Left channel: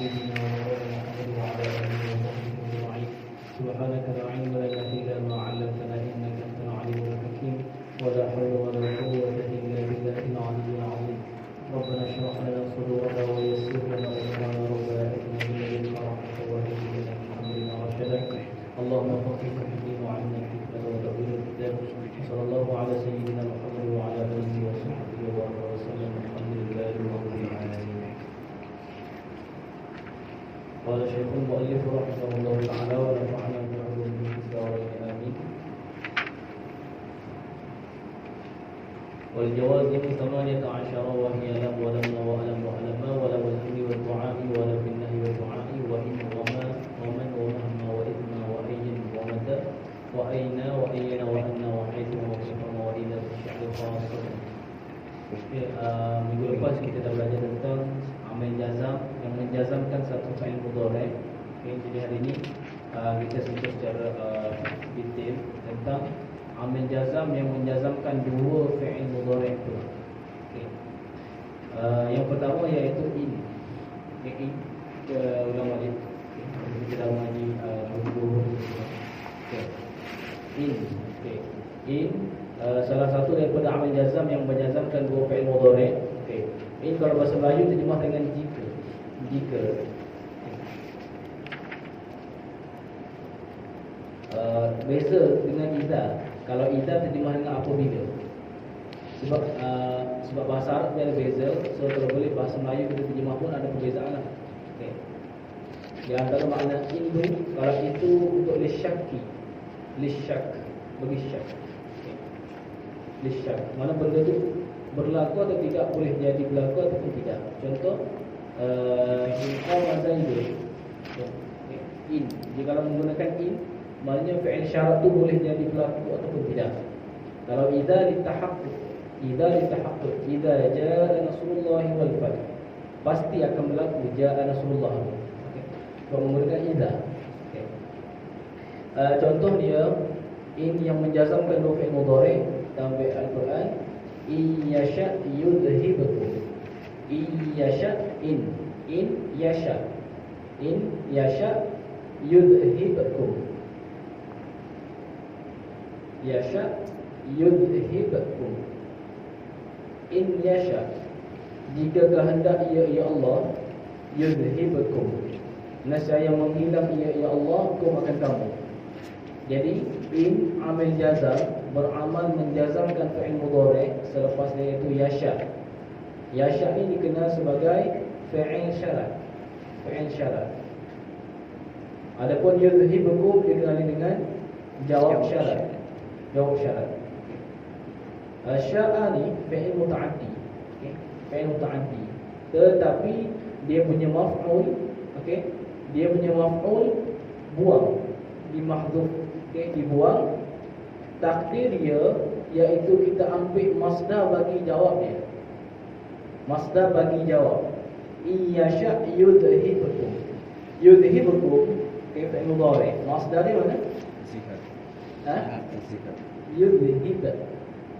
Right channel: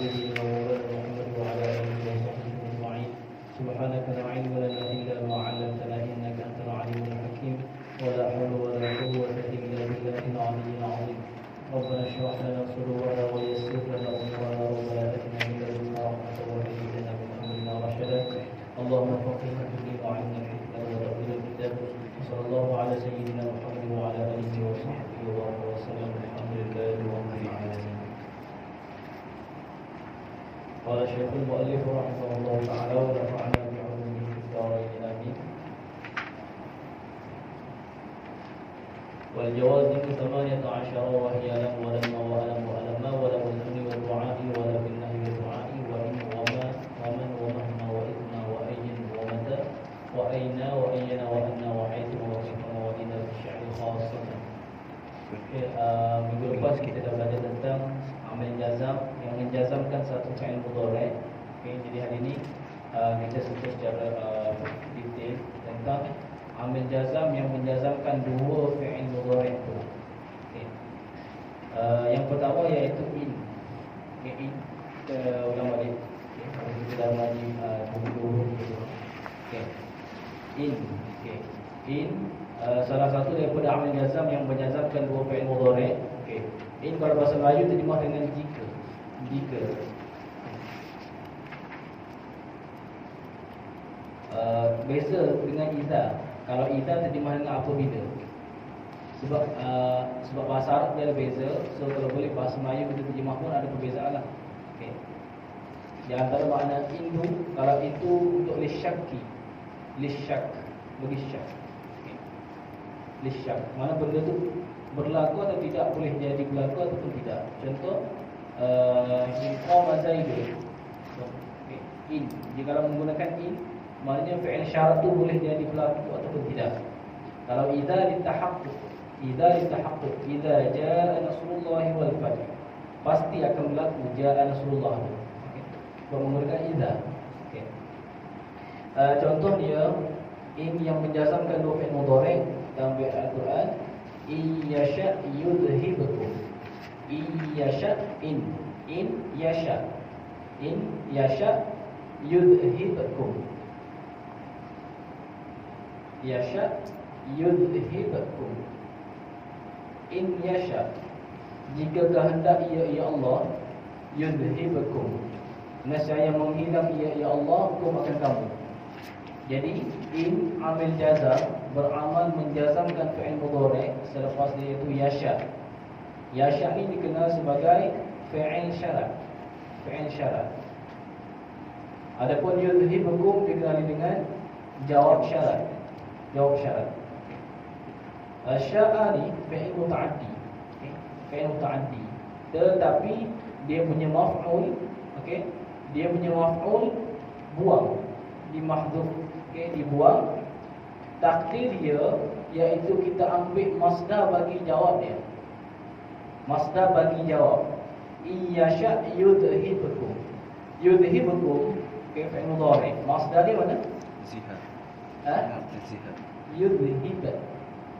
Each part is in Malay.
سيدنا ومولانا محمد وعلى آله وصحبه أجمعين. سبحانك لا علم لنا إلا ما علمتنا إنك أنت العليم الحكيم. ولا حول ولا قوة إلا بالله العلي العظيم. ربنا اشرح لنا صدورنا ويسر لنا أمورنا ولا تكلنا إليك رحمة وهب لنا من أمرنا رشدا. اللهم فقهنا في الدين وعلمنا الحكمة وتأويل الكتاب. صلى الله على سيدنا محمد وعلى آله وصحبه وسلم. الحمد لله رب العالمين. قال الشيخ المؤلف رحمه الله تعالى ونفعنا بعلومه في الدارين آمين. والجواز 18 وهي لم ولم وألم وألم ولم الأمر والدعاء ولم النهي والدعاء وإن وما ومن ومهما وإذن وأين ومتى وأين وأين وأن وحيث وسكن وإذا في الشعر خاصة. Minggu lepas kita dah belajar tentang amal jazam yang menjazamkan satu fi'il mudhari'. Jadi hari ini kita sentuh secara detail tentang amal jazam yang menjazamkan dua fi'il mudhari' itu. Yang pertama iaitu in. In ulang balik. Kita lagi dulu. In. In salah satu daripada amal jazam yang menjazamkan dua fi'il mudhari'. In kalau bahasa Melayu terjemah dengan jika. Jika. Beza dengan idza. Kalau idza terjemah dengan apabila. Sebab bahasa Arab dia ada beza. So kalau boleh bahasa Melayu kita terjemah pun ada perbezaan lah. Di antara makna itu, kalau itu untuk lisyaki, lisyak, bagi syak. Lisyak, mana benda tu berlaku atau tidak, boleh jadi berlaku ataupun tidak. Contoh Zaidu. In, jika kalau menggunakan in, maknanya fi'il syarat tu boleh jadi berlaku ataupun tidak. Kalau idza litahaqquq, idza jaa nasrullah wal fath, pasti akan berlaku jaa nasrullah. Kalau menggunakan idza. Contoh dia in yang menjazamkan dua fi'il mudhari' dalam Al-Quran, iyasha yudhibukum. Iyasha in yasha yudhibukum. Yasha yudhibukum. In yasha, jika kehendak ia Allah, yudhibukum, nescaya menghilang ia Allah hukum akan kamu. Jadi in amil jazam beramal menjazamkan fi'il mudhari' selepas dia itu yasha. Yasha ini dikenal sebagai fi'il syarat. Fi'il syarat. Adapun yudhibukum dikenali dengan jawab syarat. Jawab syarat. Sya'a ni fi'il muta'addi. Fi'il muta'addi. Tetapi dia punya maf'ul, dia punya maf'ul buang, dimahdhuf, dibuang. Takdir dia iaitu kita ambil masdar bagi jawab dia. Masdar bagi jawab. Iyasha yudhibukum. Yudhibukum fi'il mudhari'. Masdar dia mana? Zihad. Zihad. Yudhib.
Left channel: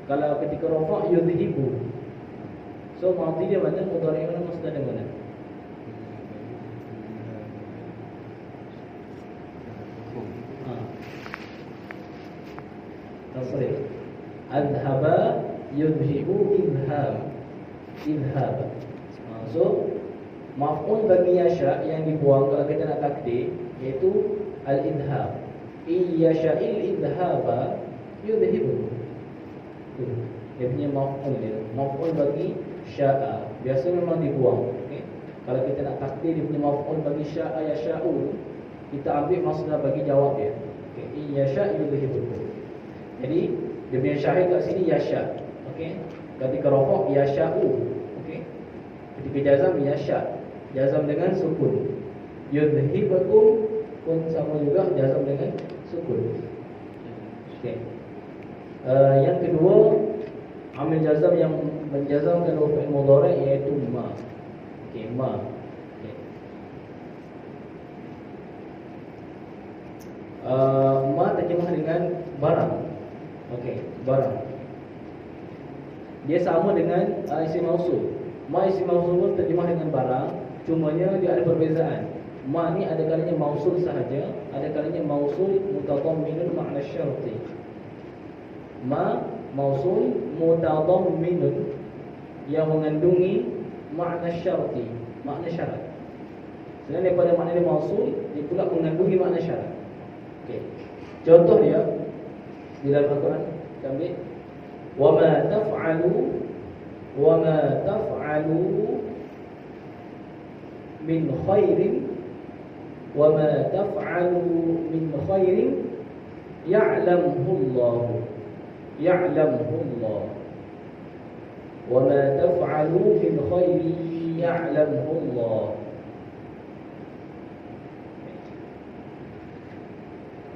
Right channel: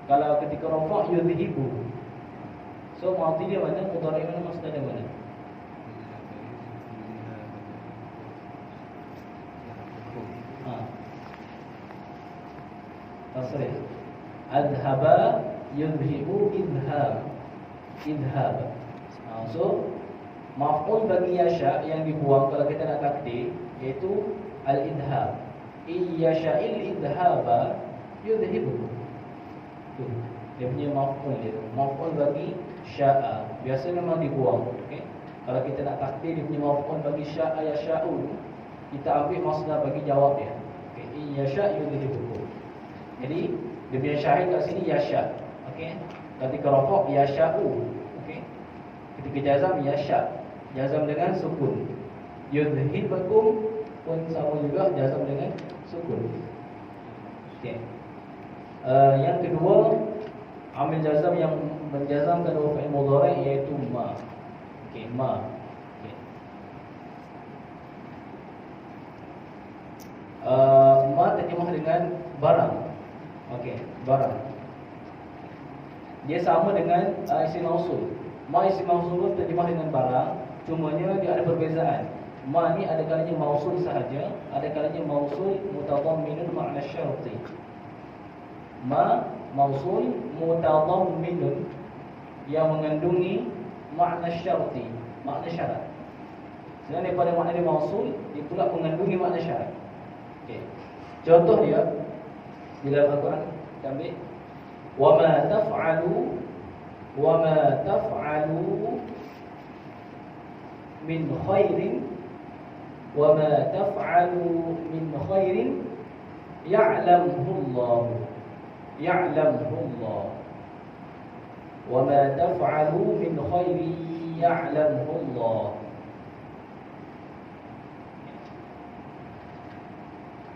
Kalau ketika rafa' yudhibu. So madhi dia mana? Mudhari' mana? Masdar dia mana? Adhaba yudhibu idhab. So maf'ul bagi yasha yang dibuang kalau kita nak takdir iaitu al-idhab. Iyasha'il idhaba yudhibu. Dia punya maf'ul dia. Maf'ul bagi sya'a biasa memang dibuang. Kalau kita nak takdir dia punya maf'ul bagi sya'a yasha'u, kita ambil masdar bagi jawab dia. Iyasha' yudhibu. Jadi dia punya syahid kat sini yasha. Ketika rafa' yasha'u. Ketika jazam yasha. Jazam dengan sukun. Yudhibukum pun sama juga jazam dengan sukun. Yang kedua, amil jazam yang menjazamkan fi'il mudhari' iaitu ma. Ma. Ma terjemah dengan barang. Barang. Dia sama dengan isim mausul. Ma isim mausul pun terjemah dengan barang. Cumanya dia ada perbezaan. Ma ni ada kalanya mausul sahaja, ada kalanya mausul mutadamminun makna syarti. Ma mausul mutadamminun yang mengandungi makna syarti, makna syarat. Selain daripada makna dia mausul, dia pula mengandungi makna syarat. Okey. Contoh dia di dalam Al-Quran, kami wama taf'alu min khairin wama taf'alu min khairin ya'lamuhu Allah wama taf'alu min khairin ya'lamuhu Allah.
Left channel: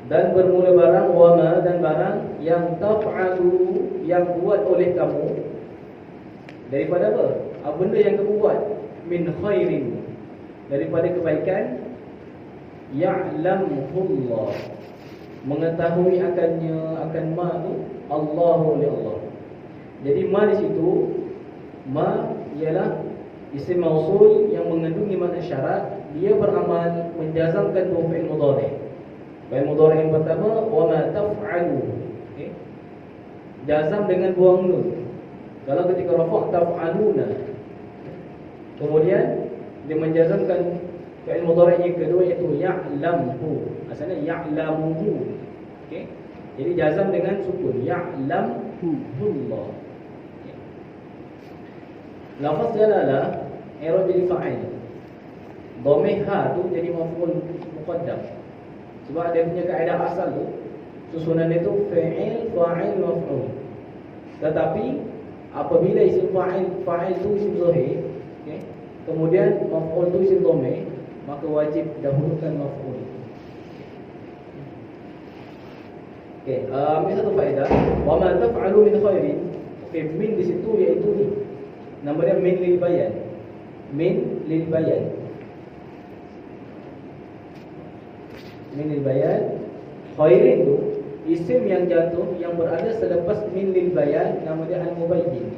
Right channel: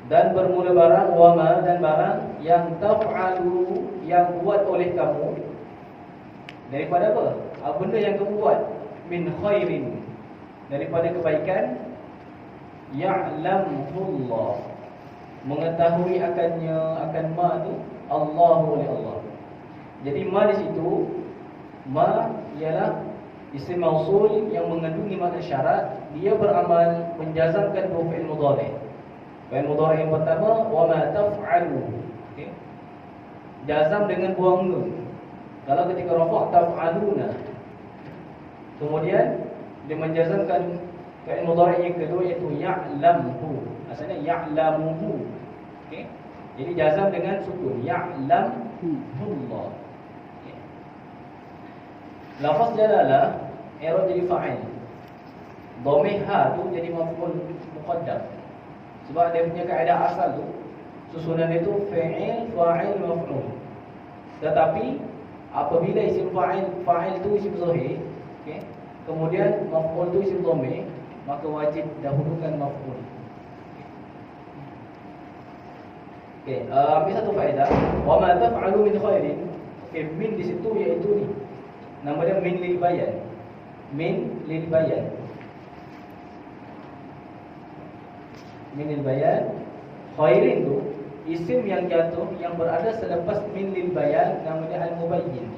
Dan bermula barang wama, dan barang yang taf'alu, yang buat oleh kamu, daripada apa? Benda yang kamu buat, min khairin, daripada kebaikan, ya'lamuhullah, mengetahui akannya, akan ma tu Allahu li Allah. Jadi ma di situ, ma ialah isim mausul yang mengandungi makna syarat. Dia beramal menjazamkan dua fi'il mudhari'. Fi'il mudhari' yang pertama wama taf'alu, okey, jazam dengan buang nun. Kalau ketika rafa' taf'aluna, kemudian dia menjazamkan fi'il mudhari' yang kedua iaitu ya'lamhu, asalnya ya'lamuhu, okey. Jadi jazam dengan sukun ya'lamullah. Okay. Lafaz jalalah i'rab jadi fa'il. Dhamir ha tu jadi maf'ul muqaddam. Sebab dia punya kaedah asal tu, susunan dia tu fa'il, fa'il, maf'ul. Tetapi apabila isim fa'il tu isim zahir, okay, kemudian maf'ul tu isim dhamir, maka wajib dahulukan maf'ul. Okey, ambil satu faedah. Wa ma taf'alu min khairin. Okey, min di situ iaitu ni. Nama dia min lil bayan. Min lil bayan. Min lil bayan. Khairin tu isim yang jatuh yang berada selepas min lil bayan, nama dia al-mubayyin.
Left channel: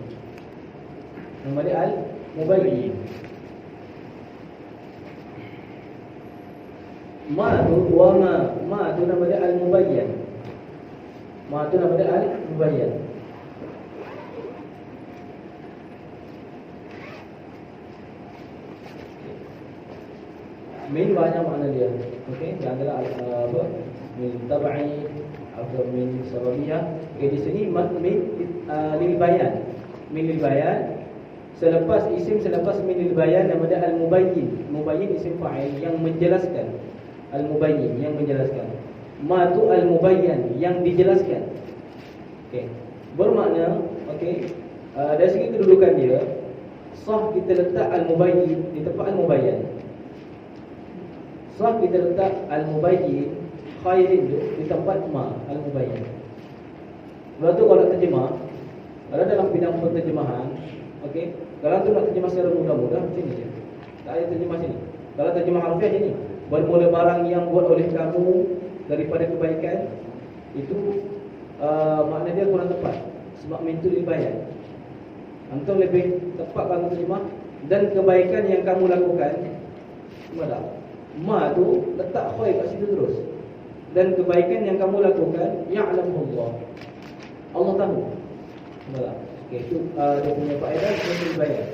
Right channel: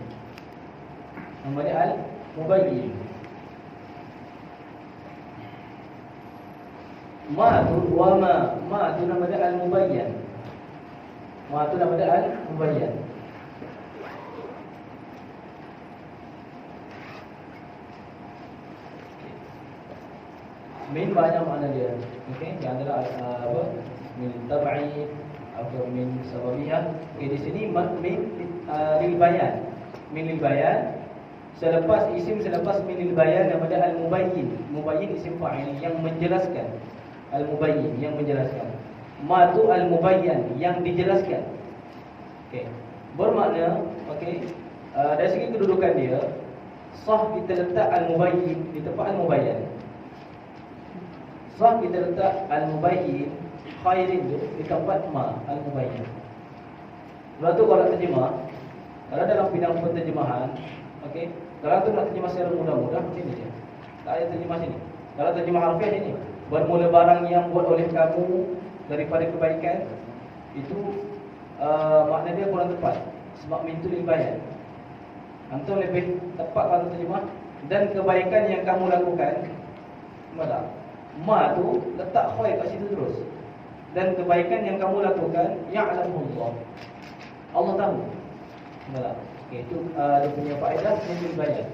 Nama dia al-mubayyin. Ma tu wa ma tu nama dia al-mubayyan. Ma tu nama dia al-mubayyan. Min banyak makna dia. Okey, yang adalah apa? Min tab'i atau min sababiyah. Okey, di sini min lil bayan. Min lil bayan selepas isim, selepas min lil bayan nama dia al-mubayyin. Mubayyin isim fa'il yang menjelaskan. Al-mubayyin yang menjelaskan. Ma tu al-mubayyan yang dijelaskan. Okey. Bermakna okey, dari segi kedudukan dia sah kita letak al-mubayyin di tempat al-mubayyan. Sah kita letak al-mubayyin khairin tu di tempat ma al-mubayyin. Sebab tu kalau terjemah, kalau dalam bidang penterjemahan, okey, kalau tu nak terjemah secara mudah-mudah sini je. Tak ada terjemah sini. Kalau terjemah harfiah ini, bermula barang yang buat oleh kamu daripada kebaikan, itu makna dia kurang tepat. Sebab min tu lil bayan. Antum lebih tepat kalau terjemah dan kebaikan yang kamu lakukan. Semada. Ma tu letak khair kat situ terus. Dan kebaikan yang kamu lakukan ya'lamullah. Allah tahu. Semada. Okey, itu dia punya faedah min lil bayan.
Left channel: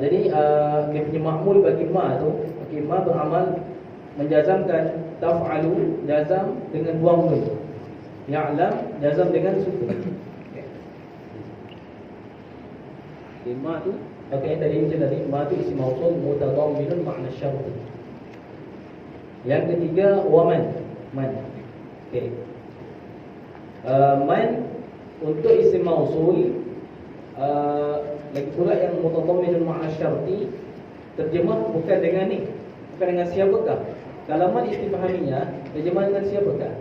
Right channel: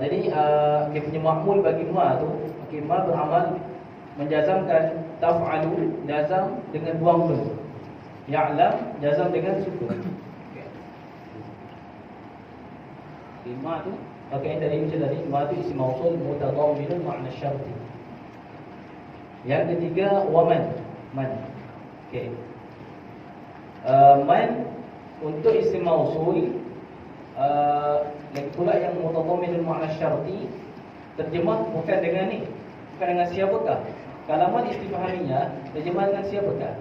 Jadi dia punya makmul bagi ma tu, okey, ma beramal menjazamkan taf'alu, jazam dengan buang nun. Ya'lam, jazam dengan sukun. Okey, ma tu, okey, tadi macam tadi, ma tu isim mausul mutadamminun makna syarti. Yang ketiga waman, man. Okey. Man untuk isim mausul lagi pula yang mutadamminun makna syarti, terjemah bukan dengan ni, bukan dengan siapakah. Kalau man istifhaminya, terjemah dengan siapakah?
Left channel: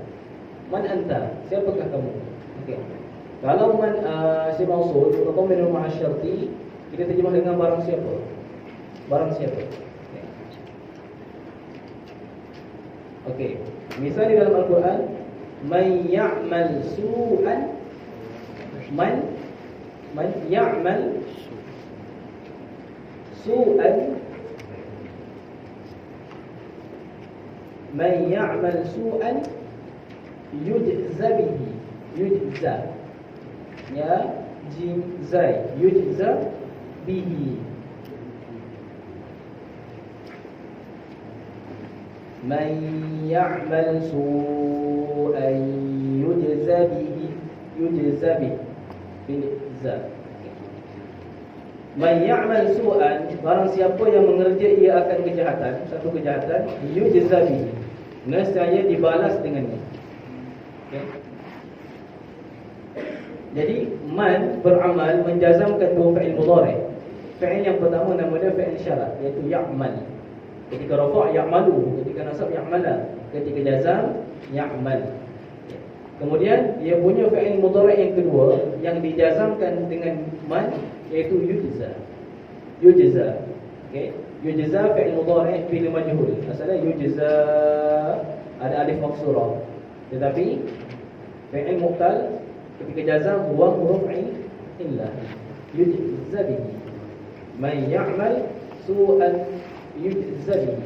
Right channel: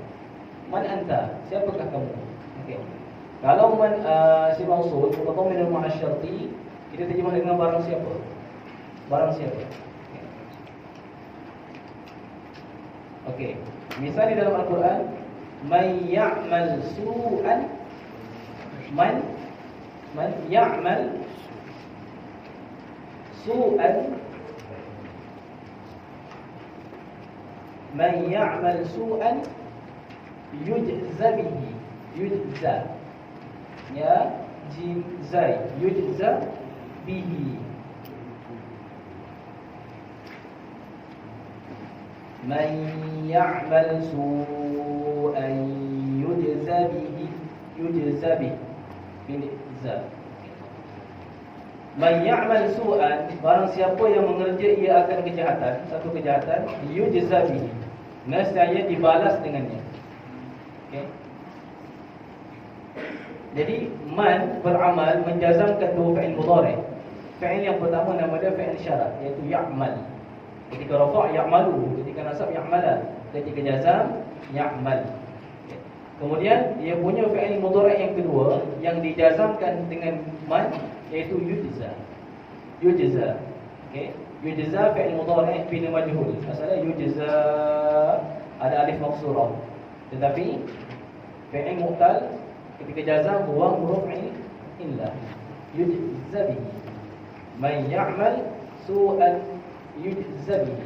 Man anta, siapakah kamu? Okey. Kalau man isim mausul mutadamminun makna syarti, kita terjemah dengan barang siapa? Barang siapa? Okey. Misalnya dalam Al-Quran, man ya'mal su'an, man ya'mal su'an, man ya'mal su'an yujza bihi. Yujza, ya jim zai, yujza bihi. Man ya'mal su'an yujza bihi. Yujza bihi bil za. Man ya'mal su'an, barang siapa yang mengerja ia akan kejahatan, satu kejahatan, yujza bihi, nescaya dibalas dengannya. Okay. Jadi man beramal menjazamkan dua fi'il mudhari'. Fi'il yang pertama nama dia fi'il syarat, iaitu ya'mal. Ketika rafa' ya'malu, ketika nasab ya'mala, ketika jazam ya'mal. Kemudian dia punya fi'il mudhari' yang kedua yang dijazamkan dengan man, iaitu yujza. Yujza. Okey, yujza fi'il mudhari' bila majhul. Asalnya yujza ada alif maqsurah. Tetapi fi'il mu'tal ketika jazam huwa huruf illah. Yujza bihi. Man ya'mal su'an yujza bihi.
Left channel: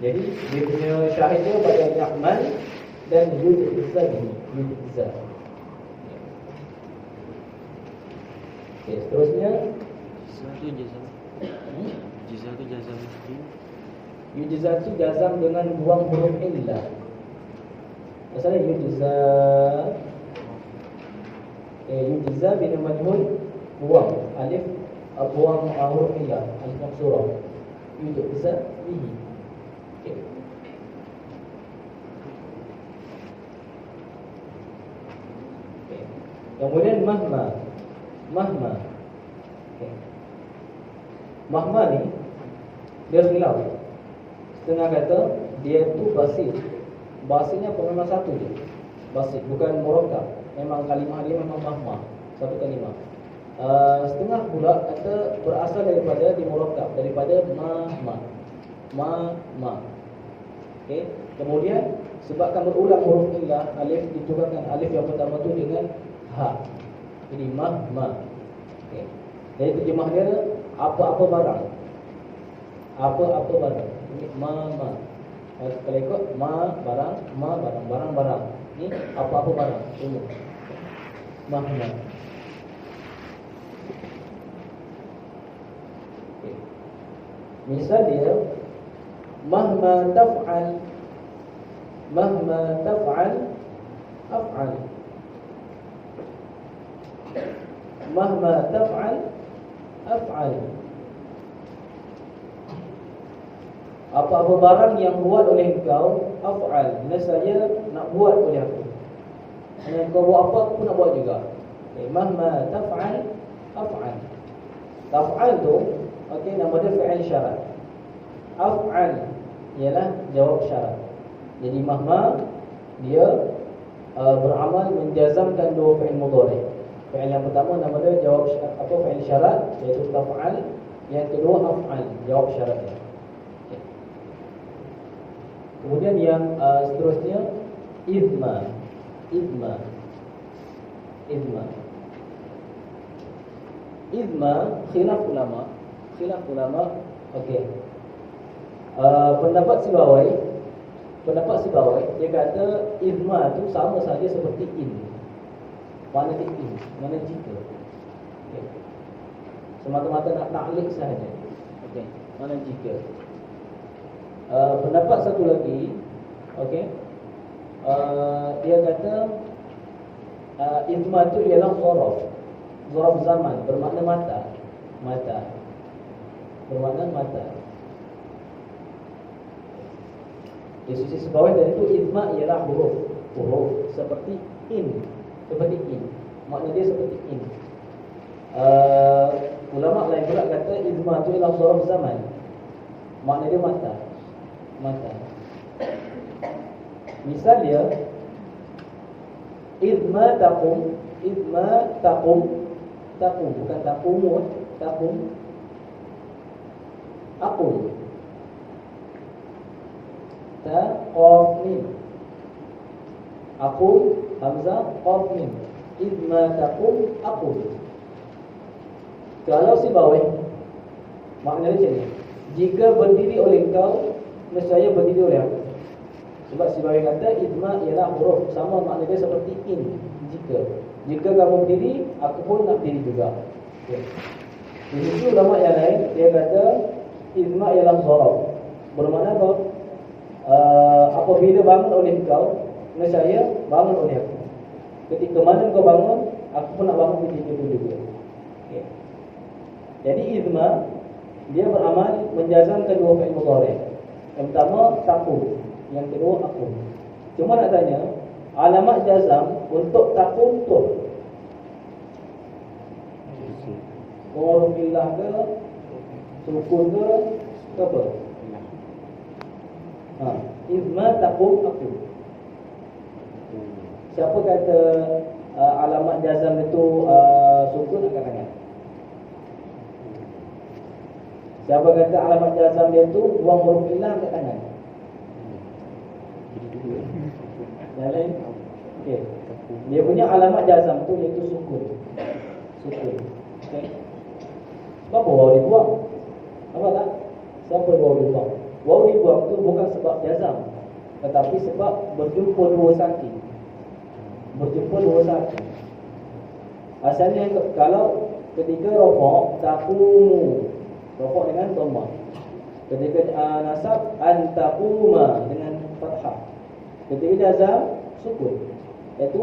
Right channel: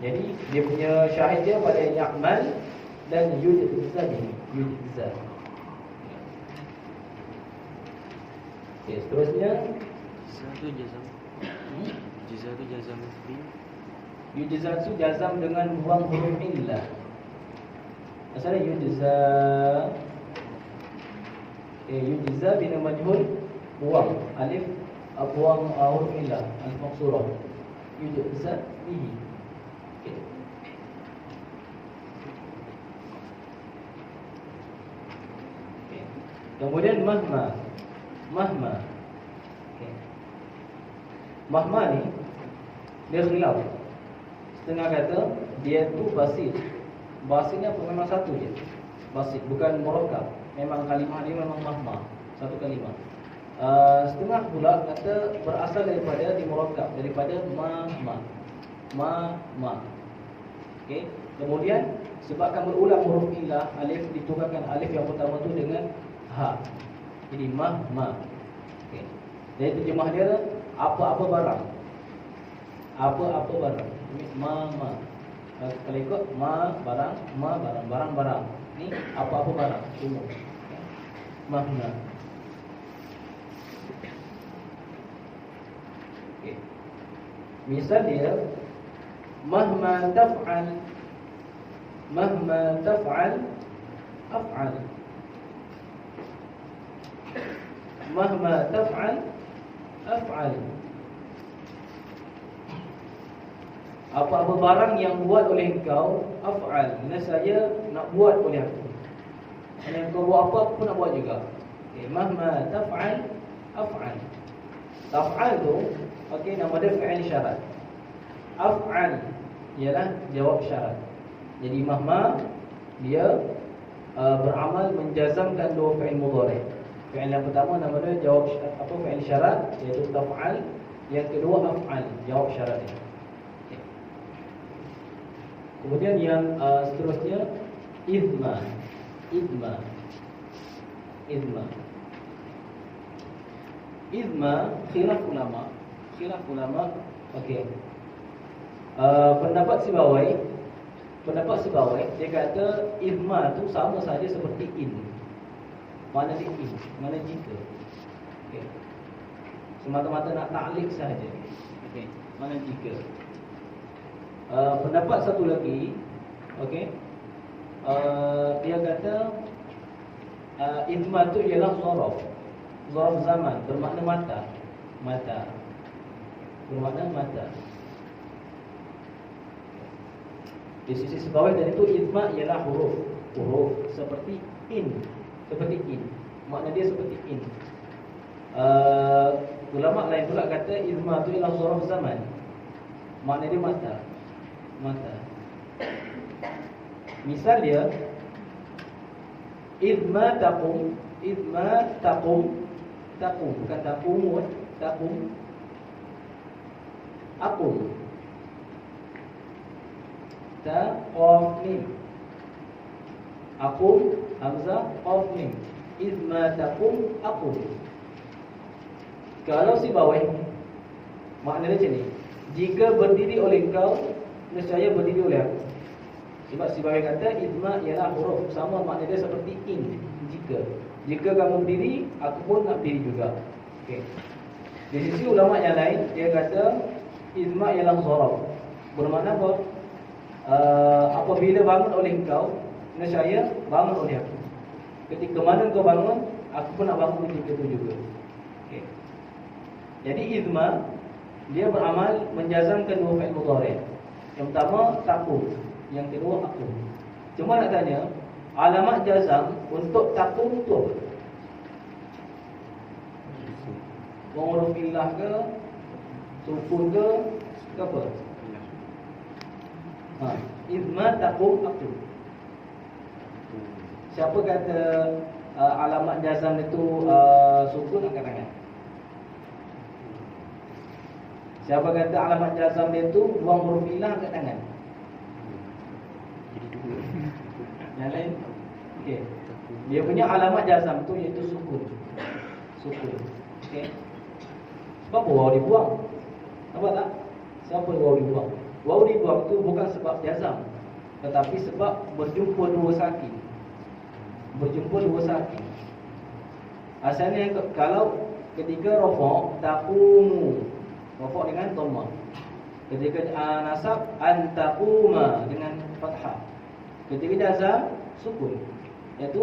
Jadi dia punya syahid dia pada ya'mal dan yujza bihi. Yujza. Okey, seterusnya Satu jazam. Jazam tu jazam. yujza tu jazam dengan buang huruf illah. Masalah yujza. Yujza bila majhul buang alif, buang huruf illah, alif maqsurah. Yujza bihi. Okey. Okay. Kemudian mahma. Mahma. Okay. Mahma ni dia khilaf. Setengah kata dia tu basit. Basitnya pun memang satu je. Basit, bukan murakkab. Memang kalimah dia memang mahma, satu kalimah. Setengah pula kata berasal daripada di murakkab, daripada mahma. Ma. Okey. Kemudian sebabkan berulang huruf illah, alif ditukarkan alif yang pertama tu dengan ha. Jadi mahma. Okey. Jadi terjemah dia apa-apa barang. Apa-apa barang. Ma. Kalau ikut ma barang, barang-barang. Ni apa-apa barang. Umum. Mahma. Okay. Misal dia mahma taf'al af'al. Mahma taf'al af'al. Apa-apa barang yang buat oleh engkau, af'al, nescaya nak buat oleh aku. Hanya engkau buat apa, aku pun nak buat juga. Okay, mahma taf'al af'al. Taf'al tu, okey, nama dia fi'il syarat. Af'al ialah jawab syarat. Jadi mahma dia beramal menjazamkan dua fi'il mudhari'. Fi'il yang pertama nama dia jawab fi'il syarat, iaitu taf'al. Yang kedua af'al, jawab syaratnya. Okay. Kemudian yang seterusnya idma. Idma khilaf ulama. Okey. Pendapat Sibawai dia kata idma tu sama saja seperti in. Mana dia in? Mana jika? Okey. Semata-mata nak ta'liq sahaja. Okey. Mana jika? Pendapat satu lagi, okey. Dia kata idma tu ialah zaraf zaman, bermakna mata. Bermakna mata. Di sisi sebawah tadi tu idma ialah huruf seperti in. Makna dia seperti in. Ulama lain pula kata idma tu ialah zaraf zaman. Makna dia mata. Misal dia idma taqum, bukan taqum. Aqum. Qaf mim. Aqum hamzah qaf mim. Idma taqum aqum. Kalau Maknanya macam ni. Jika berdiri oleh engkau, nescaya berdiri oleh aku. Sebab sebagai kata idma ialah huruf sama, makna dia seperti in. Jika kamu berdiri, aku pun nak berdiri juga. Okey. Di sisi ulama yang lain, dia kata idma ialah zarab. Bermakna apa? Apabila bangun oleh engkau, nescaya bangun oleh aku. Ketika mana kau bangun, aku pun nak bangun ketika itu juga. Okey. Jadi idma dia beramal menjazamkan dua fi'il mudhari'. Yang pertama taqum, yang kedua aqum. Cuma nak tanya, alamat jazam untuk taqum tu apa? Huruf illah ke, sukun ke, apa? Idma taqum aqum. Siapa kata alamat jazam itu sukun, angkat tangan. Siapa kata alamat jazam dia tu buang huruf illah, angkat tangan. Jadi dua. Yang lain? Okey. Dia punya alamat jazam tu iaitu sukun. Okey. Sebab apa waw dibuang? Nampak tak? Siapa waw dibuang? Waw dibuang tu bukan sebab jazam, tetapi sebab berjumpa dua sakin. Asalnya kalau ketika rafa' taqumu, rafa' dengan dhammah. Ketika nasab antaquma dengan fathah. Ketika jazam sukun. Iaitu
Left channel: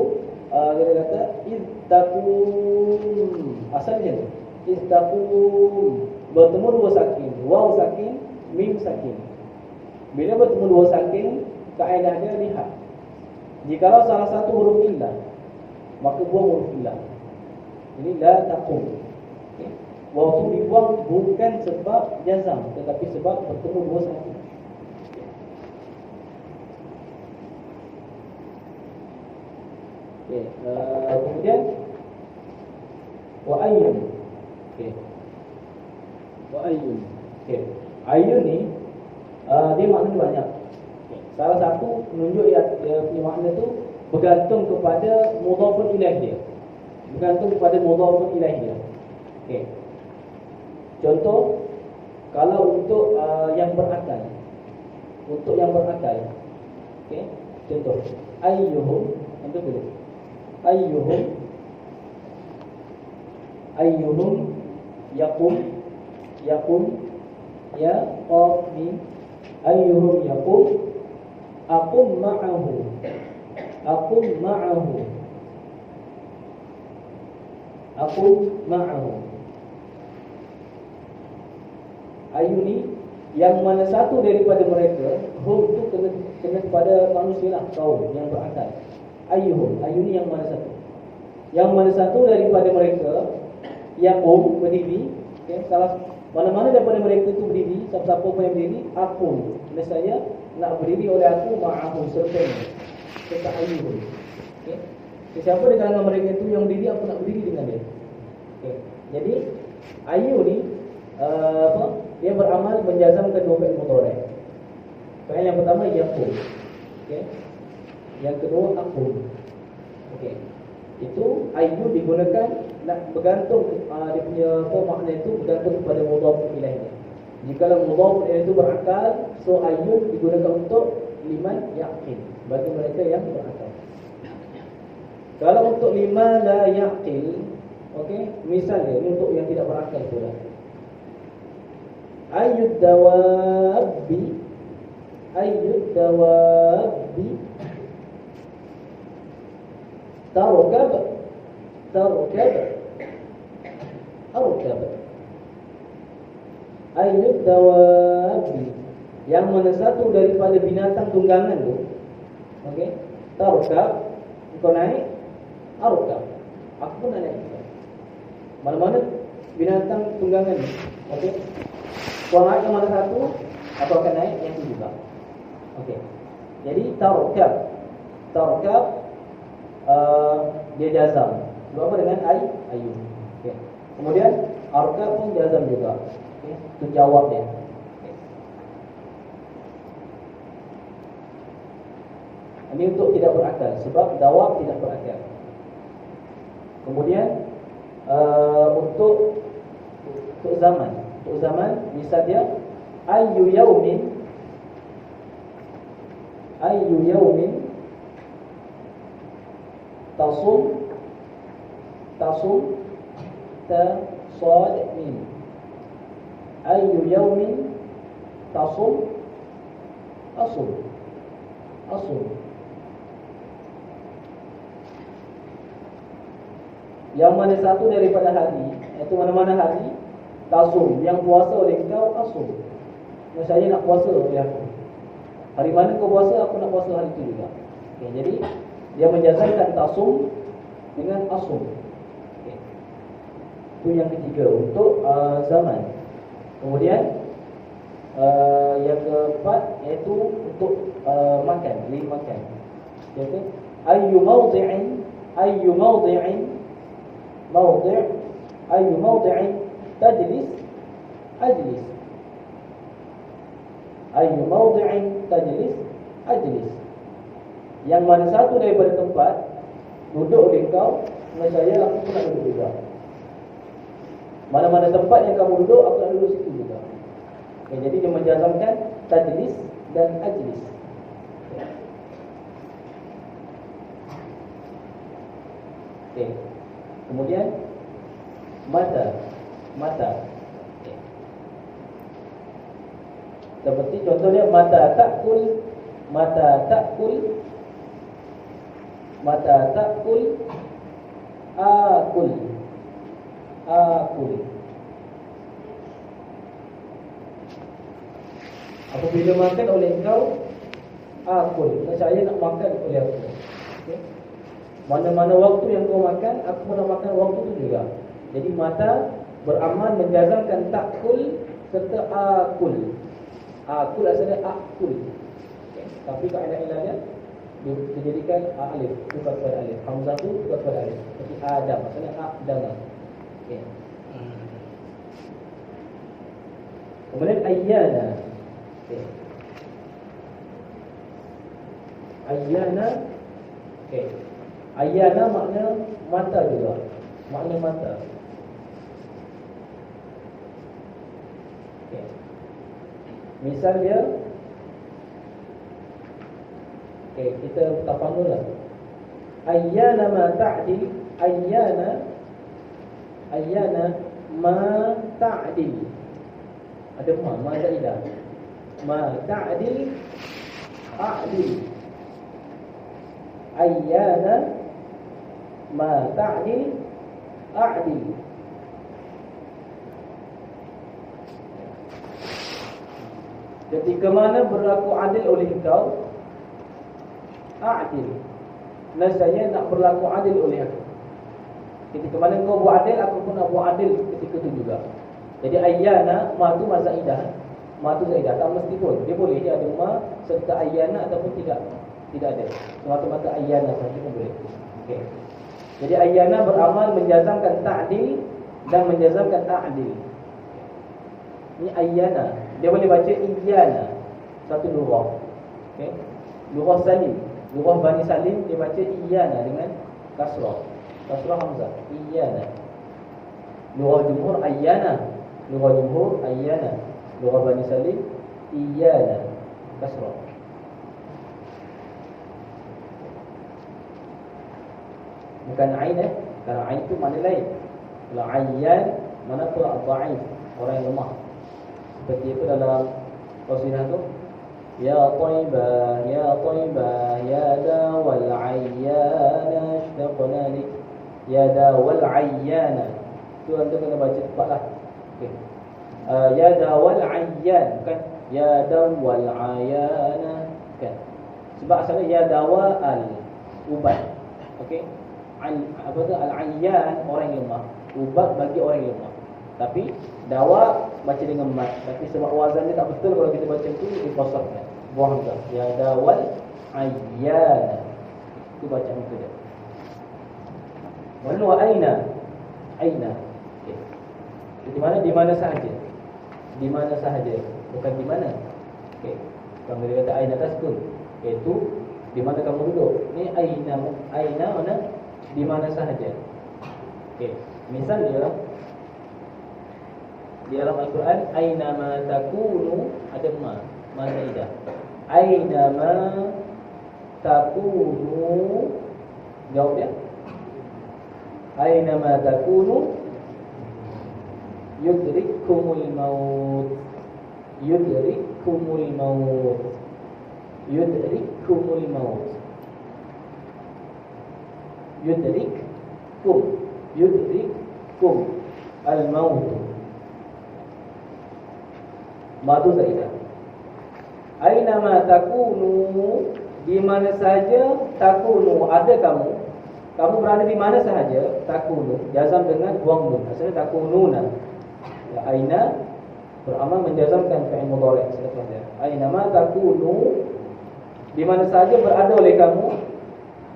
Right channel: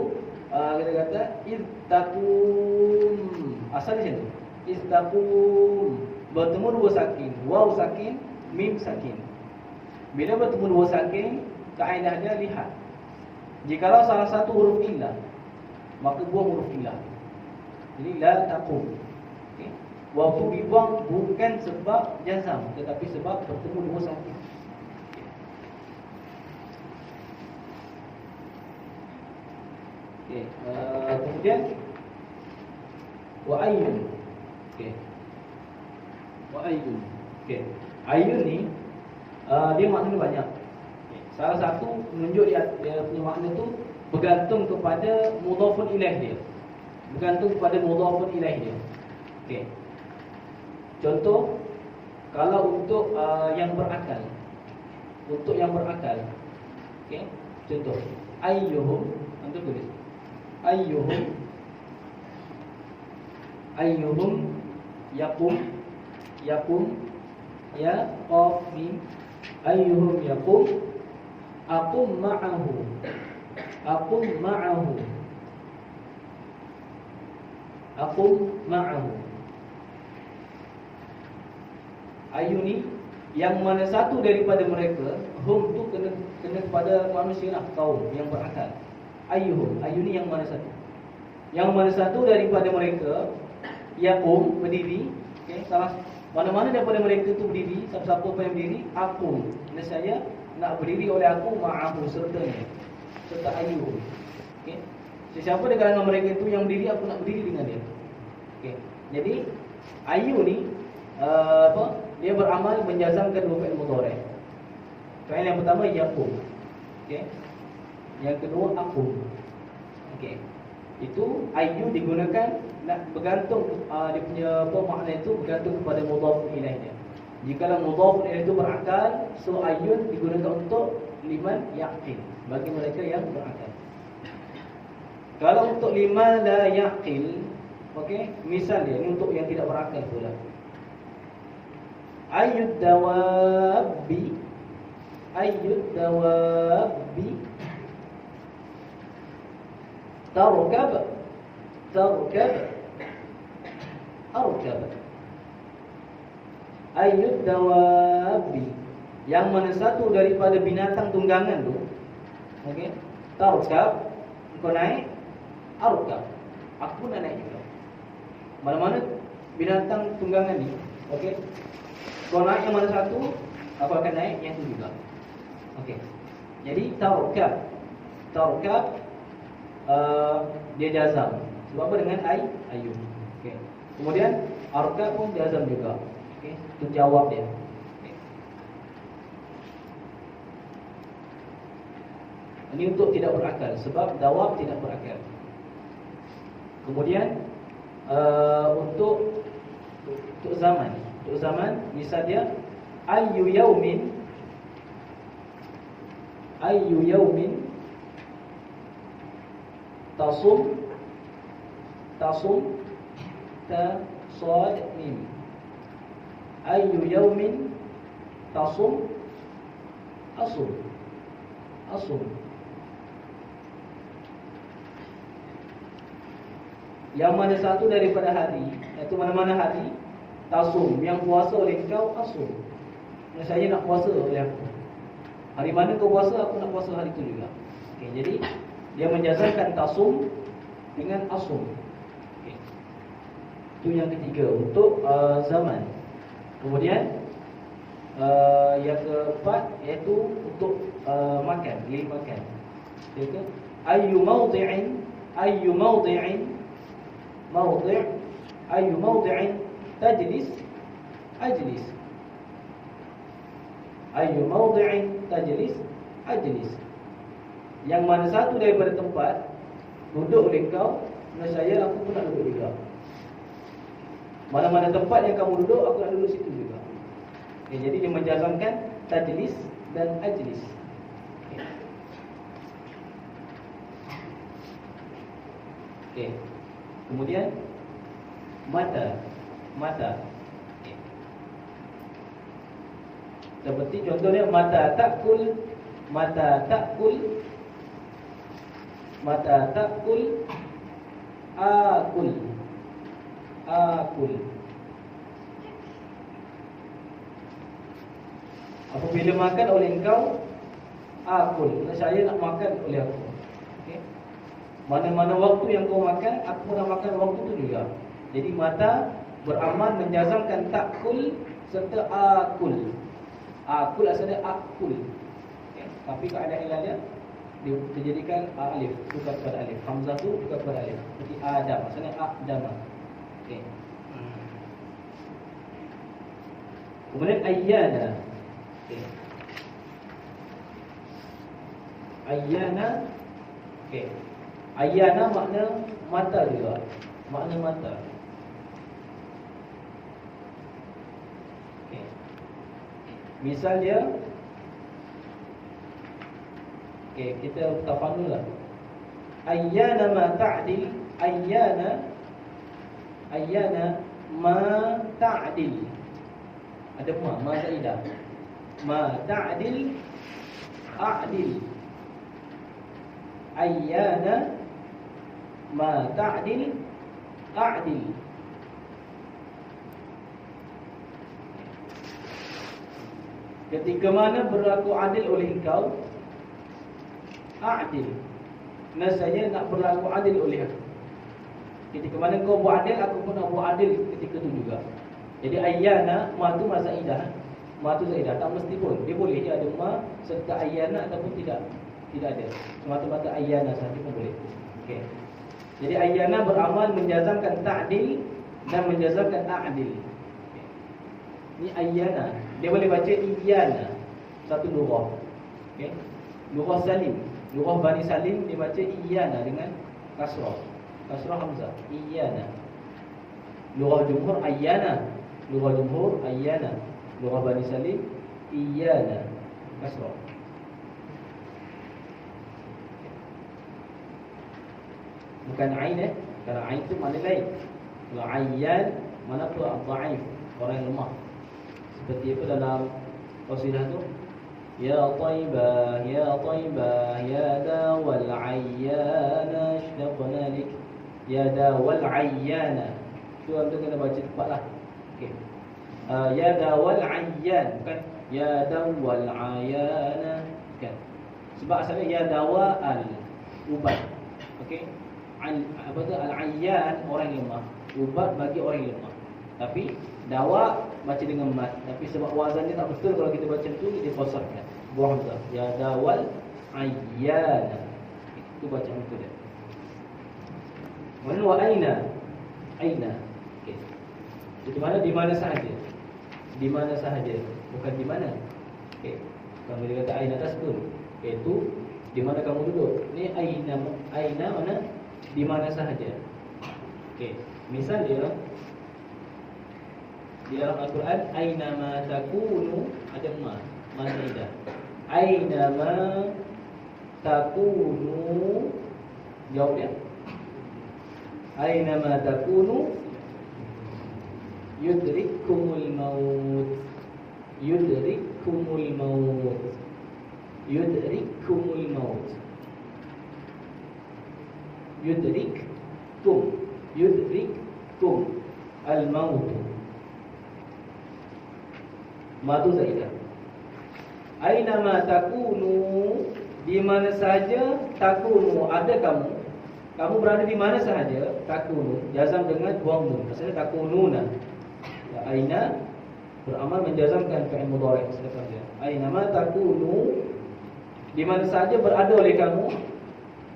kita kata ittaqum. Asal macam ni. Ittaqum. Bertemu dua sakin, waw sakin, mim sakin. Bila bertemu dua sakin, kaedah dia lihat. Jikalau salah satu huruf illah, maka buang huruf illah. Jadi la taqum. Okey. Waw tu dibuang bukan sebab jazam, tetapi sebab bertemu dua sakin. Okey. Kemudian wa ayyun. Okey. Wa ayyun. Okey. Ayyun ni dia maknanya banyak. Salah satu menunjuk dia punya makna tu bergantung kepada mudhafun ilaih dia. Bergantung kepada mudhafun ilaih dia. Okey. Contoh, kalau untuk yang berakal. Untuk yang berakal. Okey. Contoh, ayyuhum, nanti tulis. Ayyuhum yaqum ya qaf mim. Ayyuhum yaqum aqum ma'ahu. Ayu ni yang mana satu daripada mereka, hum tu kena kepada manusia lah, kaum yang berakal. Ayyuhum, ayu ni yang mana satu. Yang mana satu daripada mereka yaqum berdiri, okey, salah mana-mana daripada mereka tu berdiri, siapa-siapa pun yang berdiri, aku nescaya nak berdiri oleh aku ma'ahu serta ayyuhum. Okey. Sesiapa di kalangan mereka itu yang berdiri, aku nak berdiri dengan dia. Okey. Jadi ayu ni dia beramal menjazamkan dua fi'il mudhari'. Fi'il yang pertama yaqum. Okey. Yang kedua aqum. Okey. Itu ayu digunakan nak bergantung dia punya makna itu bergantung kepada mudhaf ilaihnya. Jika mudhaf ilaih itu berakal, so ayun digunakan untuk liman yaqil, bagi mereka yang berakal. Kalau untuk liman la yaqil, okey, misalnya ini untuk yang tidak berakal pula. Ayyud dawabi arkab. Ayyud dawabi, yang mana satu daripada binatang tunggangan tu, okey, tarkab, kau naik, arkab, aku pun nak naik juga. Mana-mana binatang tunggangan ni, okey, kau naik yang mana satu, aku akan naik yang tu juga. Okey. Jadi tarkab dia jazam. Sebab apa? Dengan ayu. Okey. Kemudian arkab pun jazam juga. Okey. Itu jawab dia. Okey. Ini untuk tidak berakal, sebab jawab tidak berakal. Kemudian untuk zaman. Untuk zaman, misal dia ayyu yaumin tasum ta sad mim. Ayyu yaumin tasum asum. Yang mana satu daripada hari, iaitu mana-mana hari tasum, yang puasa oleh kau asum. Saya nak puasa oleh aku. Hari mana kau puasa, aku nak puasa hari itu juga. Okay, jadi dia menjazamkan tasum dengan asum. Okay. Itu yang ketiga untuk zaman. Kemudian yang keempat iaitu untuk makan, beli makan. Iaitu ayyu mawdi'in tajlis ajlis. Ayyu mawdi'in tajlis ajlis. Yang mana satu daripada tempat duduk oleh kau, saya aku pun nak duduk juga. Mana-mana tempat yang kamu duduk, aku nak duduk situ juga. Okay, jadi dia menjazamkan tajlis dan ajlis. Okay. Kemudian mata. Okay. Seperti contohnya mata takul akul. Apabila makan oleh engkau, akul. Saya nak makan oleh aku. Okay. Mana-mana waktu yang kau makan, aku nak makan waktu itu juga. Jadi mata beramal menjazamkan takul serta akul. Akul asalnya akul. Okay. Tapi keadaan ilahnya dijadikan alif, tukar kepada alif. Hamzah tu tukar kepada alif. Seperti Adam, asalnya Adama. Okay. Kemudian ayyana. Okay. Ayyana. Okay. Ayyana makna mata juga. Makna mata. Okay. Misal dia, okay, kita tafadhol lah. Ayyana ma ta'dil. Ayyana ma ta'dil. Ada ma zaidah. Ma ta'dil a'dil. Ayyana ma ta'dil a'dil. Ketika mana berlaku adil oleh engkau, a'dil. Nasanya nak berlaku adil oleh aku. Ketika mana engkau buat adil, aku pun nak buat adil ketika itu juga. Jadi ayyana, ma tu ma zaidah. Ma tu zaidah, tak mesti pun. Dia boleh dia ada ma serta ayyana ataupun tidak ada. Semata-mata ayyana sahaja pun boleh. Okey. Jadi ayyana beramal menjazamkan ta'dil dan menjazamkan a'dil. Ini ayyana. Dia boleh baca iyana. Satu lurah. Okey. Lurah Salim. Lurah Bani Salim dia baca iyana dengan kasrah. Kasrah hamzah. Iyana. Lurah jumhur ayyana. Lurah jumhur ayyana. Lurah Bani Salim iyana. Kasrah. Bukan ain Kalau ain itu makna lain. Kalau ayyan mana pula dhaif, orang yang lemah. Seperti itu dalam qasidah itu. Ya Taibah ya dawal ayyana ashtaqna lik. Ya dawal ayyana. Itu antum kena baca tepatlah. Okey. Ya dawal ayyan, bukan ya dawal ayyana. Bukan. Sebab asalnya ya dawa al ubat. Okey. Apa tu al-ayyan, orang yang lemah. Ubat bagi orang yang lemah. Tapi dawa baca dengan mat. Tapi sebab wazan dia tak betul, kalau kita baca tu dikosarkan. Buah hamzah. Ya dawal ayyan. Itu bacaan itu dia. Wa aina. Aina. Okey. Di mana? Di mana sahaja. Di mana sahaja. Bukan di mana. Okey. Kamu dia kata aina taskun. Iaitu di mana kamu duduk. Ni aina mana? Di mana sahaja. Okey. Misal dia di dalam Al-Quran, ainama takunu ada ma zaidah. Ainama takunu, jawab dia. Ainama takunu yudrikkumul maut. Yudrikkumul maut. Yudrikkumul maut. Yudrikkum. Yudrikkum al-maut. Madu zaidah. Ainama takunu, di mana sahaja takunu ada kamu. Kamu berada di mana sahaja, takunu jazam dengan buang nun. Asalnya takununa. Aina beramal menjazamkan fi'il mudhari' setelahnya. Ainama takunu, di mana sahaja berada oleh kamu,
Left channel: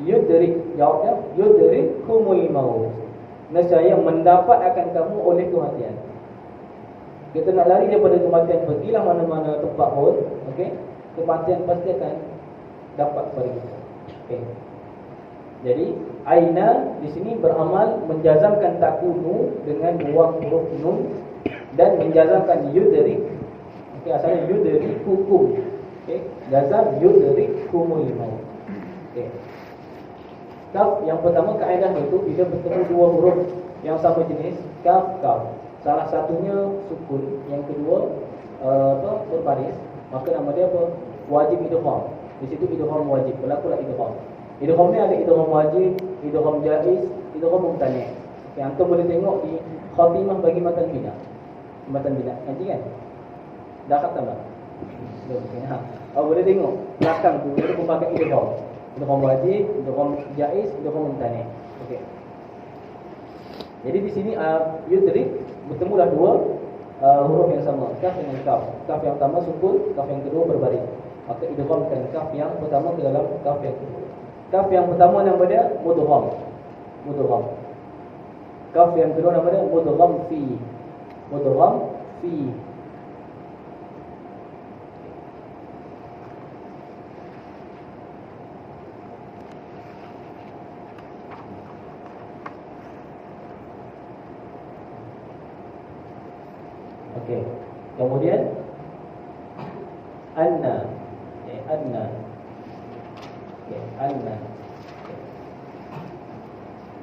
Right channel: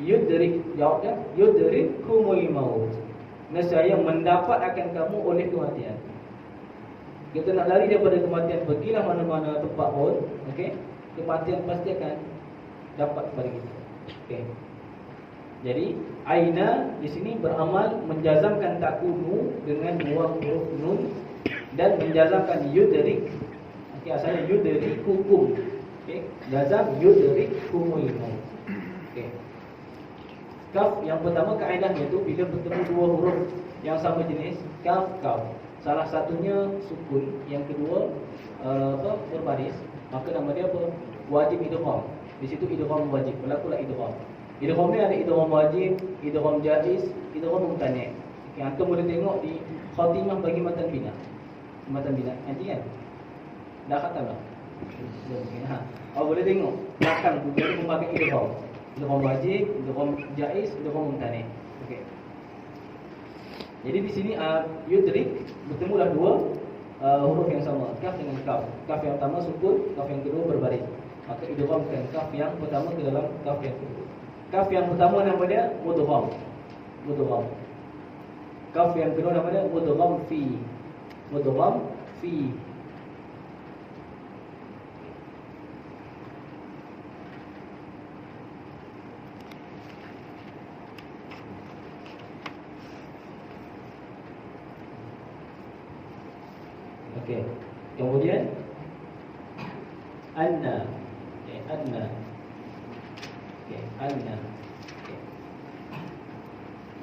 yudrik, jawabnya yudrikkumul maut. Nescaya mendapat akan kamu oleh kematian. Kita nak lari daripada kematian, pergilah mana-mana tempat pun, okey, kematian pasti akan dapat kepada kita. Okey. Jadi aina di sini beramal menjazamkan takunu dengan buang huruf nun dan menjazamkan yudrik. Okey, asalnya yudrikukum. Okey, jazam yudrikkumul maut. Okey. Kaf yang pertama kaedahnya itu bila bertemu dua huruf yang sama jenis, kaf kaf. Salah satunya sukun, yang kedua berbaris, maka nama dia apa? Wajib idgham. Di situ idgham wajib, berlakulah idgham. Idgham ni ada idgham wajib, idgham jaiz, idgham mumtani'. Okey, antum boleh tengok di khatimah bagi matan bina. Matan bina nanti kan? Dah khatam tak? Belum. Okey, ha. Kau boleh tengok belakang tu dia memakai idgham. Idgham wajib, idgham jaiz, idgham mumtani'. Okey. Jadi di sini yudrik bertemulah dua huruf yang sama, kaf dengan kaf. Kaf yang pertama sukun, kaf yang kedua berbaris. Maka idghamkan kaf yang pertama ke dalam kaf yang kedua. Kaf yang pertama nama dia mudgham. Mudgham. Kaf yang kedua nama dia mudgham fi. Mudgham fi. Okey. Kemudian anna. Okey, anna. Okey, anna. Okay.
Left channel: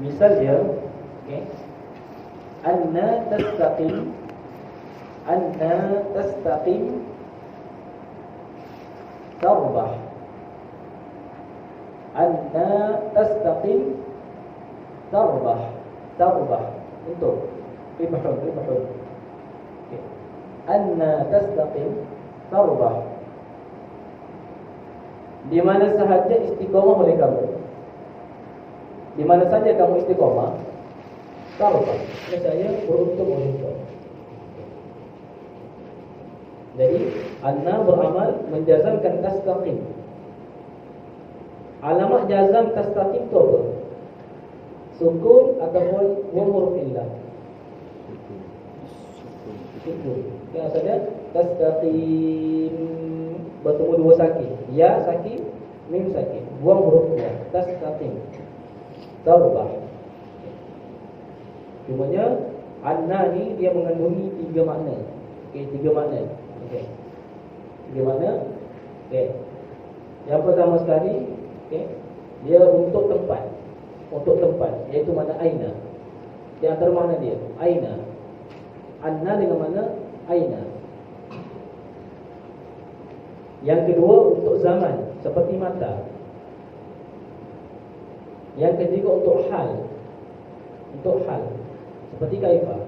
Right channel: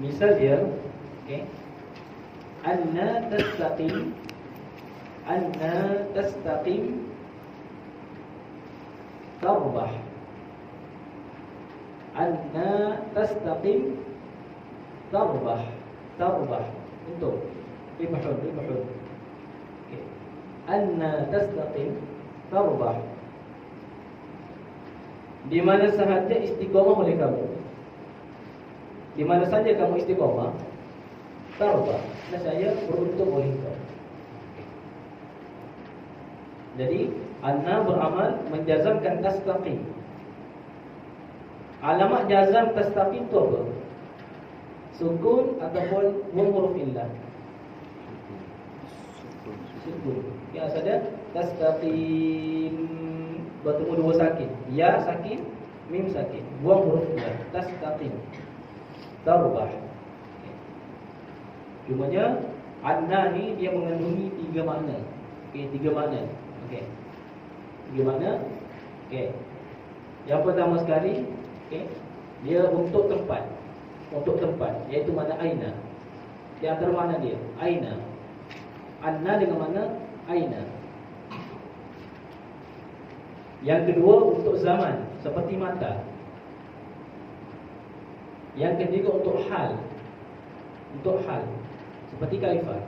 Misal dia, okey. Anna tastaqim. Anna tastaqim tarbah. Anna tastaqim tarbah. Tarbah. Untuk ribahun, ribahun. Okay. Anna tastaqim tarbah. Di mana sahaja istiqamah oleh kamu. Di mana saja kamu istiqamah, tarbah. Saya beruntung oleh kamu. Jadi anna beramal menjazamkan tastaqim. Alamat jazam tastaqim itu apa? Sukun ataupun huruf illah. Sukun. Yang asalnya tastaqim bertemu dua sakin. Ya sakin, mim sakin. Buang huruf ya. Tastaqim. Tarbah. Cumanya anna ni dia mengandungi tiga makna. Okey, tiga makna. Okey. Tiga makna. Okey. Yang pertama sekali, okey, dia untuk tempat. Untuk tempat, iaitu makna aina. Di antara makna dia, aina. Anna dengan makna aina. Yang kedua untuk zaman, seperti mata. Yang ketiga untuk hal. Untuk hal, seperti kaifah.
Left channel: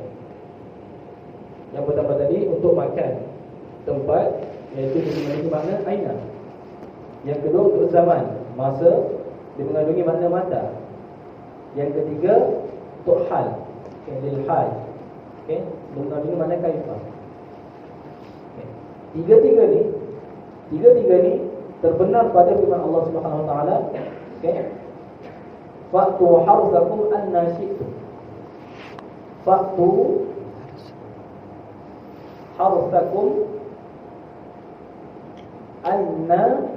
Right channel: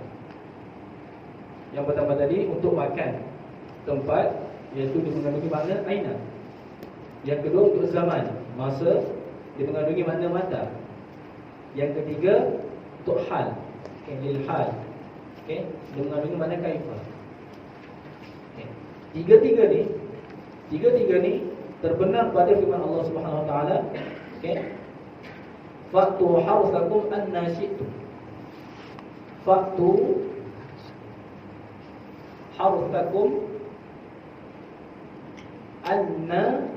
Yang pertama tadi untuk makan, tempat, iaitu mengandungi makna aina. Yang kedua untuk zaman, masa, dia mengandungi makna mata. Yang ketiga untuk hal, okay, lil hal, okay, dia mengandungi makna kaifah. Okay. Tiga-tiga ni terbenar pada firman Allah Subhanahu Wa Taala. Okay. Fa'tu harsakum anna syi'tum. Fa'tu harsakum anna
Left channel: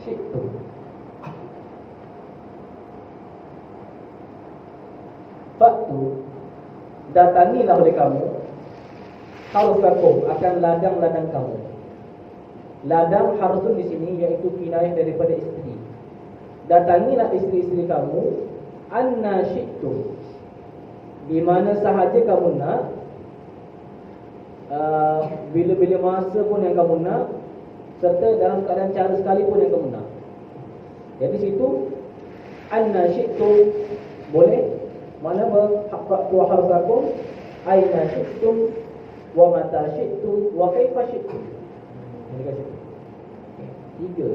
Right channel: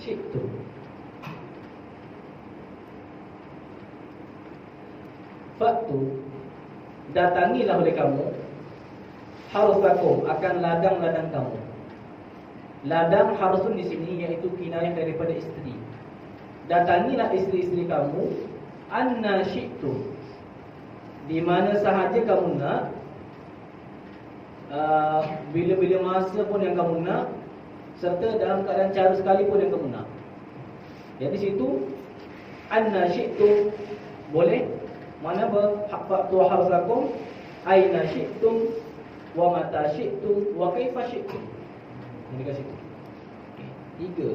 syi'tum. Fa'tu, datangilah oleh kamu. harsakum, akan ladang-ladang kamu. Ladang harsun di sini iaitu kinayah daripada isteri. Datangilah isteri-isteri kamu anna syi'tu, di mana sahaja kamu nak, bila-bila masa pun yang kamu nak, serta dalam keadaan cara sekalipun yang kamu nak. Jadi situ anna syi'tu boleh, mana fa'tu harsakum aina syi'tum wa mata syi'tum wa kaifa syi'tum. Ini kat situ. Tiga.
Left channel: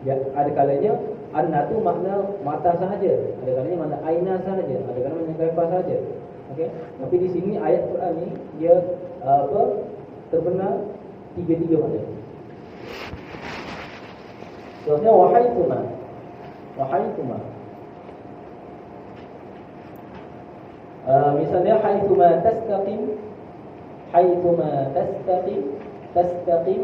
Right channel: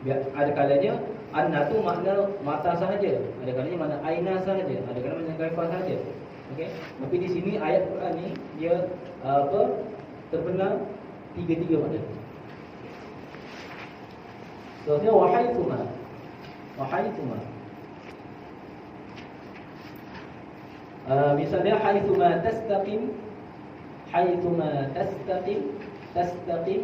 Biar ada kalanya anna tu makna mata sahaja, ada kalanya makna aina sahaja, ada kalanya makna kaifa sahaja. Okey. Tapi di sini ayat Quran ni dia terbenar tiga-tiga makna. Contohnya wahaitsuma. Wahaitsuma. Misalnya haitsuma tastaqim, haitsuma tastaqim, tastaqim.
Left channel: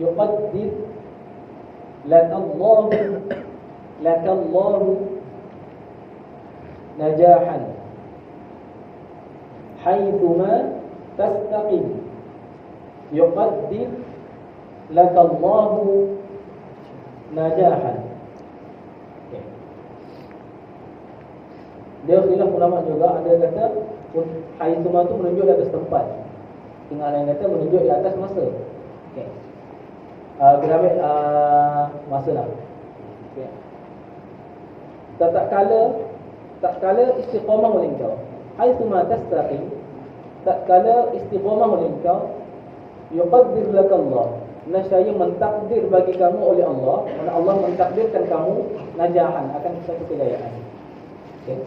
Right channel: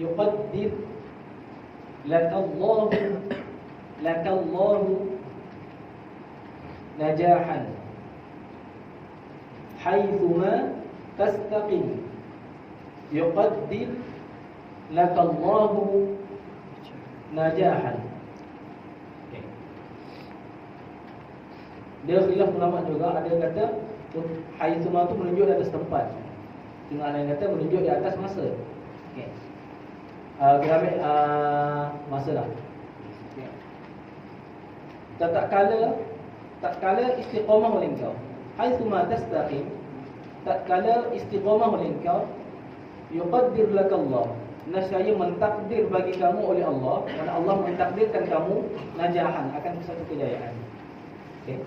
Yuqaddir lakallahu najahan. Haitsuma tastaqim yuqaddir lakallahu najahan. Okay. Dia khilaf ulama juga, ada yang kata haitsuma tu menunjuk di atas tempat, tengah lain kata menunjuk di atas masa. Okey. Kita ambil masa lah. Okey. Tak kala istiqamah oleh engkau. Haitsuma tastaqim, tak kala istiqamah oleh engkau, yuqaddir lakallah, nascaya mentakdir bagi kamu oleh Allah, mana Allah mentakdirkan kamu najahan, akan satu kejayaan. Okey.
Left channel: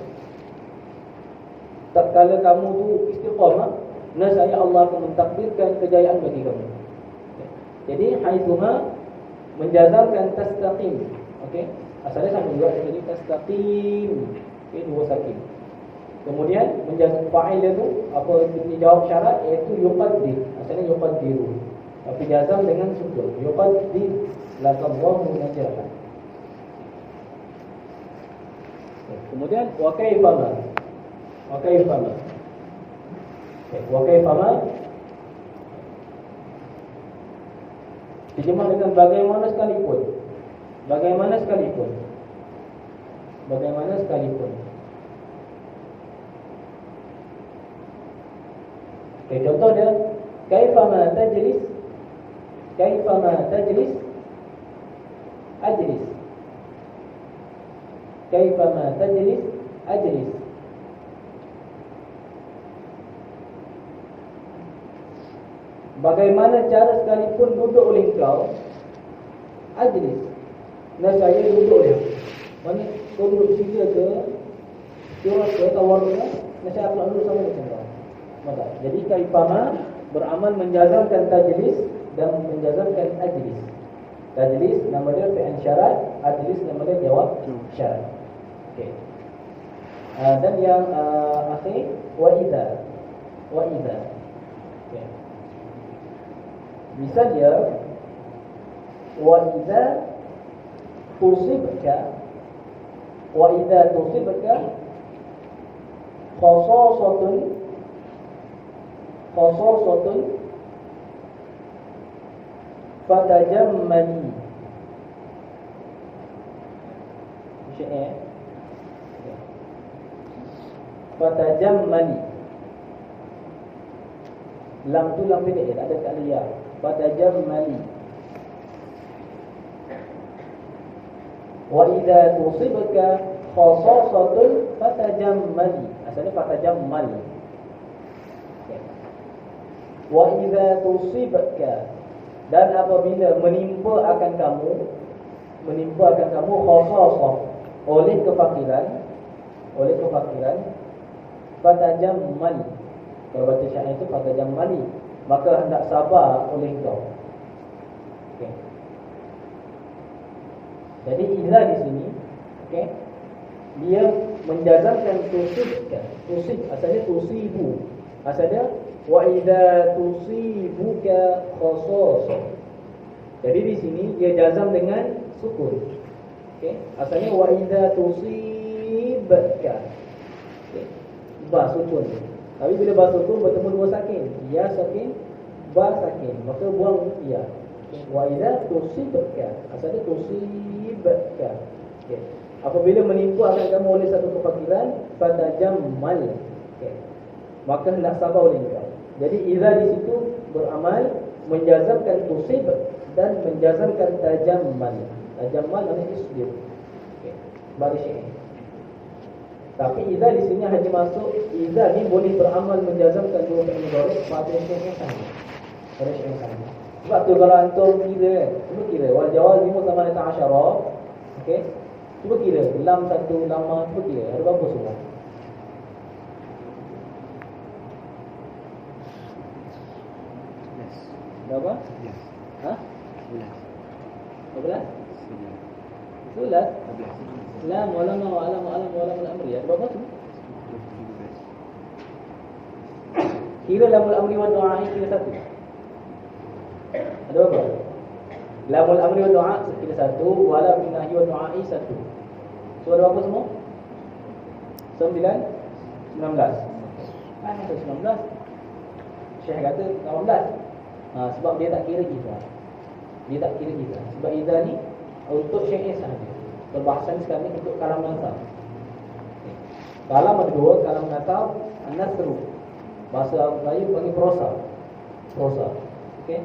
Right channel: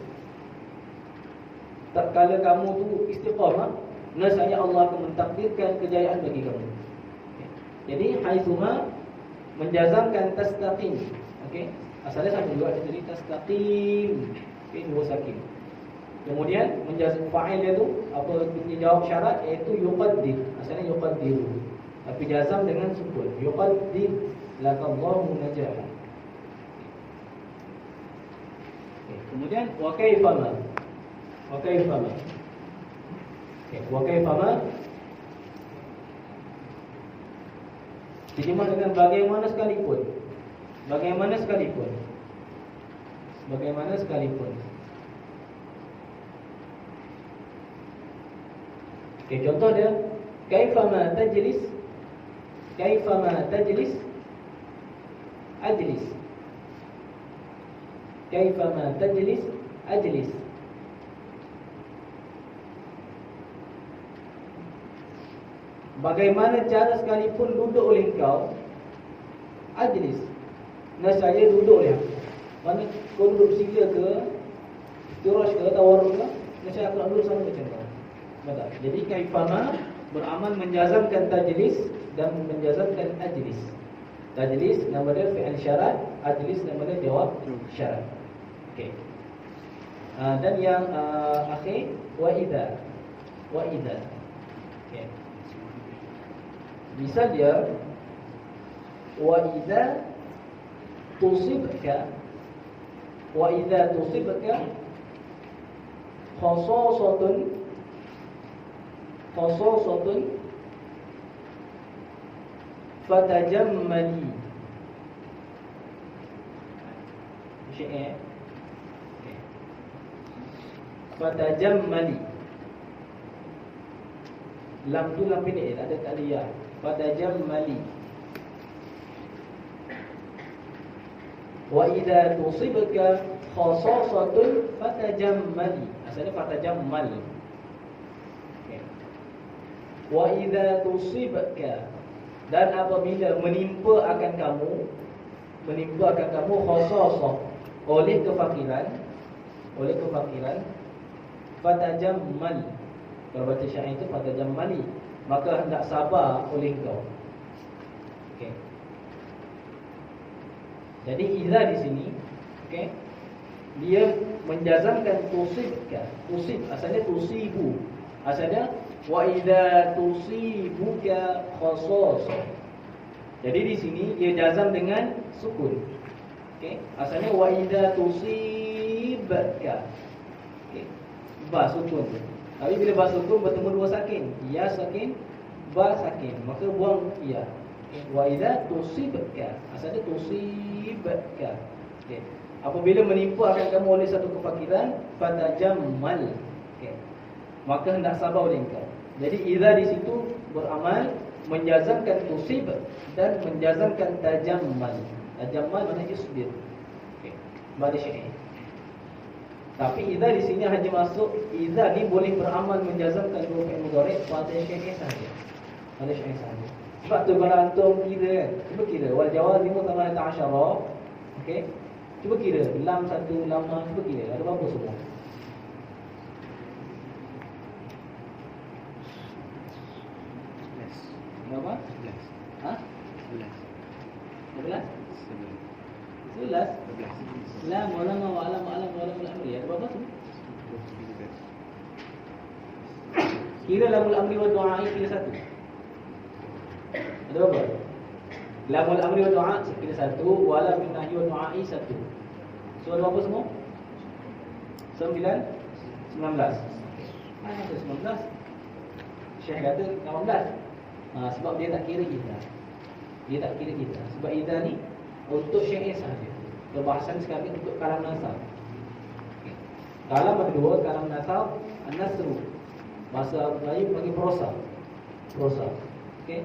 Tak kala kamu tu istiqamah, nascaya Allah akan mentakdirkan kejayaan bagi kamu. Okay. Jadi haitsuma menjazamkan tastaqim. Okey. Asalnya sama juga tadi tastaqim. Okey, dua sakin. Kemudian menjazam fa'il dia tu apa bunyi jawab syarat, iaitu yuqaddir. Asalnya yuqaddiru, tapi jazam dengan sukun. Yuqaddir lakallahu najahan. Okay. Kemudian wa kaifa ma. Wa kaifa ma. Wa kaifa ma terjemah dengan bagaimana sekalipun. Bagaimana sekalipun. Bagaimana sekalipun. Okay, contoh dia kaifa ma tajlis, kaifa ma tajlis ajlis, kaifa ma tajlis ajlis. Bagaimana cara sekalipun duduk oleh engkau, ajlis, nascaya duduk oleh aku. Mana kau duduk sila ke, curah ke, tawar ke, nascaya aku nak duduk sama macam mana. Maka jadi kaifama beramal menjazamkan tajlis dan menjazamkan ajlis. Tajlis nama dia fi'il syarat, ajlis nama dia jawab syarat. Okey. Dan yang akhir wa idza. Wa idza. Okey. Misal dia wa idza tusibka, wa idza tusibka khasasatun, khasasatun fatajammali. Syi'ah. Fatajammali. Lam tu lam pendek, tak ada takliyah. Fatajammali. Wa idza tusibka khasasatun fatajammali. Asalnya fatajammal. Wa idza tusibka, dan apabila menimpa akan kamu khasasah, oleh kefakiran, fatajammal. Kalau baca syair itu fatajammali, maka hendak sabar oleh engkau. Okey. Jadi idza di sini, okey, dia menjazamkan tusibka. Tusib asalnya tusibu. Asalnya wa idza tusibuka khasasah. Jadi di sini dia jazam dengan sukun. Okey, asalnya wa idza tusib tusibka. Okey. Ba sukun tu. Tapi bila ba sukun bertemu dua sakin, ya sakin, ba sakin, maka buang ya. Wa idza tusibka, asalnya tusibka. Okey. Apabila menimpa akan kamu oleh satu kefakiran, fatajammal. Okey. Maka hendak sabar oleh engkau. Jadi idza di situ beramal menjazamkan tusib dan menjazamkan tajammal. Tajammal maknanya isbir. Okey. Bagi syai'. Tapi idza di sini hanya masuk idza ni boleh beramal menjazamkan dua fi'il mudhari' pada syai' sahaja. Pada syai' sahaja. Sebab tu kalau antum kira, cuba kira wal jawaz 15. Okey. Cuba kira lam satu lama, cuba kira ada berapa semua? Berapa? 11. Ha? 11. 11? 11? Lam wala ma wala ma alam wala ma amri. Ada berapa tu? Kira lamul amri wa du'a kira satu. Ada berapa? Lamul amri wa du'a kira satu, wala min nahi wa du'a satu. So ada berapa semua? 19. Mana tu 19? Syekh kata 18. Sebab dia tak kira kita. Dia tak kira kita. Sebab idza ni untuk syai' sahaja. Perbahasan sekarang ni untuk kalam nasab. Okay. Kalam ada dua, kalam nasab, an-nasru. Bahasa Melayu panggil prosa. Prosa. Okey.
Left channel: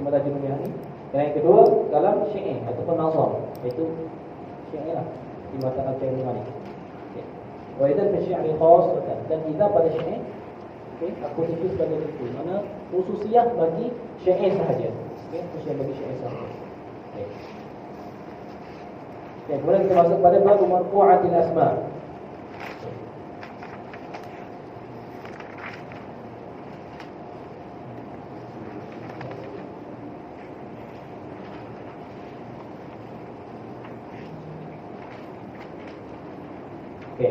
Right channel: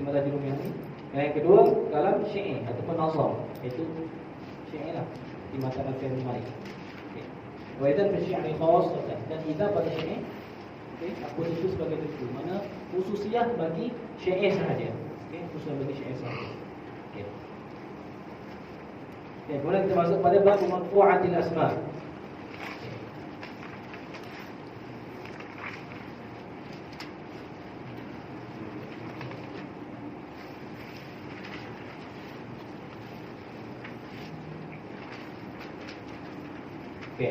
Terima kasih rumiah ni. Yang kedua, kalam syai' ataupun nazam. Itu syai' lah. Di mata al-fi'il madi. Okey. Wa idza fi syi'ri khas dan idza pada syai'. Okey, aku itu sebagai itu. Mana khususiah bagi syai' sahaja. Okey, khususiah bagi syai' sahaja. Okey. Okey, kemudian kita masuk pada bab marfu'atil asma'. Okey,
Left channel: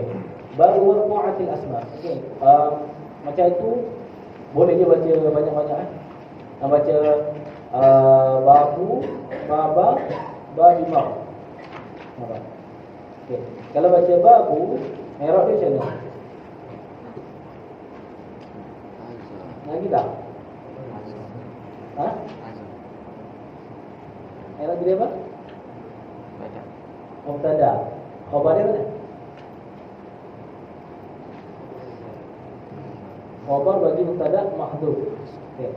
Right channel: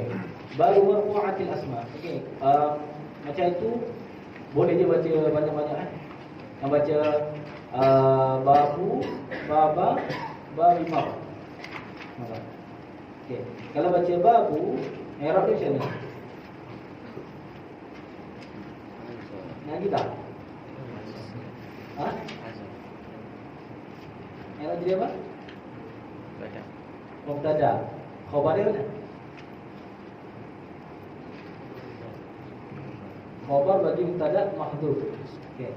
baru marfu'atil asma'. Okey, macam itu boleh dia baca banyak-banyak baca babu, baba, babimah. Okey, kalau baca babu, i'rab dia macam mana? Lagi tak? Ha? I'rab dia apa? Mubtada. Khabar dia mana? Khabar bagi mubtada mahdhuf. Okey.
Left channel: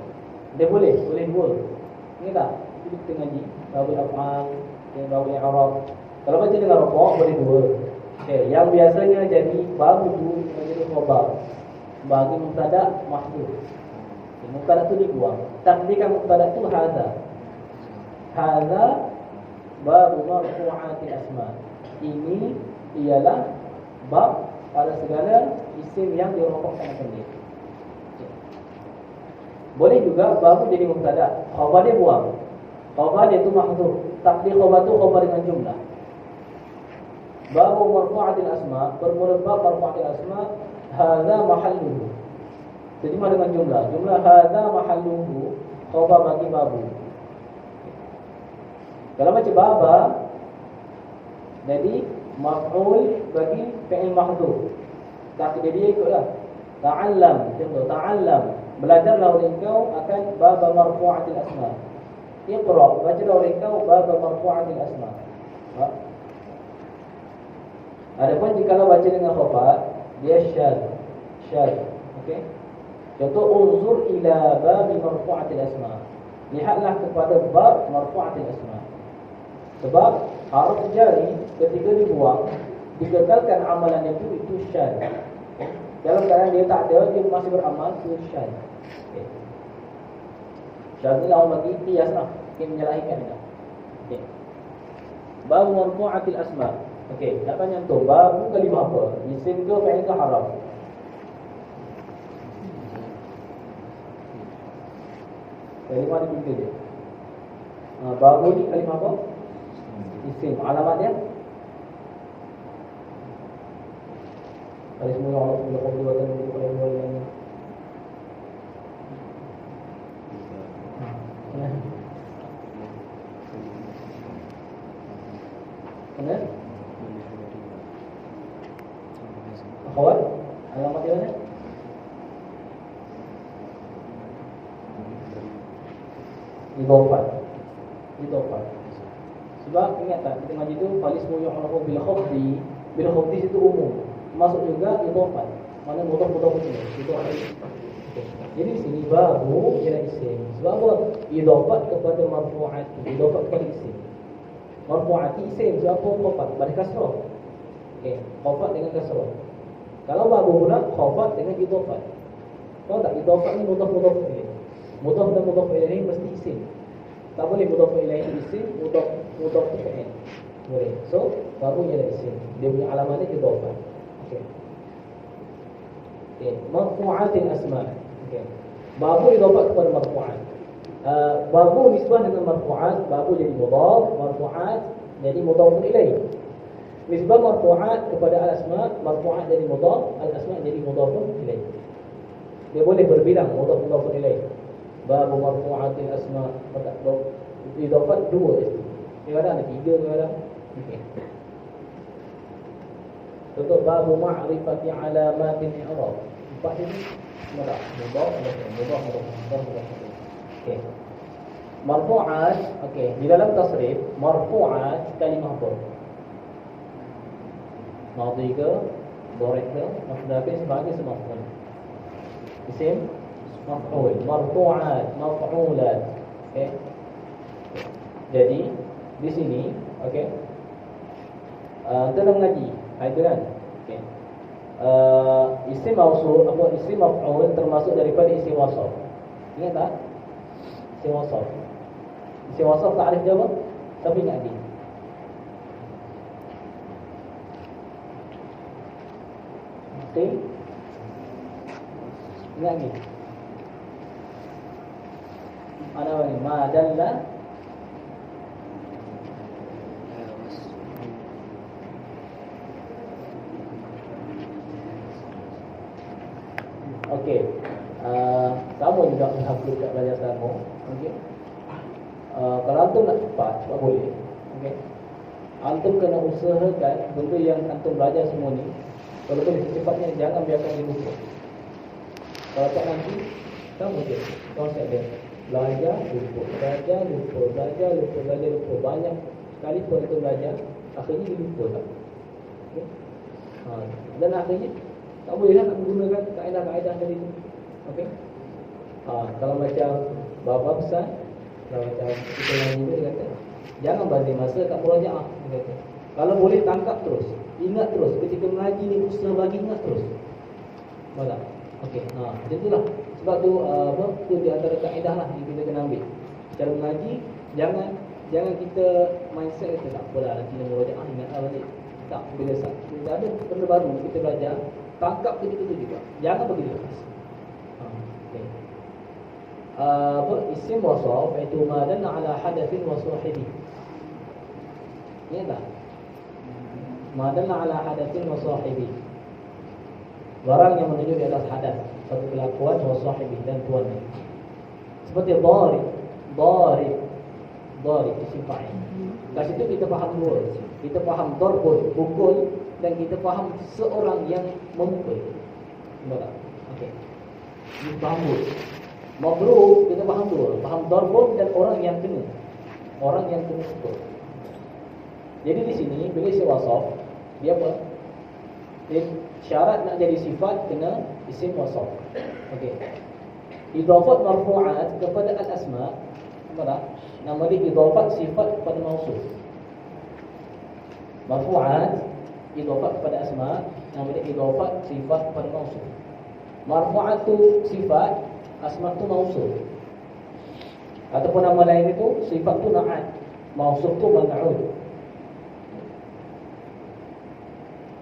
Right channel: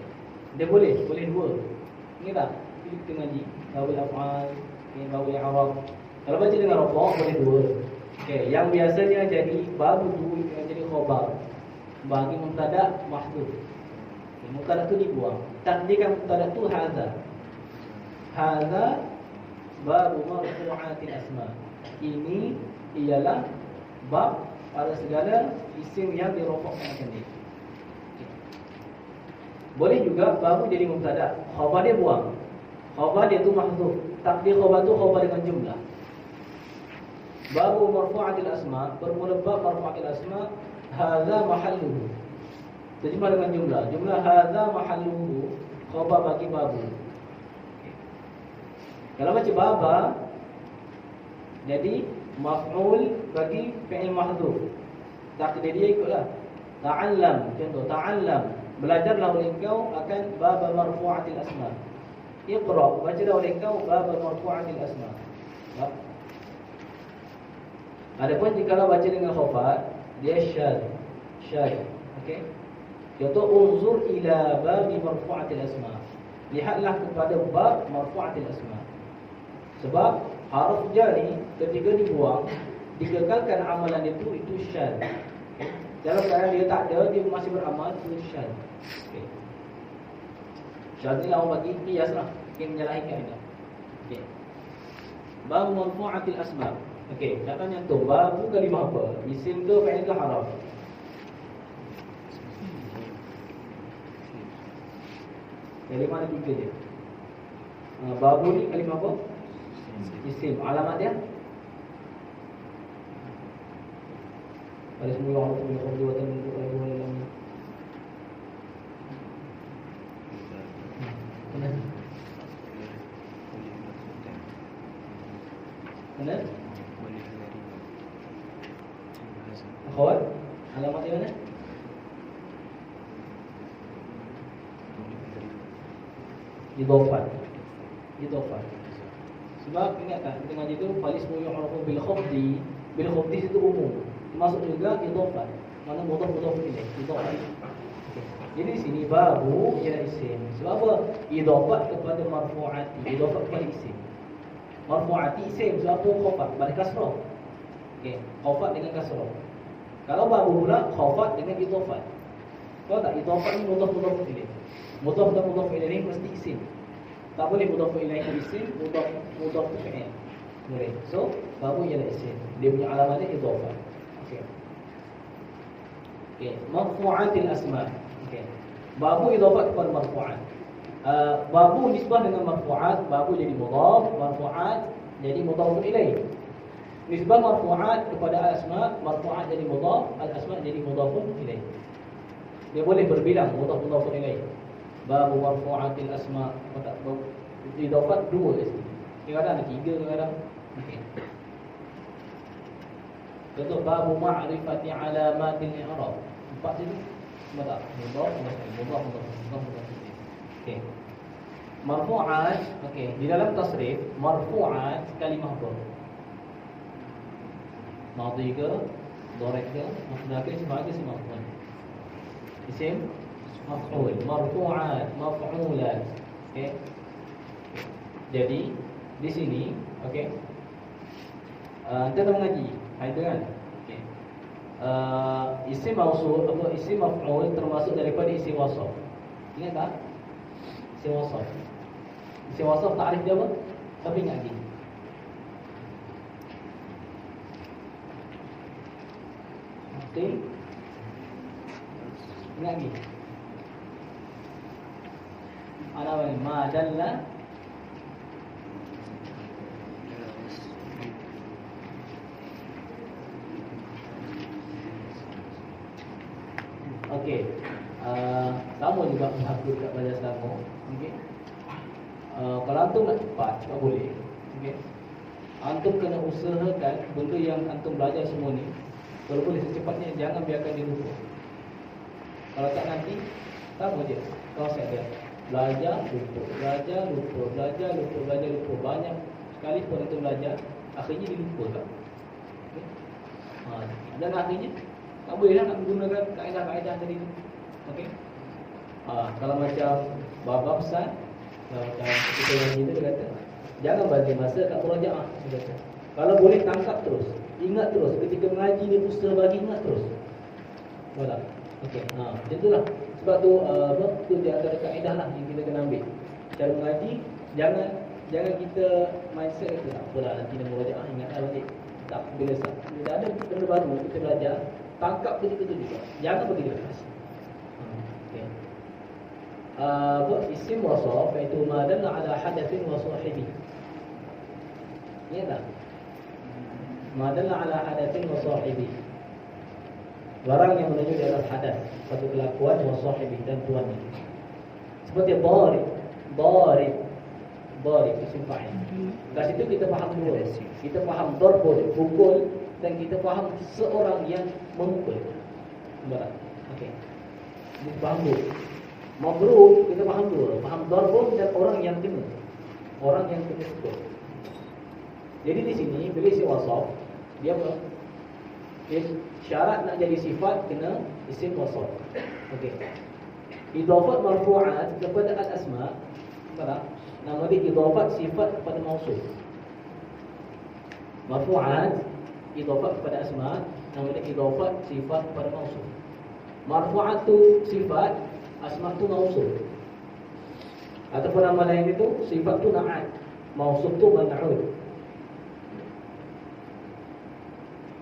Dia boleh dua. Ingat tak? Kita ngaji bab af'al, bab i'rab. Kalau baca dengan rafa' boleh dua. Okey, yang biasanya jadi bab itu kena jadi khabar bagi mubtada mahdhuf. Okay, mubtada tu dibuang. Takdirkan mubtada tu hadza. Hadza bab marfu'atil asma'. Ini ialah bab pada segala isim yang dirafa'kan sendiri. Boleh juga baru jadi mubtada, khabar dia buang. Khabar dia tu mahdhuf. Takdir khabar tu khabar dengan jumlah. Babu marfu'atil asma', bermula bab marfu'atil asma', hadza mahalluhu. Terjemah dengan jumlah. Jumlah hadza mahalluhu, khabar bagi babu. Kalau macam baba, jadi maf'ul bagi fi'il mahdhuf. Takdir dia ikutlah. Ta'allam, contoh ta'allam. Belajarlah oleh engkau akan bab marfu'atil asma'. Iqra, bacalah oleh engkau bab marfu'atil asma'. Adapun jika baca dengan khabar, dia syad. Okey. Contoh unzur ila bab marfu'atil asma'. Lihatlah kepada bab marfu'atil asma'. Sebab haruf jari ketika dibuang, digagalkan amalan itu syad. Dalam keadaan dia tak ada, dia masih beramal, itu syad. Okay. Syad ni orang bagi qiyas lah. Okay, menyalahikan dia. Okay. Babu marfu'atil asma'. Okay, nak tanya tu, babu kalimah apa? Isim ke, fi'il ke, haraf? Kalimah ada tiga dia. Babu ni kalimah apa? Isim. Alamat dia? Dari semua Allah Subhanahu wa ta'ala kalau dua yang benar Akhwat, alamat di mana? Idhofat. Sebab ingat tak, kita ngaji tu falismu yu'rafu bil khafdi. Bil khafdi itu umum. Masuk juga idhofat. Mana mudhaf ini? Itu ada. Okay. Jadi di sini babu ialah isim. Sebab apa? Idhofat kepada marfu'ati, idhofat kepada isim. Marfu'ati isim sebab apa? Khafat pada kasrah. Okey, khafat dengan kasrah. Kalau babu pula khafat dengan idhofat. Tahu tak idhofat ni mudhaf ilaih. Mudhaf dan mudhaf ilaih mesti isim. Tak boleh mudhaf ilaih itu isim, mudhaf itu fi'il. Boleh. So, babu ialah isim. Dia punya alamat dia idhofat. Okey. Okey, marfu'atil asma'. Okey. Babu idhafat kepada marfu'at. Babu nisbah dengan marfu'at, babu jadi mudhaf, marfu'at jadi mudhaf ilaih. Nisbah marfu'at kepada al-asma', marfu'at jadi mudhaf, al-asma' jadi mudhaf ilaih. Dia boleh berbilang mudhaf ilaih. Babu marfu'atil asma', idhafat dua isim. Kadang-kadang ada tiga, kadang-kadang. Okey. Contoh babu ma'rifati alamatil i'rab. Empat ini mudhaf, mudhaf. Okey. Marfu'at, okey, di dalam tasrif marfu'at kalimah ber. Madhi ke, dharif ke, maf'ul sebagai semaf'ul. Isim maf'ul, marfu'at, maf'ulat. Okey. Jadi di sini, okey. Kita dah mengaji, ada kan? Okey. Isim mausuf apa isim maf'ul termasuk daripada isim wasaf. Ingat tak? Isim wasaf. Isim wasaf takrif dia apa? Tapi ingat lagi. Okey. Ingat lagi. Ana wa ma dalla okey. Sama juga menghafal kat belajar sama. Okey. Kalau antum nak cepat, tak boleh. Okey. Antum kena usahakan benda yang antum belajar semua ni, kalau boleh secepatnya jangan biarkan dia lupa. Kalau tak nanti sama je konsep dia. Belajar lupa, belajar lupa. Banyak sekali pun kita belajar, akhirnya dia lupa tak. Okay? Dan akhirnya tak boleh nak menggunakan kaedah-kaedah tadi tu. Okey. Kalau macam bapa pesan, kalau macam kita yang ini dia kata, jangan bazir masa tak murajaah, dia kata. Kalau boleh tangkap terus, ingat terus ketika mengaji ni usaha bagi ingat terus. Faham tak? Okey. Macam itulah. Sebab tu tu di antara kaedah lah yang kita kena ambil. Cara mengaji jangan kita mindset kita tak apalah nanti nak murajaah ingatlah balik. Tak, bila ada benda baru kita belajar, tangkap ketika itu juga. Jangan bagi dia lepas. Isim wasaf iaitu ma dalla ala hadatsin wa sahibi. Ya tak? Ma dalla ala hadatsin wa sahibi. Barang yang menunjuk atas hadas, satu kelakuan wa sahibi dan tuannya. Seperti darib isim fa'il. Kat situ kita faham dua. Kita faham darbun, pukul, dan kita faham seorang yang memukul. Nampak? Okey. Kita faham dua. Madrub kita faham dua. Faham darbun dan orang yang kena. Orang yang kena pukul. Jadi di sini bila isim wasaf, dia apa? Syarat nak jadi sifat kena isim wasaf. Okey. Idhafat marfu'at kepada al-asma', nampak tak? Nama dia idhafat sifat kepada mausuf. Marfu'at idhafat kepada asma', nama dia idhafat sifat kepada mausuf. Marfu'at tu sifat, asma' tu mausuf. Ataupun nama lain itu sifat tu na'at, mausuf tu man'ud.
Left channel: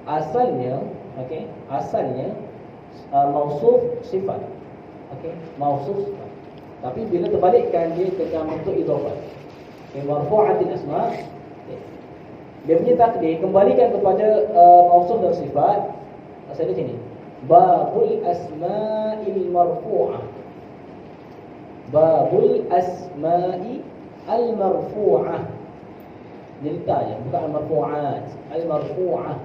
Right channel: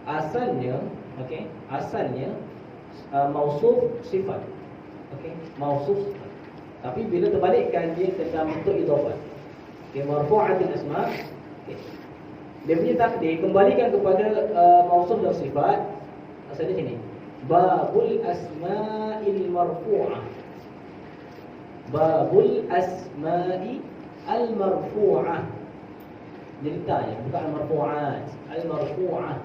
Asalnya, okey, asalnya mausuf sifat. Okey, mausuf sifat. Tapi bila terbalikkan dia dalam bentuk idhafat. Okey, marfu'atil asma'. Okay. Dia punya takdir kembalikan kepada mausuf dan sifat. Maksudnya sini. Babul asma'il marfu'ah. Babul asma'i al-marfu'ah. Jadi tanya, bukan al-marfu'at, al-marfu'ah.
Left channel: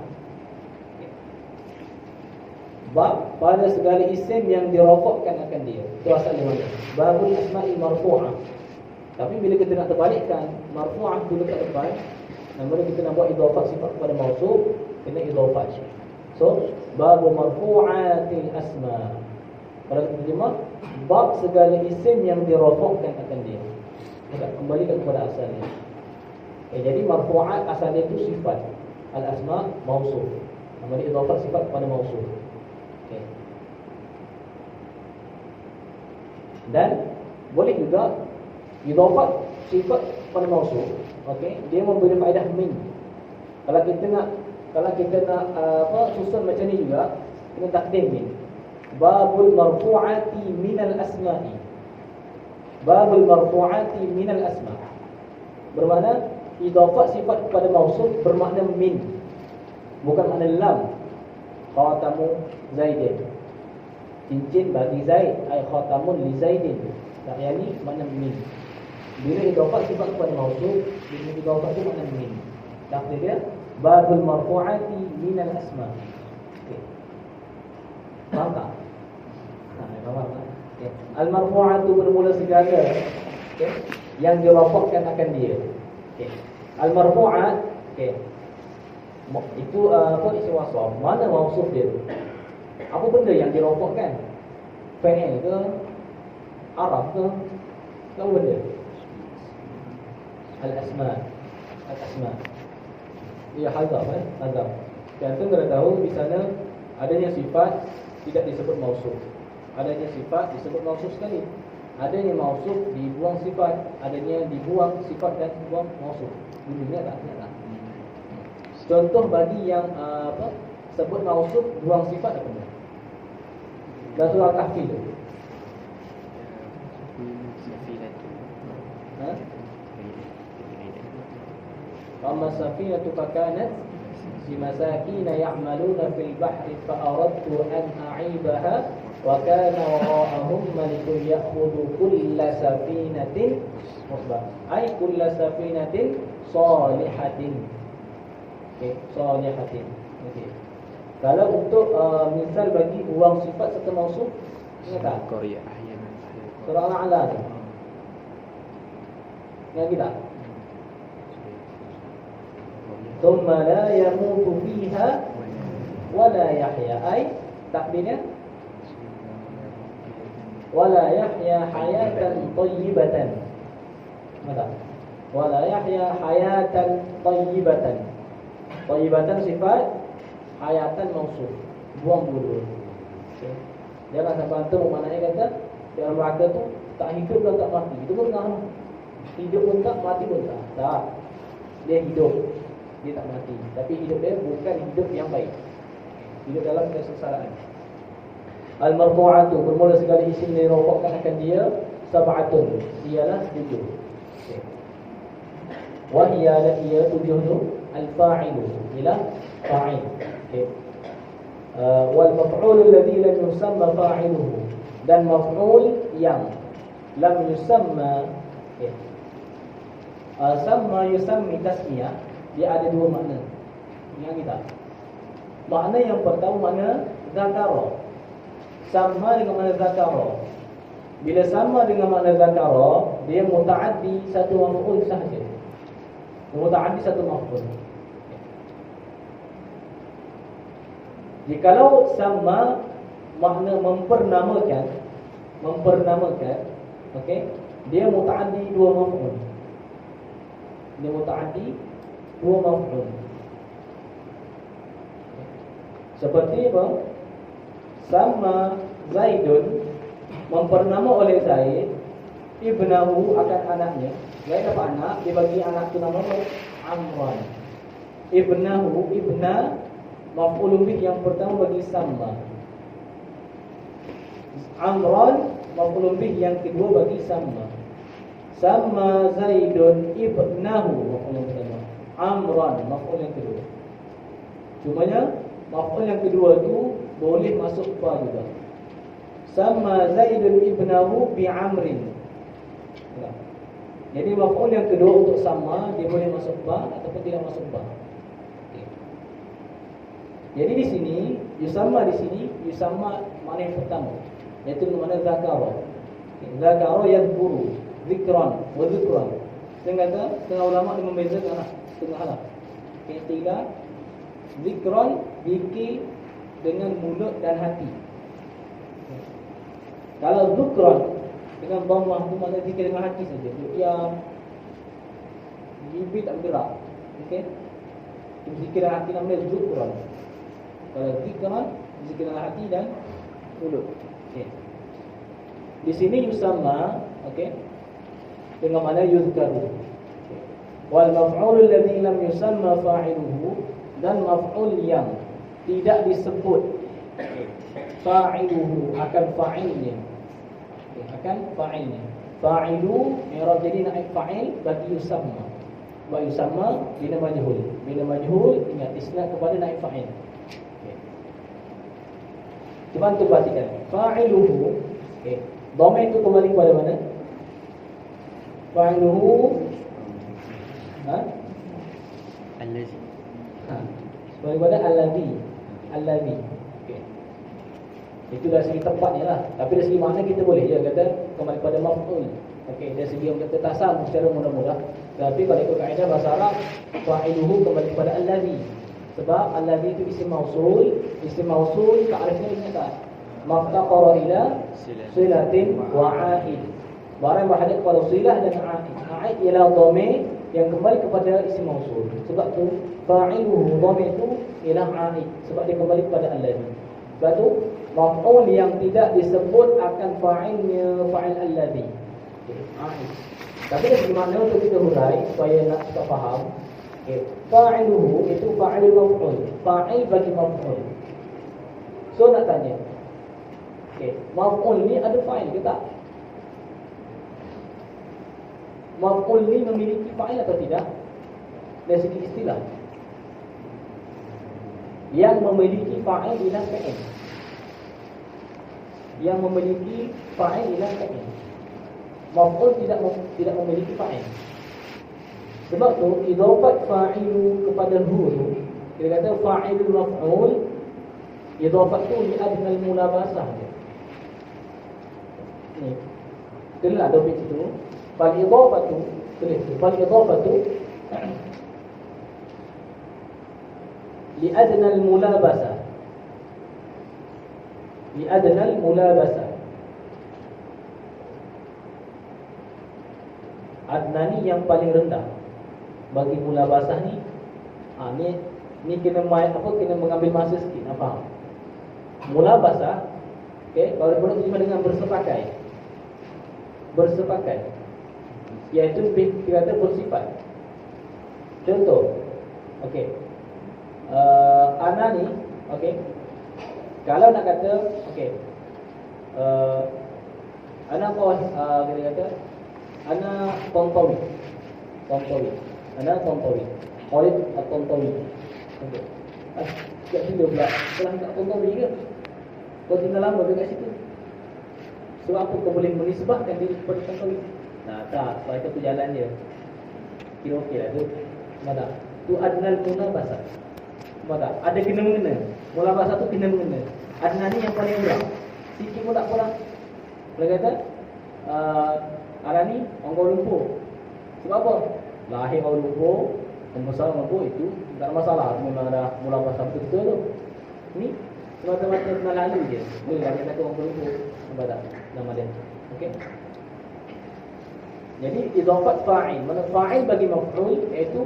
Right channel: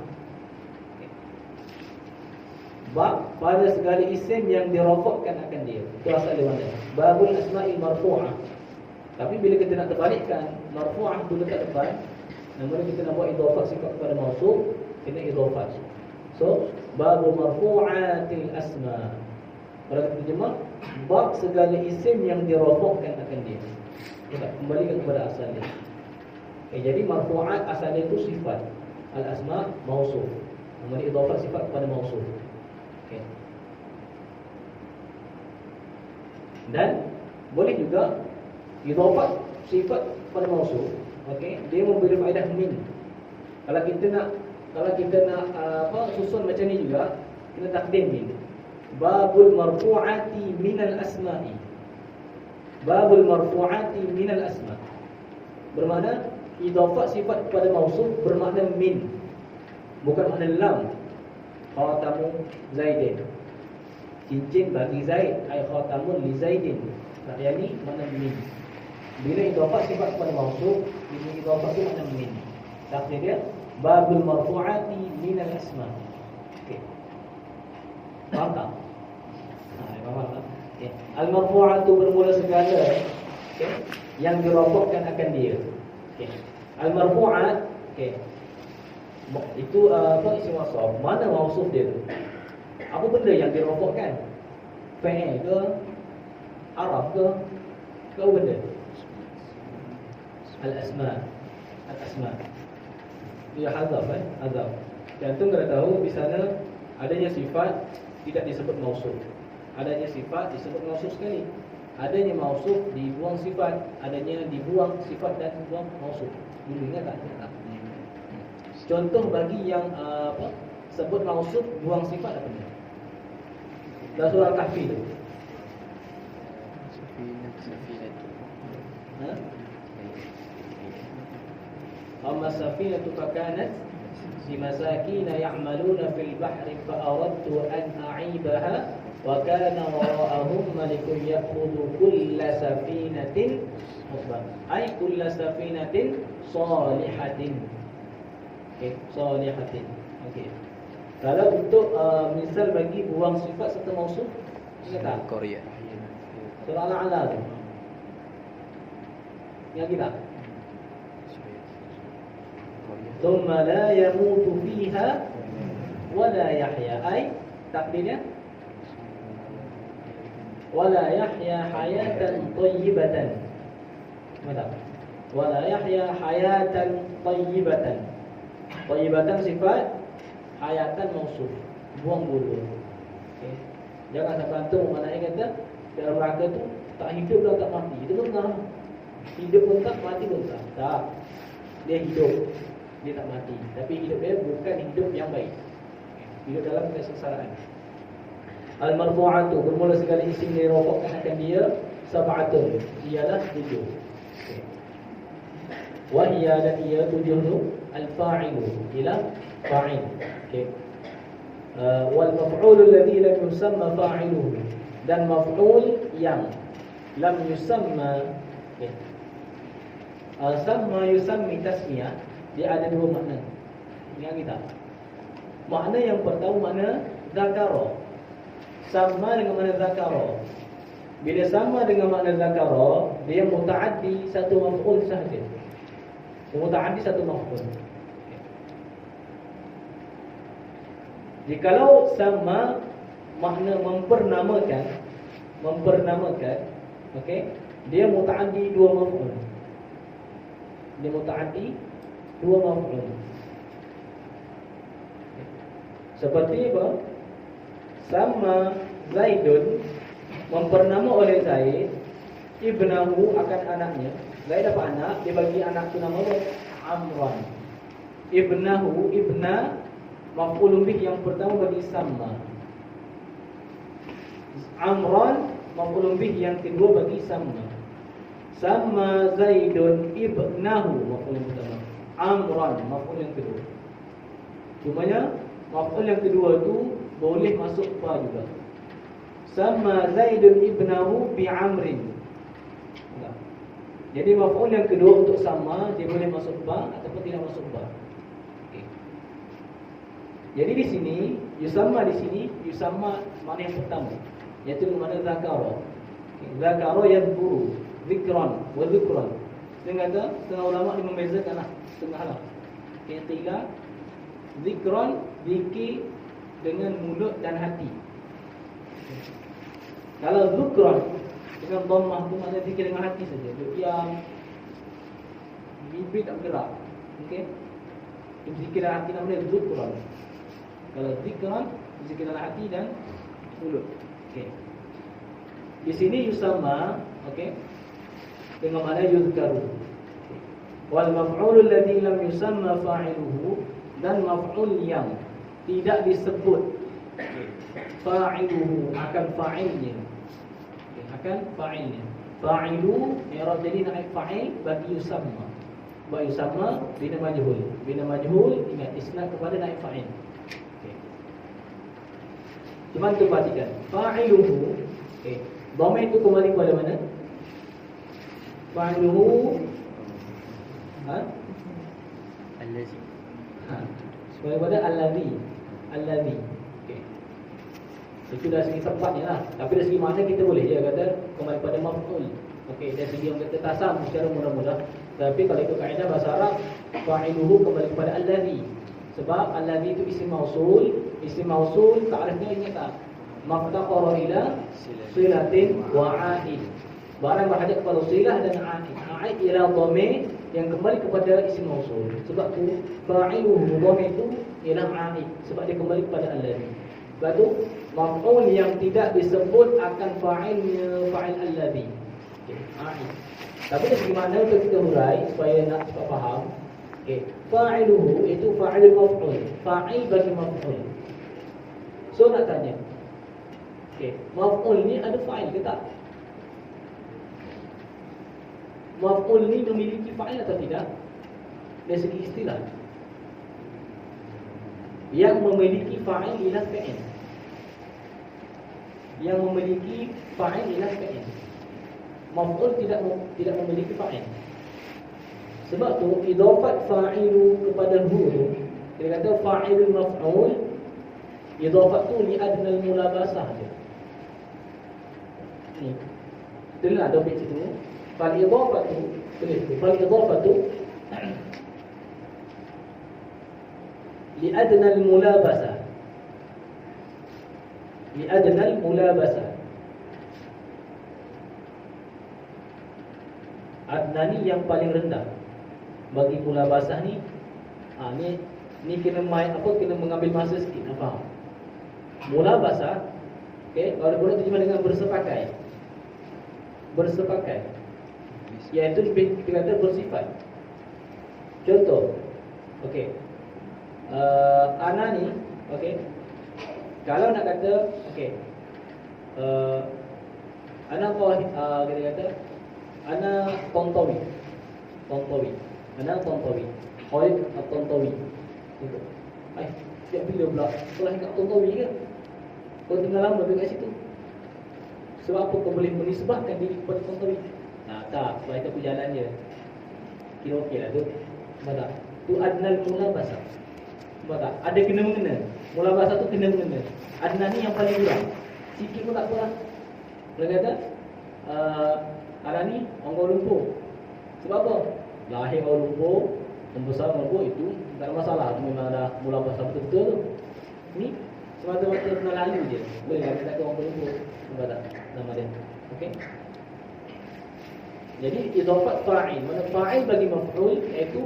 bab pada segala isim yang dirofakkan akan dia. Itu asal dia mana? Babul asma'i marfu'ah. Tapi bila kita nak terbalikkan, marfu'ah dulu kat depan, namun kita nak buat idhafah sifat kepada mausuf, kena idhafah. So, babu marfu'atil asma'. Kalau kita terjemah, bab segala isim yang dirofakkan akan dia. Kita kembalikan kepada asalnya. Jadi marfu'at asalnya itu sifat, al-asma' mausuf. Namun idhafah sifat kepada mausuf. Dan boleh juga idhafat sifat pada mausuf. Okey, dia memberi faedah min. Kalau kita nak susun macam ni juga, kena takdim min. Babul marfu'ati minal asma'i. Babul marfu'ati minal asma'. Bermakna idhafat sifat kepada mausuf bermakna min, bukan makna lam. Khatamu Zaidin, cincin bagi Zaid, ai khatamun li Zaidin. Tak, yang ni makna min. Bila idhafat sifat kepada mausuf, bila idhafat tu makna min. Tak dia babul marfu'ati minal asma'. Okey. Faham tak? Faham tak? Okey. Al-marfu'atu bermula segala, okey, yang dirofakkan akan dia. Okey. Al-marfu'at, okey. Itu isim wasaf. Mana mausuf dia tu? Apa benda yang dirofakkan? Fa'il ke? Arab ke? Apa benda? Al-asma'. Al-asma'. Dia hazaf, hazaf. Jantung kena tahu di sana adanya sifat tidak disebut mausuf. Adanya sifat disebut mausuf sekali. Adanya mausuf dibuang sifat, adanya dibuang sifat dan dibuang mausuf. Dulunya tak? Ingat tak? Contoh bagi yang sebut mausuf buang sifat apa benda? Dalam surah Al-Kahfi tu. Amma safinatu fakanat limasakina ya'maluna fil bahri fa aradtu an a'ibaha wa kana wara'ahum malikun ya'khudhu kulla safinatin musbah. Ai kulla safinatin salihatin. Okey, salihatin. Okey. Kalau untuk misal bagi buang sifat serta mausuf, ingat tak? Korea. Surah Al-A'la tu. Ingat kita? Thumma la yamutu fiha wa la yahya. Ai takdirnya wa la yahya hayatan thayyibatan. Macam wa la yahya hayatan thayyibatan. Thayyibatan sifat, hayatan mausuf. Buang dulu. Okay. Jangan sampai antum maknanya kata dalam raka tu tak hidup dan tak mati. Itu benar. Hidup pun tak, mati pun tak. Tak. Dia hidup, dia tak mati. Tapi hidup dia bukan hidup yang baik. Hidup dalam kesengsaraan. Al-marfu'atu bermula segala isim yang dirofakkan akan dia sab'atun. Ialah 7. Okay. Wa hiya dan ia 7 tu al-fa'ilu, ialah fa'il. Okay. Wal maf'ul alladhi lam yusamma fa'iluhu, dan maf'ul yang lam yusamma. Okay. Sama yusammi tasmiyah, dia ada dua makna. Ingat kita. Makna yang pertama makna zakara. Sama dengan makna zakara. Bila sama dengan makna zakara, dia muta'addi satu maf'ul sahaja. Muta'addi satu maf'ul. Jikalau sama makna mempernamalkan, okey, dia muta'addi dua maf'ul. Dia muta'addi dua maf'ul. Seperti apa? Sama Zaidun mempernama oleh Zaid ibnahu akan anaknya. Zaid dapat anak, dia bagi anak tu nama Amran. Ibnahu, ibna maf'ulun bih yang pertama bagi sama. Amran maf'ulun bih yang kedua bagi sama. Sama Zaidun ibnahu maf'ul yang pertama. Amran maf'ul yang kedua. Cumanya maf'ul yang kedua tu boleh masuk fa juga. Sama Zaidun ibnahu bi Amrin. Jadi maf'ul yang kedua untuk sama dia boleh masuk fa ataupun tidak masuk fa. Okay. Jadi di sini yusamma makna yang pertama, iaitu makna zakara. Zakara yadhkuru, zikran wa dhikran. Setengah ulama dia membezakan setengah lah. Istilah zikran, zikir dengan mulut dan hati. Kalau zikran dengan dhammah itu makna zikir dengan hati saja. Diam, bibir tak bergerak. Okey. Zikir dengan hati namanya zikran. Kalau zikran, zikir dengan hati dan mulut. Okey. Di sini yusamma, okey, dengan makna yuzkaru. Wal maf'ul alladhi lam yusamma fa'iluhu, dan maf'ul yang tidak disebut fa'iluhu akan fa'ilnya. Okay, akan fa'ilnya. Fa'ilu i'rab jadi naib fa'il bagi yusamma. Wa yusamma bina majhul. Bina majhul ingat isnad kepada naib fa'il. Okay. Cuma tu perhatikan. Fa'iluhu, okey. Dhamir itu kembali kepada mana? Fa'iluhu Allazi. Kembali kepada allazi. Allazi. Okey. Itu dari segi tempatnya lah. Tapi dari segi makna kita boleh je kata kembali kepada maf'ul. Okey, dari segi yang kata tasam secara mudah-mudah. Tapi kalau ikut kaedah bahasa Arab, fa'iluhu kembali kepada allazi. Sebab allazi itu isim mausul. Isim mausul ta'rifnya ingat tak? Maftaqara ila silatin wa 'aid. Barang berhadap kepada silah dan 'aid. 'Aid ialah dhamir yang kembali kepada isim mausul. Sebab tu fa'iluhu dhamir itu ialah 'aid sebab dia kembali kepada allazi. Sebab tu maf'ul yang tidak disebut akan fa'ilnya fa'il allazi. Okey, 'aid. Tapi dari segi makna untuk kita hurai supaya nak kita faham. Okey, fa'iluhu itu fa'ilul maf'ul. Fa'il bagi maf'ul. So nak tanya, okey, maf'ul ni ada fa'il ke tak? Maf'ul ni memiliki fa'il atau tidak? Dari segi istilah, yang memiliki fa'il ialah fa'il. Yang memiliki fa'il ialah fa'il. Maf'ul tidak memiliki fa'il. Sebab tu idafat fa'ilu kepada hu tu, dia kata fa'ilul maf'ul, idafat tu li adnal mulabasah dia. Ni dengar dobit itu. Fal idafatu, fal idafatu li adnal mulabasah. Li adnal mulabasah. Adna ni yang paling rendah bagi mulabasah ni. Ni kena kena mengambil masa sikit nak faham. Mulabasah, okey, kalau boleh terjemah dengan bersepakat. Bersepakat, iaitu kita kata bersifat. Contoh, okey, ana ni, okey, kalau nak kata, okey, ana kita kata ana Tontowi. Ana Tontowi. Khalid Tontowi. Okey. Tak tinggal pula. Setelah kat Tontowi ke? Kau tinggal lama dekat situ. Sebab apa kau boleh menisbahkan diri kepada Tontowi? Nah, tak. Sebab itu aku jalan je. Kira okey lah tu. Nampak tak? Tu adnal mulabasah. Nampak tak? Ada kena mengena. Mulabasah tu kena mengena. Adnal ni yang paling murah. Sikit pun tak kurang. Boleh kata Ara ni orang Kuala Lumpur. Sebab apa? Lahir Kuala Lumpur, membesar Kuala Lumpur, itu tak ada masalah. Memang ada mulabasah betul-betul tu. Ni semata-mata pernah lalu je. Boleh lah kata orang Kuala Lumpur. Nampak tak nama dia? Okey. Jadi idafat fa'il, mana fa'il bagi maf'ul, iaitu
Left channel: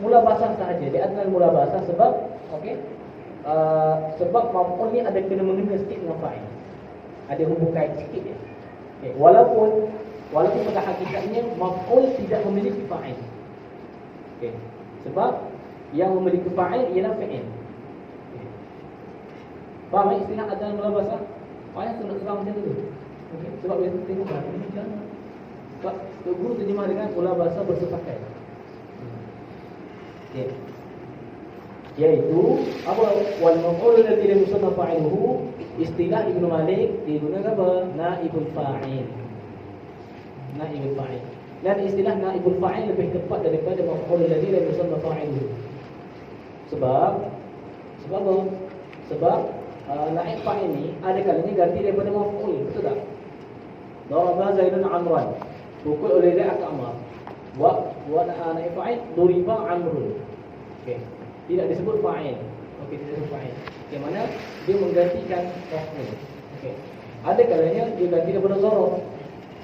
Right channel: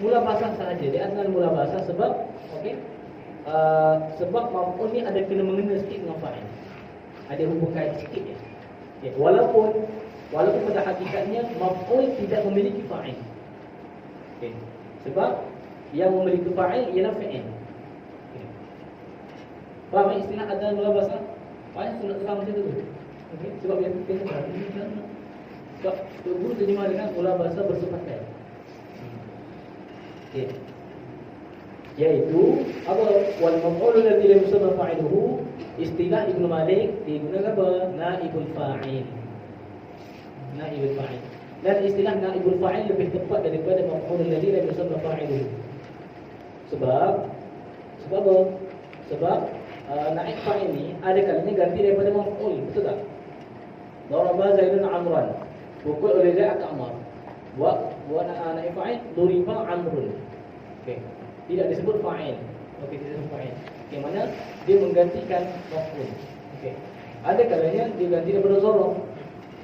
mulabasah sahaja. Dia adalah mulabasah sebab okey, sebab maf'ul ni ada kena mengena sikit dengan fa'il. Ada hubungan sikit je. Okay. Walaupun pada hakikatnya maf'ul tidak memiliki fa'il. Okay. Sebab yang memiliki fa'il ialah fa'il. Okay. Faham istilah adalah mulabasah? Payah tu nak terang macam tu. Okay. Sebab dia tengok lah ini jangan. Sebab guru terjemah dengan mulabasah bersepakat. Okay. Iaitu apa? Wal maf'ul alladhi lam yusamma fa'iluhu, istilah Ibnu Malik digunakan apa? Naibul fa'il. Naibul fa'il. Dan istilah naibul fa'il lebih tepat daripada maf'ul alladhi lam yusamma fa'iluhu. Sebab Sebab apa? Sebab naib fa'il ni ada kalinya ganti daripada maf'ul, betul tak? Daraba Zaidun Amran. Pukul oleh Zaid ke Amr. Buat naib fa'il duriba Amrun. Okey. Tidak disebut fa'il. Okey, tidak disebut fa'il. Okey, mana dia menggantikan maf'ul. Okey. Ada kalanya dia ganti daripada zarf.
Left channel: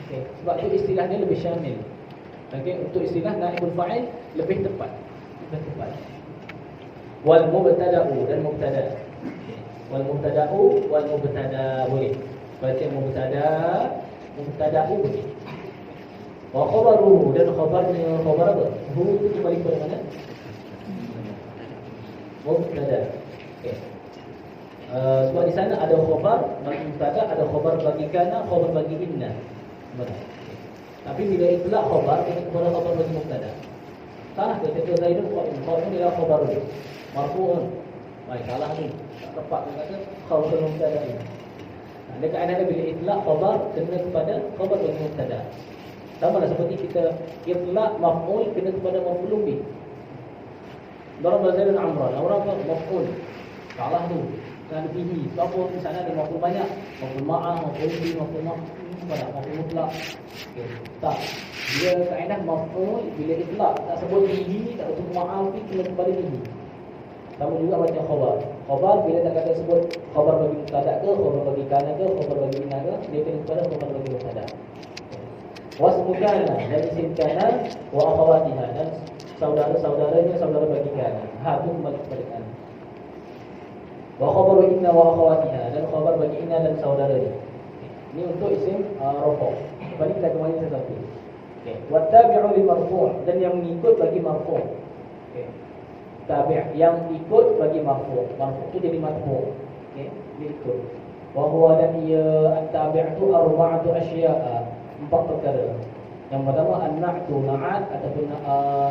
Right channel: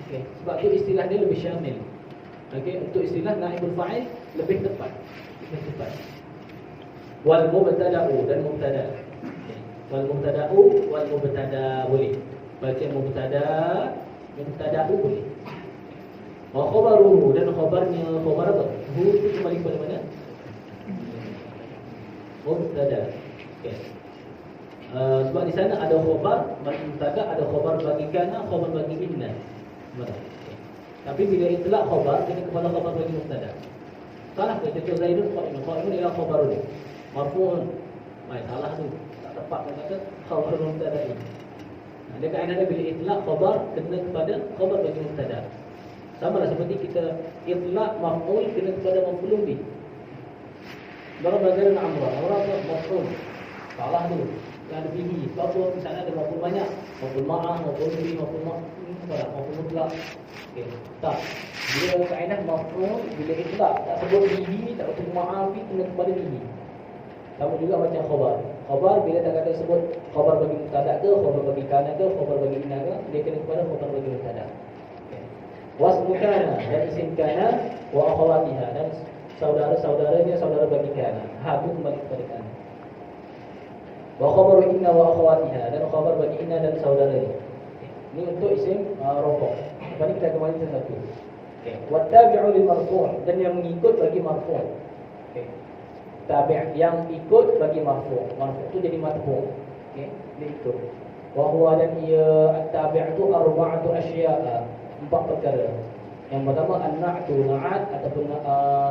Okey, sebab tu istilah dia lebih syamil. Okey, untuk istilah naibul fa'il lebih tepat. Lebih tepat. Wal mubtada'u dan mubtada. Wal mubtada'u wal mubtada boleh. Baca mubtada'u boleh. Wa khabaruhu dan khabarnya, khabar apa? Hu itu kembali kepada mana? Mubtada. Okey. Sebab di sana ada khabar bagi mubtada, ada khabar bagi kana, khabar bagi inna. Betul. Tapi bila itlaq khabar kena kepada khabar bagi mubtada. Salah ke contoh Zaidun qa'imun. Qa'imun ialah khabarun marfu'un. Baik, salah tu. Tak tepat dia kata khabar mubtada ini. Ada kaedah bila itlaq khabar kena kepada khabar bagi mubtada. Sama lah seperti kita itlaq maf'ul kena kepada maf'ulun bih. Daraba Zaidun Amran. Amran apa? Maf'ul. Salah tu. Kan ada bihi. Sebab apa? Di sana ada maf'ul banyak. Maf'ul ma'ah, maf'ul bih, maf'ul apa dah? Maf'ul mutlaq. Okey. Tak. Bila kaedah maf'ul bila itlaq tak sebut bihi, tak sebut ma'ah, kena kepada bihi. Sama juga macam khabar. Khabar bila tak kata sebut khabar bagi mubtada ke, khabar bagi kana ke, khabar bagi inna ke, dia kena kepada khabar bagi mubtada. Wasmu kana dan isim kana wa akhawatiha dan saudara-saudaranya saudara bagi kana. Ha tu kembali kepada kana. Wa khabaru inna wa akhawatiha dan khabar bagi inna dan saudaranya. Ini untuk isim rafa'. Lepas ni kita kembali satu. Okey. Wattabi'u li marfu' dan yang mengikut bagi marfu'. Okey. Tabi' yang ikut bagi marfu'. Marfu' tu jadi matbu'. Okey, dia ikut. Wa huwa dan ia at-tabi' tu arba'atu asya'a. 4 perkara. Yang pertama an-na'tu, na'at ataupun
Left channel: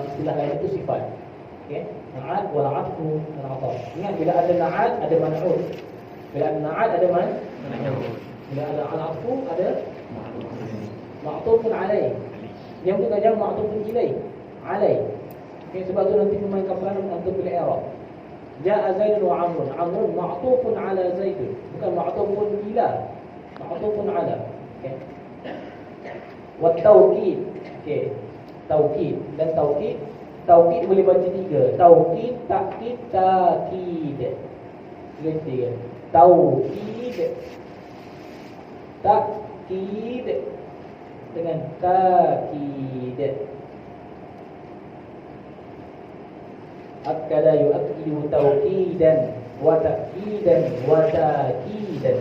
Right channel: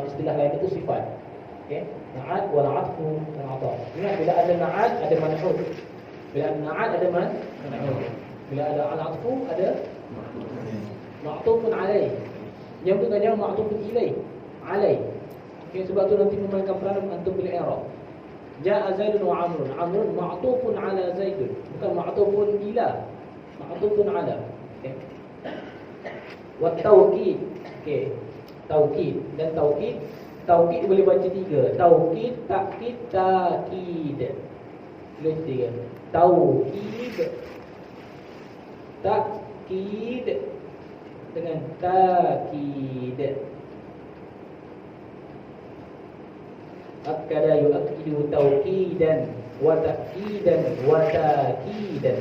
istilah lain itu sifat. Okey, na'at wal 'atfu dan 'athaf. Ingat bila ada na'at ada man'ut. Bila ada na'at ada man'ut. Bila ada al-'atfu ada ma'tufun alaih. Yang tu kadang ma'tufun ilaih. Alaih. Okey, sebab tu nanti memainkan peranan antum bil i'rab. Ja'a Zaidun wa 'Amrun. 'Amrun ma'tufun ala Zaidun, bukan ma'tufun ila. Ma'tufun ala. Okey. Wa tawkid. Okey. Tawkid dan tawkid. Tawkid boleh baca 3. Tawkid, takkid, takid. Boleh 3. Tawkid. Takkid dengan takid. Akkada yu'akkidu tawkidan wa ta'kidan wa takidan.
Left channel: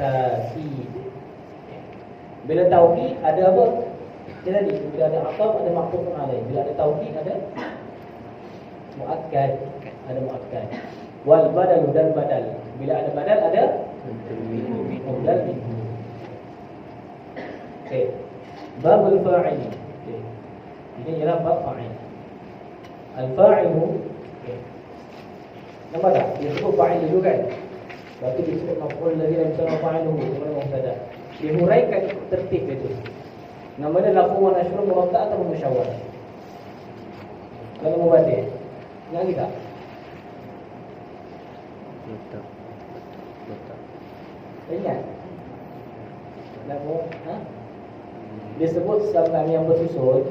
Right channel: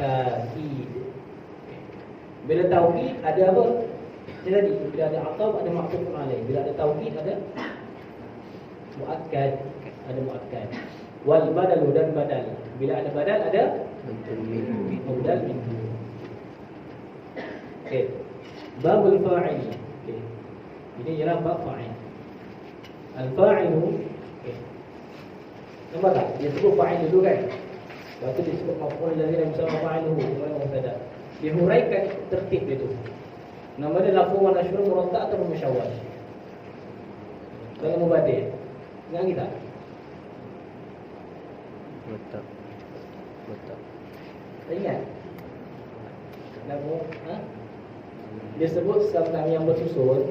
Takid. Bila tawkid ada apa? Jadi bila ada ataf ada ma'tuf alaih. Bila ada tawkid ada muakkad, ada muakkad. Wal badalu dan badal. Bila ada badal ada badal minhu. Okey. Babul fa'il. Okey. Ini ialah bab fa'il. Al-fa'ilu. Okey. Nampak tak? Dia sebut fa'il dulu kan? Lepas tu dia sebut maf'ul ladzi lam yusamma fa'iluhu, kemudian mubtada. Dia huraikan tertib itu. Nama dia lafzu wa nashr muratta' atau musyawwah. Dalam mubadi'. Ingat kita? Betul. Betul. Tak ingat? Lafzu, dia sebut sekarang yang bersusun.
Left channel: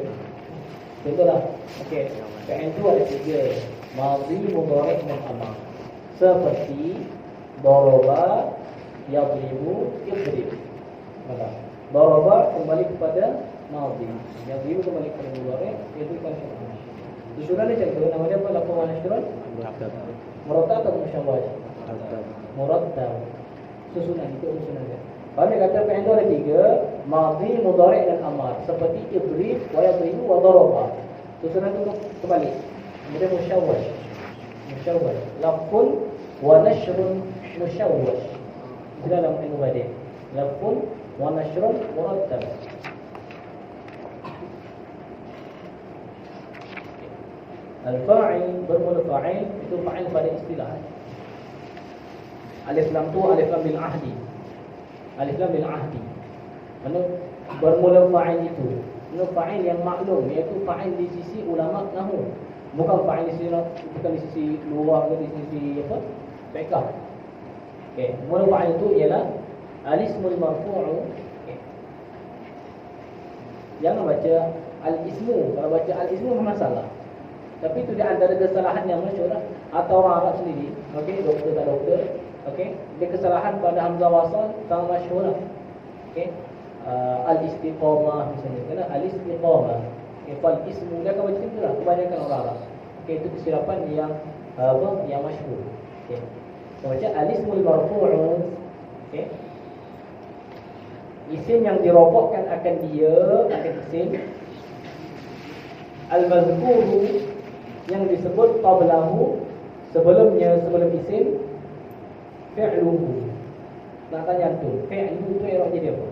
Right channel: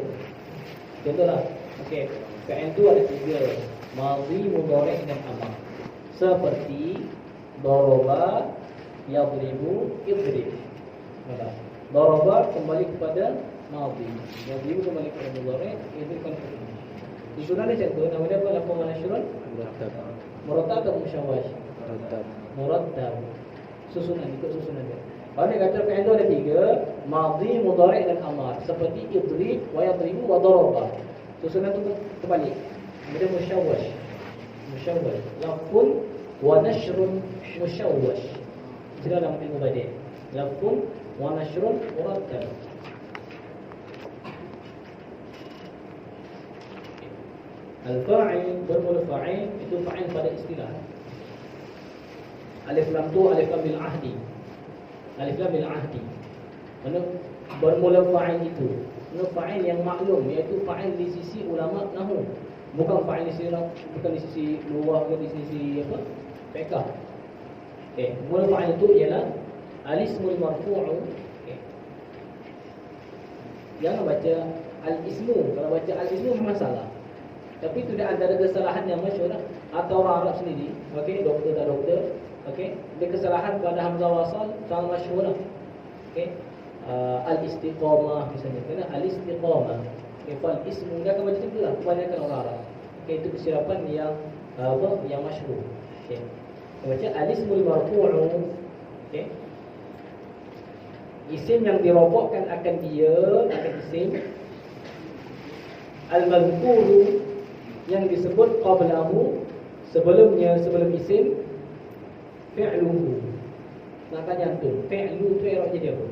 Contohlah. Okey. Fi'il tu ada 3. Madhi, mudhari' dan amar. Seperti daraba, yadribu, idrib. Maka daraba kembali kepada madhi, yadribu kembali kepada mudhari', idrib kembali kepada amar. Disuruh dia contoh, nama dia apa? Lafaz wa nashrun? Murattab. Murattab atau musyawwah? Murattab. Murattab. Susunan, ikut susunan dia. Kalau dia kata fi'il tu ada 3, madhi, mudhari' dan amar. Seperti idrib, wa yadribu, wa daraba. Susunan tu terbalik. Kemudian musyawwash. Musyawwash. Lafzun wa nashrun musyawwash. Itu dalam ilmu badi'. Lafzun wa nashrun murattab. Al-fa'il, bermula fa'il itu fa'il pada istilah. Alif lam tu alif lam bil ahdi. Alif lam bil ahdi. Mana bermula fa'il itu? Ini fa'il yang maklum, iaitu fa'il di sisi ulama nahwu. Bukan fa'il di sini, bukan di sisi luar ke di sisi apa? Fiqh. Okey, mula fa'il itu ialah al-ismul marfu'u. Okey. Jangan baca al-ismu. Kalau baca al-ismu memang salah. Tapi itu di antara kesalahan yang masyhur lah. Atau orang Arab sendiri, okey, doktor tak doktor, okey, dia kesalahan pada hamzah wasal sangat masyhur lah. Okey. Al-istiqamah misalnya, kena al-istiqamah. Okey, fal ismu dia akan baca macam itulah kebanyakan orang Arab. Okey, itu kesilapan yang yang masyhur. Okey. Kita baca al-ismul marfu'u. Okey. Isim yang dirofakkan akan dia, akan isim. Al-mazkuru yang disebut qablahu, sebelumnya, sebelum isim, fi'luhu. Nak tanya tu, fi'lu tu i'rab jadi apa?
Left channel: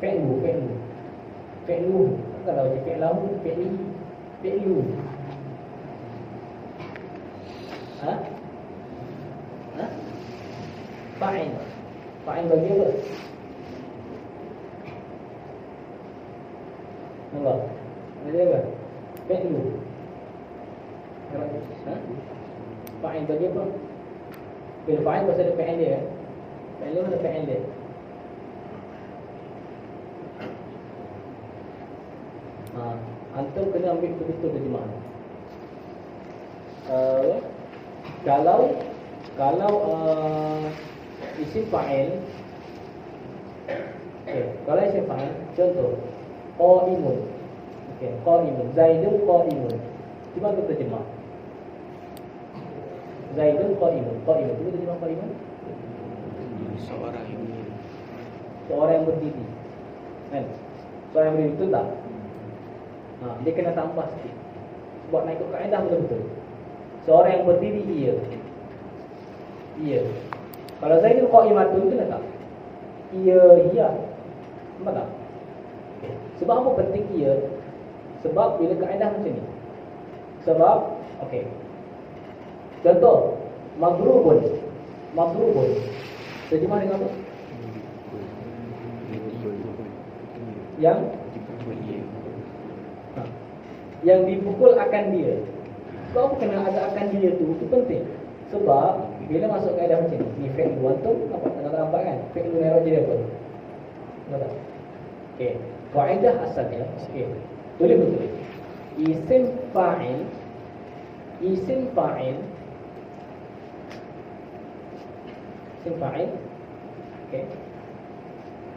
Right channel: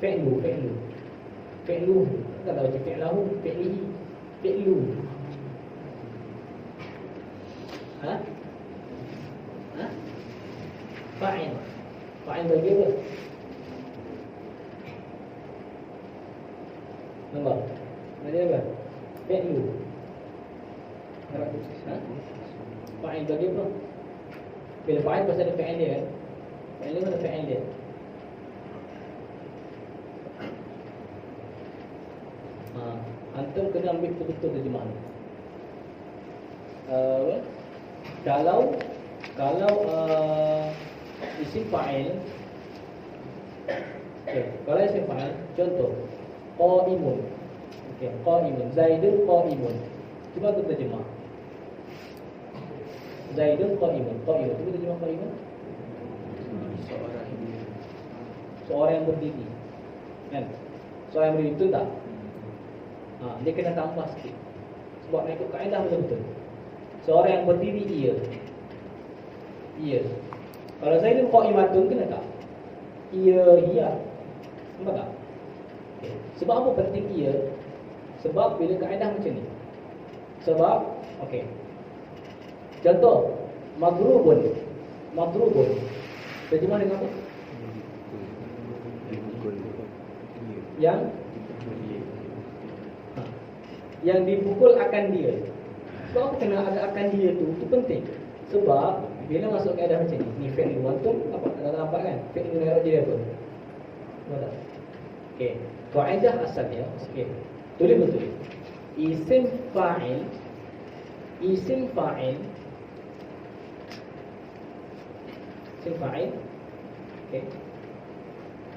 Fi'lu. Tak tahu fi'lahu, fi'lihi, fi'lu. Ha? Fa'il. Fa'il bagi apa? Nampak? Bagi apa? Fi'lu. Fa'il bagi apa? Bila fa'il pasal ada fi'il dia kan? Fi'il dia mana fi'il dia? Antum kena ambil betul-betul terjemahan. Kalau isim fa'il, kalau isim fa'il, contoh qa'imun. Qa'imun, Zaidun qa'imun. Cuba kita terjemah. Zaidun qa'imun. Cuba terjemah qa'imun. Seorang yang berdiri. Kan? Seorang yang berdiri, betul tak? Dia kena tambah sikit sebab nak ikut kaedah betul-betul. Seorang yang berdiri, ia. Kalau Zaidun qa'imatun, kena tak? Ia. Nampak tak? Sebab apa penting ia? Sebab bila kaedah macam ni. Sebab, contoh, madrubun. Terjemah dengan apa? Yang dipukul akan dia. Sebab apa kena ada akan dia tu? Itu penting. Sebab bila masuk kaedah macam ni fi'il antum apa? Tak nampak kan? Fi'il i'rab dia apa? Nampak tak? Okey. Kaedah asalnya, tulis betul. Isim fa'il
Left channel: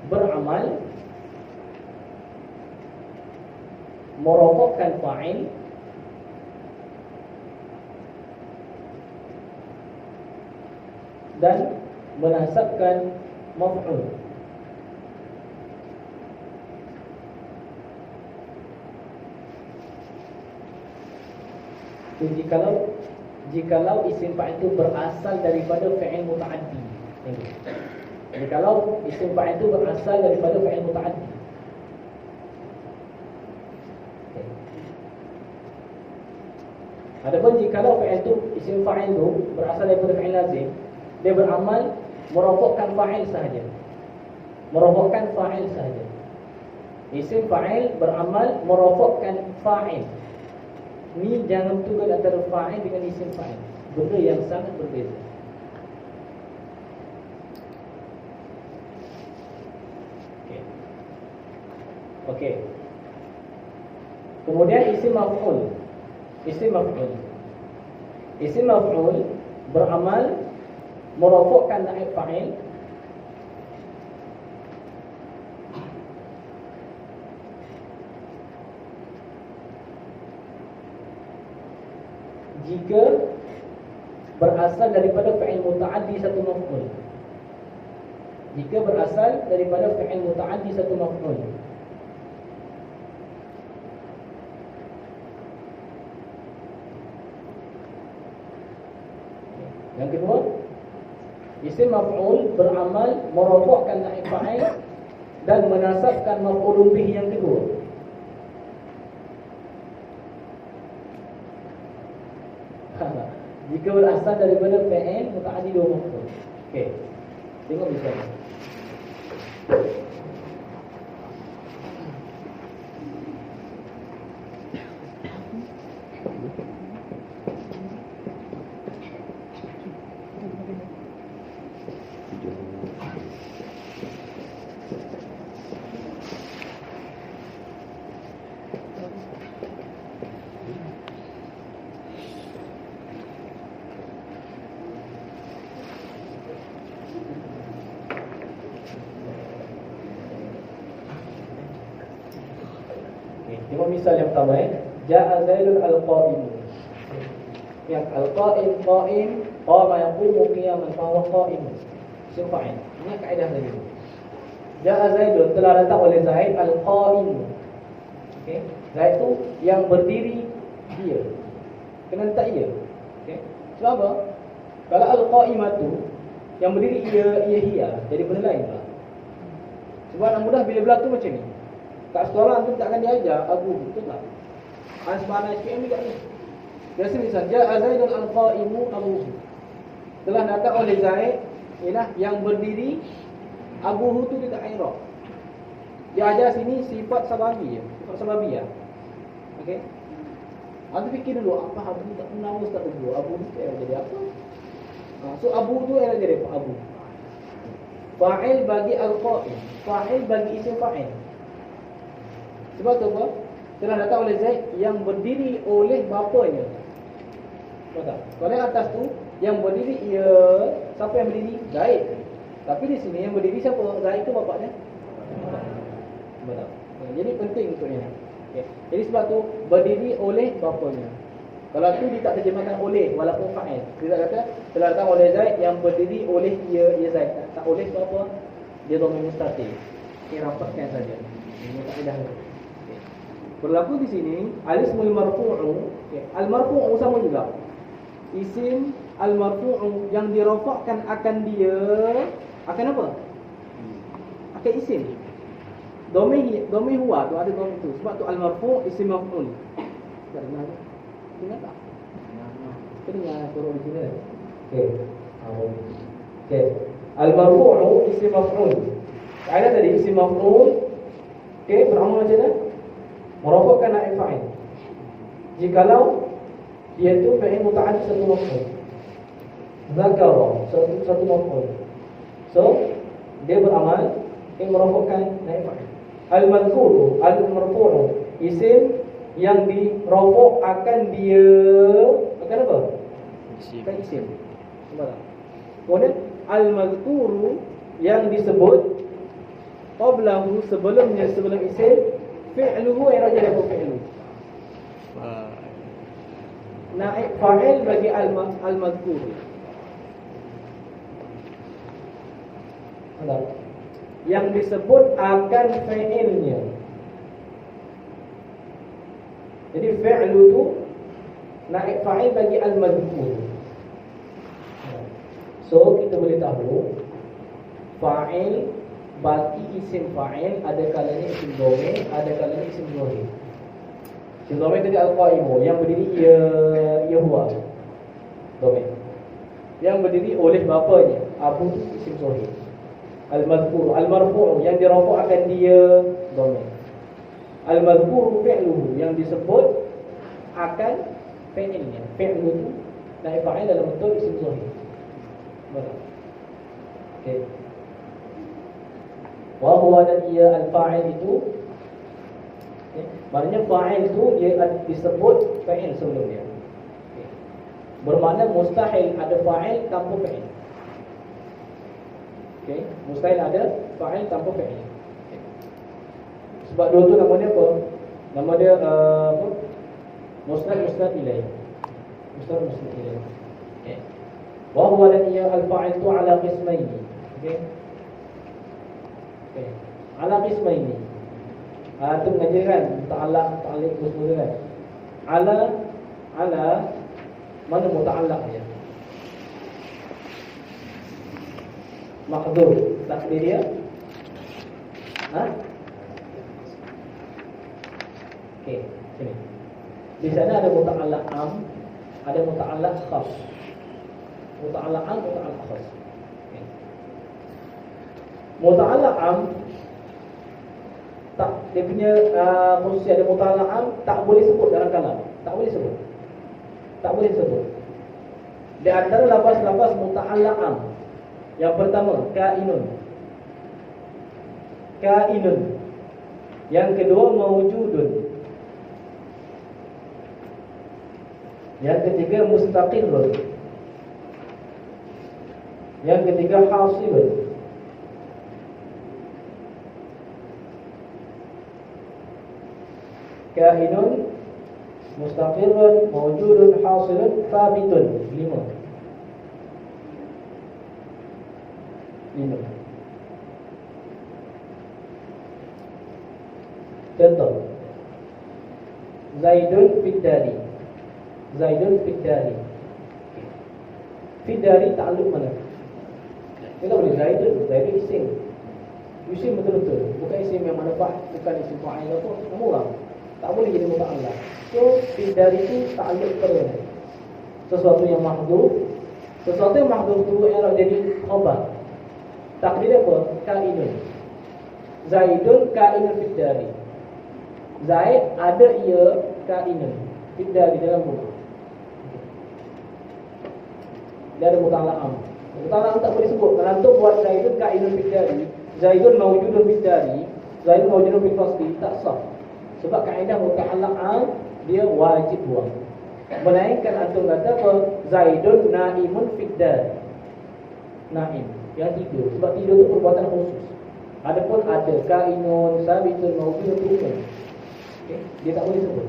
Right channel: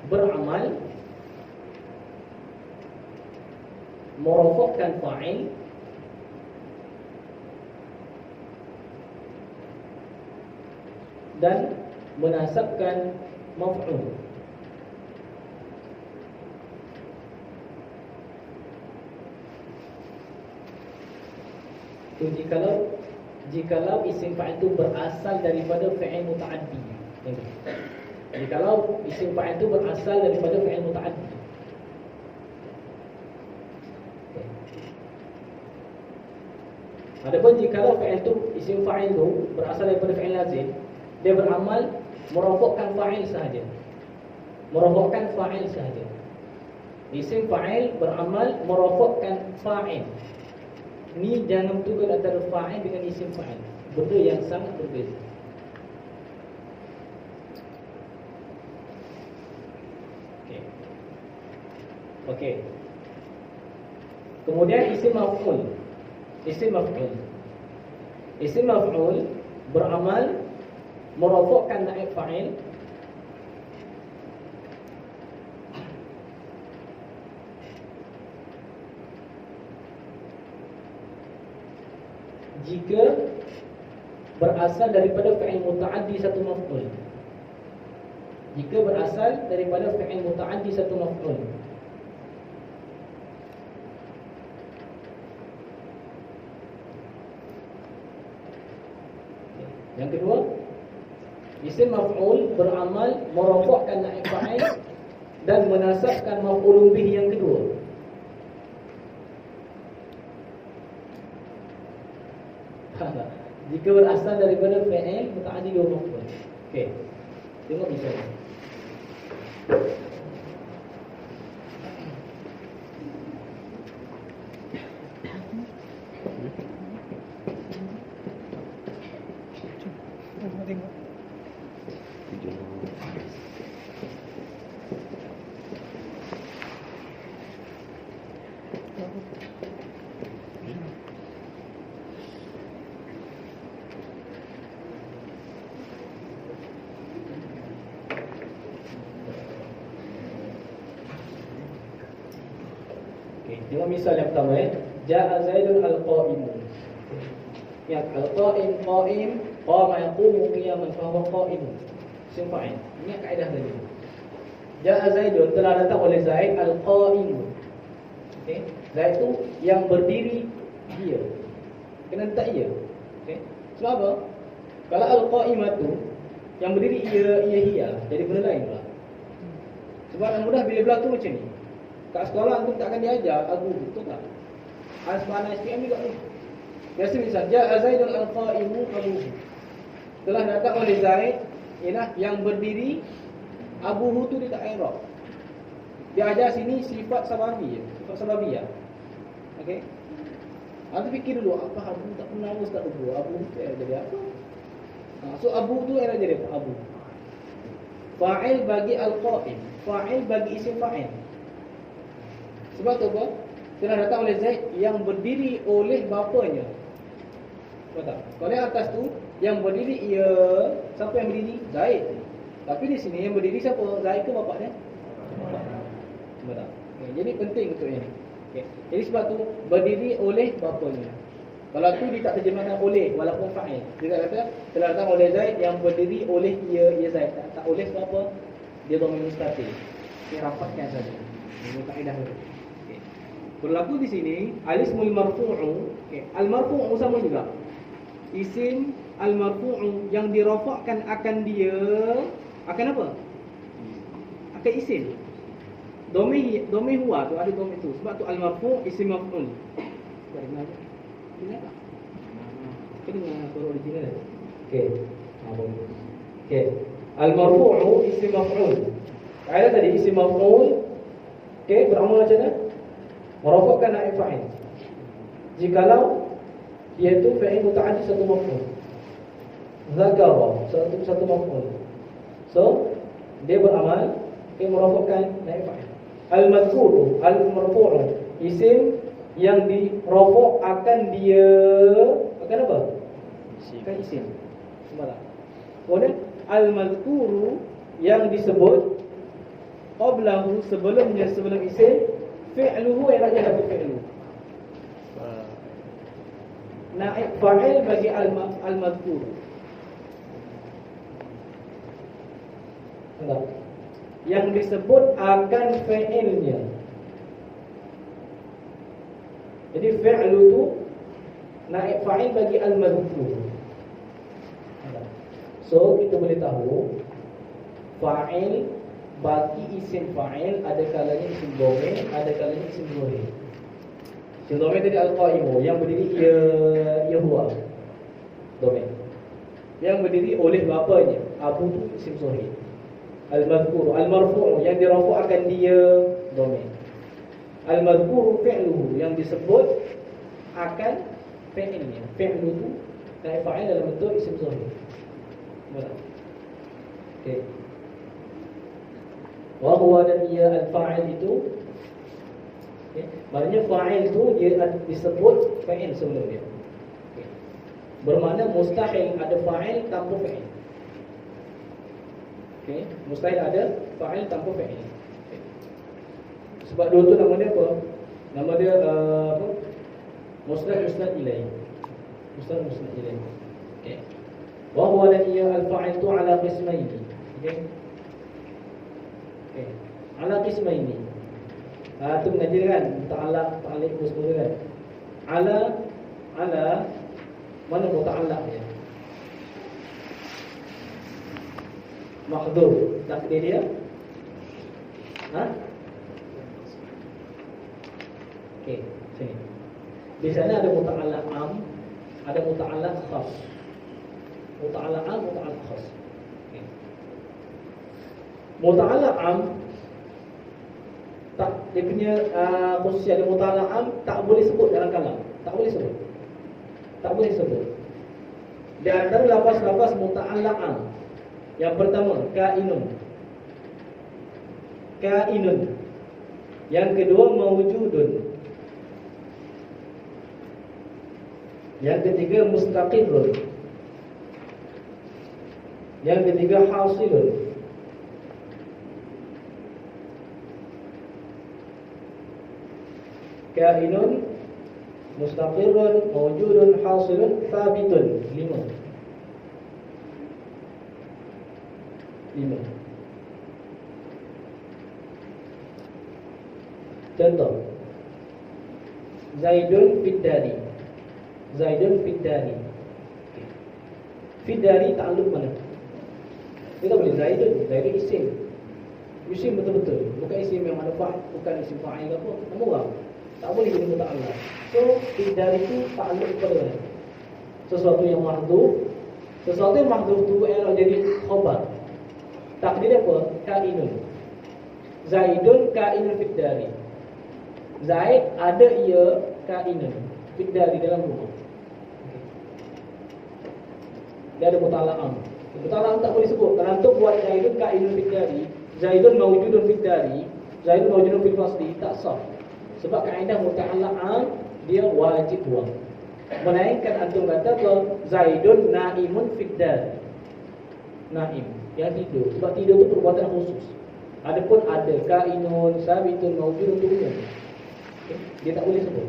beramal merofakkan fa'il dan menasabkan maf'ul. Jikalau isim fa'il itu berasal daripada fi'il muta'addi. Jikalau isim fa'il itu berasal daripada fi'il muta'addi. Adapun jikalau fi'il itu, isim fa'il itu berasal daripada fi'il lazim, dia beramal merofakkan fa'il sahaja. Isim fa'il beramal merofakkan fa'il. Ni jangan tukar antara fa'il dengan isim fa'il. Benda yang sangat berbeza. Okey. Kemudian isim maf'ul. Isim maf'ul beramal merofakkan naib fa'il jika berasal daripada fi'il muta'addi satu maf'ul. Yang kedua, isim maf'ul beramal merofakkan naib fa'il dan menasabkan maf'ulun bih yang kedua. Jika berasal daripada fi'il muta'addi dua maf'ul. Okey. Tengok misalnya. Tengok misal yang pertama Ja'a Zaidun al-qa'imu. Ya, al-qa'im, qa'im, qama yaqumu qiyaman fa huwa qa'im. Isim fa'il. Ini kaedah tadi. Ja'a Zaidun, telah datang oleh Zaid al-qa'im. Okey. Zaid tu yang berdiri dia. Kena letak ia. Okey. Sebab apa? Kalau al-qa'imatu yang berdiri ia jadi benda lain pula. Sebab yang mudah bila berlaku macam ni. Kat sekolah antum takkan diajar abu, betul tak? Asmana SPM juga ni. Biasa misal Ja'a Zaidun al-qa'imu abuhu. Telah datang oleh Zaid ialah yang berdiri. Abuhu tu dia tak i'rab. Dia ajar sini sifat sababi je. Sifat sababi ya. Okey. Antum fikir dulu apa abu tak pernah ustaz dulu. Abu ni jadi apa? So abu tu era jadi apa? Abu. Fa'il bagi al-qa'im. Fa'il bagi isim fa'il. Sebab tu apa? Telah datang oleh Zaid yang berdiri oleh bapanya. Betul. Kalau yang atas tu yang berdiri siapa yang berdiri? Zaid. Tapi di sini yang berdiri siapa? Zaid ke bapaknya? Betul. Jadi penting untuk ini. Okay. Jadi sebab tu berdiri oleh bapanya. Kalau tu dia tak terjemahkan oleh walaupun fa'il. Dia tak kata telah datang oleh Zaid yang berdiri oleh ia Zaid. Tak oleh sebab apa? Dia dhamir mustatir. Dia rapatkan saja. Ini kaedah dia. Okay. Berlaku di sini al-ismul marfu'u. Okay. Al-marfu'u sama juga. Isim al-marfu'u yang dirafa'kan akan dia akan apa? Akan isim. Dhamir huwa tu ada dhamir tu. Sebab tu al-marfu' isim maf'ul. Tak dengar. Dengar tak? Kita dengar surah original aja. Okey. Okey. Al-marfu'u isim maf'ul. Kaedah tadi isim maf'ul beramal macam mana? Merafa'kan naib fa'il. Jikalau dia tu fa'il muta'addi satu maf'ul. Zakara satu maf'ul. So dia beramal merafa'kan naib fa'il. Al-mazkuru al-marfu'u isim yang dirafa' akan dia akan apa? Akan isim. Nampak tak? Kemudian al-mazkuru yang disebut qablahu sebelum isim fi'luhu yang ada apa fi'lu? Naib fa'il bagi al-mazkur. Yang disebut akan fi'ilnya. Jadi fi'lu tu naib fa'il bagi al-mazkur. So kita boleh tahu fa'il bagi isim fa'il ada kalanya isim dhamir, ada kalanya isim dhamir. Isim dhamir tadi al-qa'imu yang berdiri ia huwa dhamir. Yang berdiri oleh bapanya abu isim dhamir. Al-madhkur al-marfu' yang dirafa' akan dia dhamir. Al-madhkur fi'luhu yang disebut akan fi'ilnya. Fi'lu tu naib fa'il dalam bentuk isim dhamir. Betul. Okey. Wa huwa dan ia al-fa'il itu maknanya fa'il itu dia disebut fa'il sebelum dia. Bermakna mustahil ada fa'il tanpa fa'il. Okey, mustahil ada fa'il tanpa fa'il. Sebab dua tu nama dia apa? Nama dia apa? Musnad ilaih. Musnad ilaih. Okey. Wa huwa dan ia al-fa'il tu ala qismaini. Okey. Ala qismaini. Tu mengajar kan ta'alliq semua kan. Ala mana muta'allaq dia? Mahdhuf takdir dia. Okey, sini. Di sana ada muta'allaq am, ada muta'allaq khas. Muta'allaq am, muta'allaq khas. Okey. Muta'allaq am tak dia punya khususnya ada muta'allaq am tak boleh sebut dalam kalam. Tak boleh sebut. Tak boleh sebut. Di antara lafaz-lafaz muta'allaq am yang pertama kainun. Kainun. Yang kedua mawjudun. Yang ketiga mustaqirrun. Yang ketiga hasilun. kainun, mustaqirrun, mawjudun, hasilun, thabitun. 5. Contoh, Zaidun fiddari. Zaidun fiddari. Fiddari ta'alluq mana? Kita boleh Zaidun isim. Isim betul-betul, bukan isim yang manfa'ah, bukan isim fa'il apa, nama orang. Tak boleh jadi muta'allah. So, fiddari itu ta'alluq pada sesuatu yang mahdhuf. Sesuatu yang mahdhuf itu ialah jadi khabar. Takdir apa? Kainun. Zaidun kainun fiddari. Zaid ada ia kainun fiddari dalam rumah. Dia ada muta'allam. Muta'allam tak boleh sebut. Kerana untuk buat Zaidun kainun fiddari, Zaidun mawjudun fiddari, Zaidun mawjudun fil fasli, tak sah. Sebab kaedah muta'allam dia wajib buang. Melainkan antum kata apa? Zaidun naimun fiddari. Naim, yang tidur. Sebab tidur itu perbuatan khusus. Adapun ada kainun, sabitun, mawjudun itu umum. Dia tak boleh sebut.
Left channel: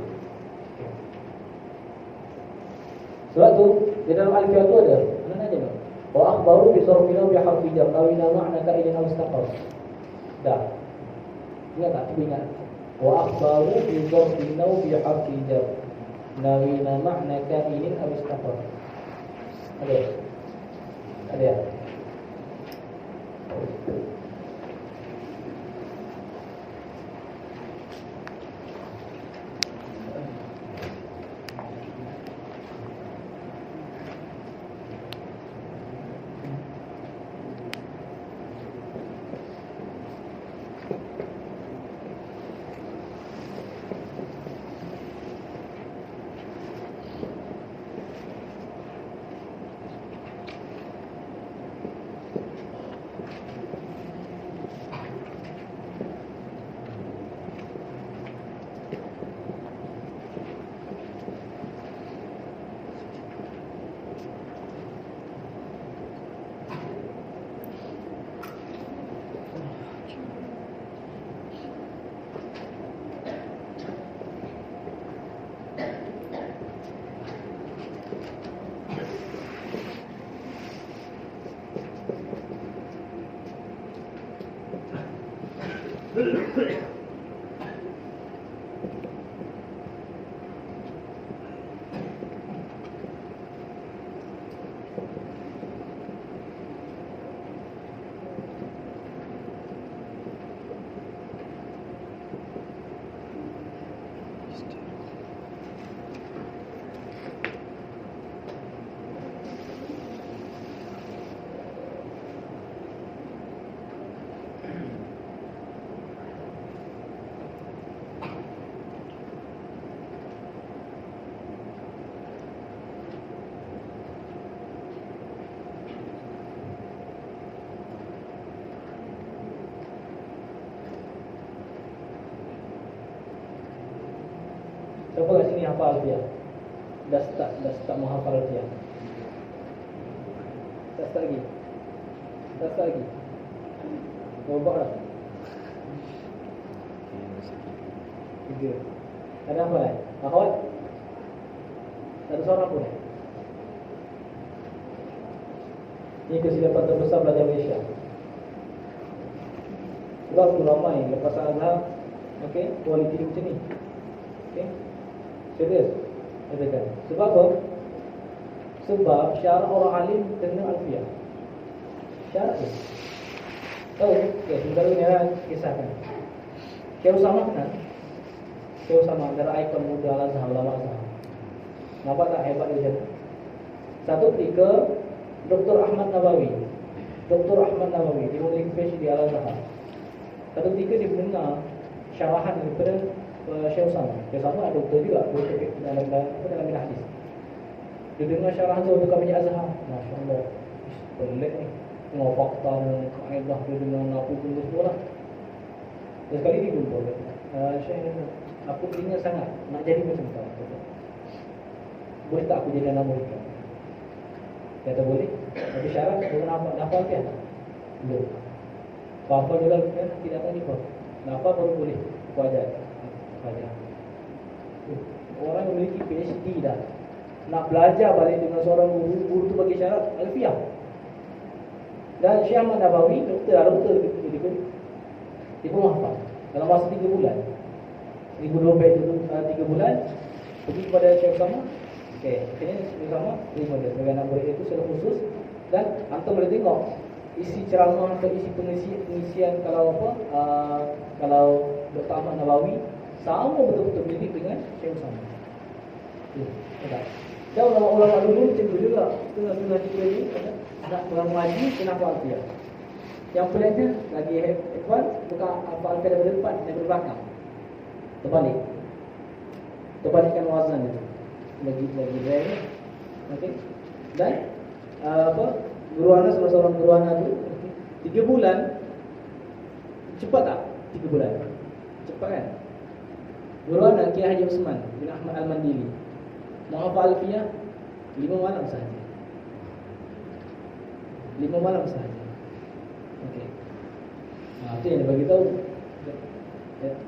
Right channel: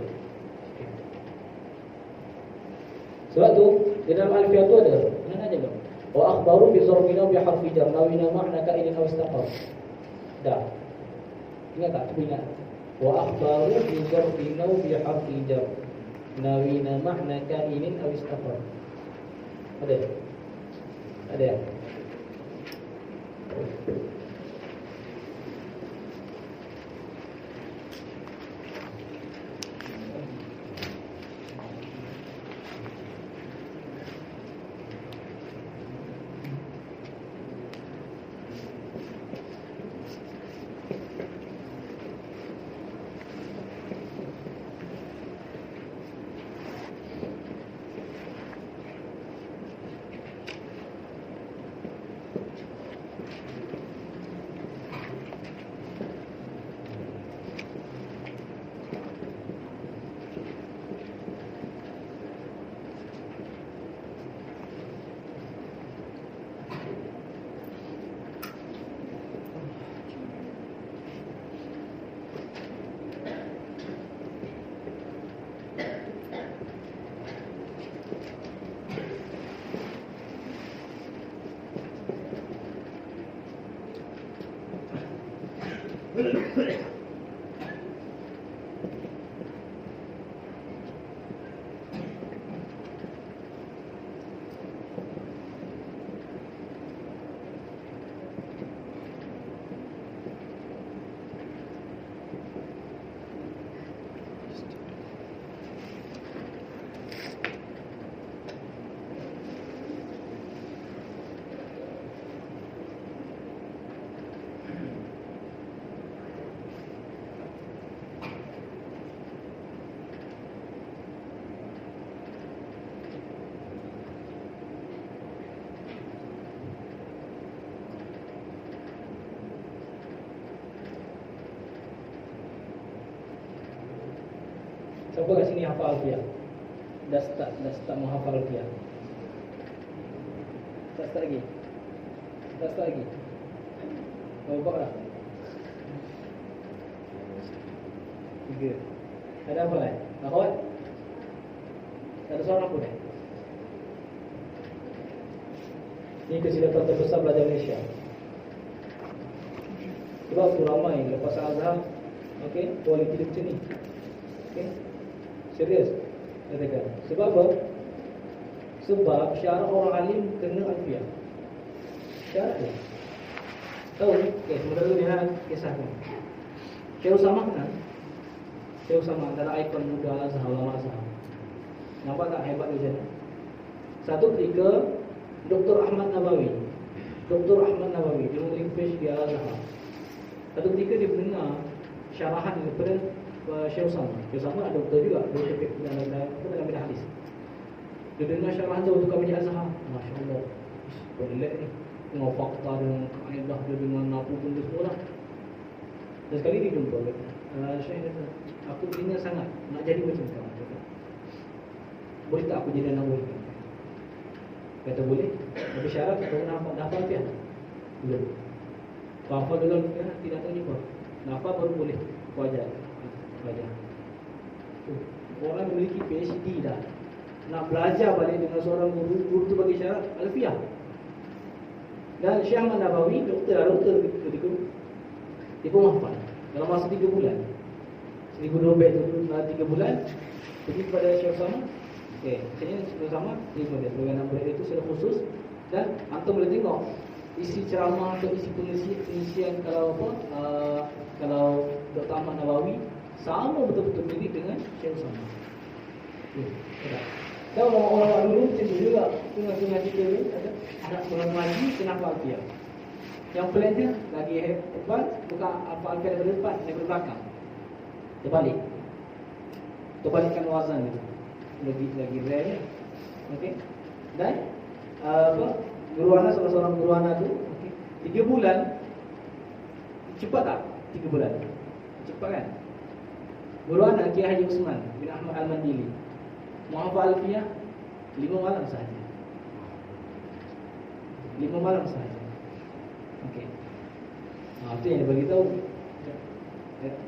Sebab tu di dalam alfiah tu ada mana aja dong. Wa akhbaru bi zarfina bi harfi jar nawina ma'na ka'idin aw istaqar. Dah. Ingat tak? Cuba ingat. Wa akhbaru bi zarfina bi harfi jar nawina ma'na ka'idin aw istaqar. Ada? Ada. Siapa kat sini hafal alfiah? Dah start menghafal alfiah. Tak start lagi. Tak start lagi. Berapa lah? 3. Ada apa lah? Akhwat? Tak ada suara pun. Ini kesilapan terbesar belajar Malaysia. Sebab tu ramai lepas azhar, okey, kualiti macam ni. Okey. Serius katakan. Sebab apa? Sebab syarat orang alim kena alfiah. Syarat tu tahu ni? Okay, sebentar ni saya kisahkan. Syekh Usama kan? Syekh Usama antara ikon muda Al-Azhar, ulama Azhar. Nampak tak hebat dia jadi? Satu ketika Dr. Ahmad Nawawi dia menulis PhD di Al-Azhar. Satu ketika dia mendengar syarahan daripada Syekh Usama. Syekh Usama ada doktor juga, doktor dalam bidang hadis. Dia dengar syarahan tu untuk kami Azhar. Masya-Allah. Pelik ni. Tengok fakta dan kaedah dia dengan apa benda semua lah. Dan sekali dia jumpa Syekh, aku ingin sangat nak jadi macam kamu. Boleh tak aku jadi anak murid? Kata boleh. Tapi syarat kena hafal kan? Belum. Apa dulu kan tidak tahu juga. Kenapa baru boleh? Aku ajar. Orang memiliki PhD dah, nak belajar balik dengan seorang guru tu bagi syarat alfiah. Dan Syekh Ahmad Nabawi, doktor dia pun hafal dalam masa 3 bulan. 1002 bait itu 3 bulan. Pergi kepada Syekh Sama. Sini Syekh Sama terima dia sebagai anak murid itu secara khusus. Dan antum boleh tengok isi ceramah atau isi pengisian kalau kalau Dr. Ahmad Nabawi sama betul-betul mirip dengan Syekh Sama. Dan ulama-ulama dulu macam tu juga. Tengah kita ni nak mengaji kenapa alfiah. Yang peliknya lagi hebat bukan alfiah daripada depan, daripada belakang. Terbalikkan wazan itu. Lagi rare. Okey. Dan guru ana, salah seorang guru ana tu 3 bulan. Cepat tak? 3 bulan. Cepat kan? Guru ana Kiai Haji Usman bin Ahmad Al-Mandili menghafal alfiah 5 malam sahaja. 5 malam sahaja. Okey. Itu yang dia bagi tahu.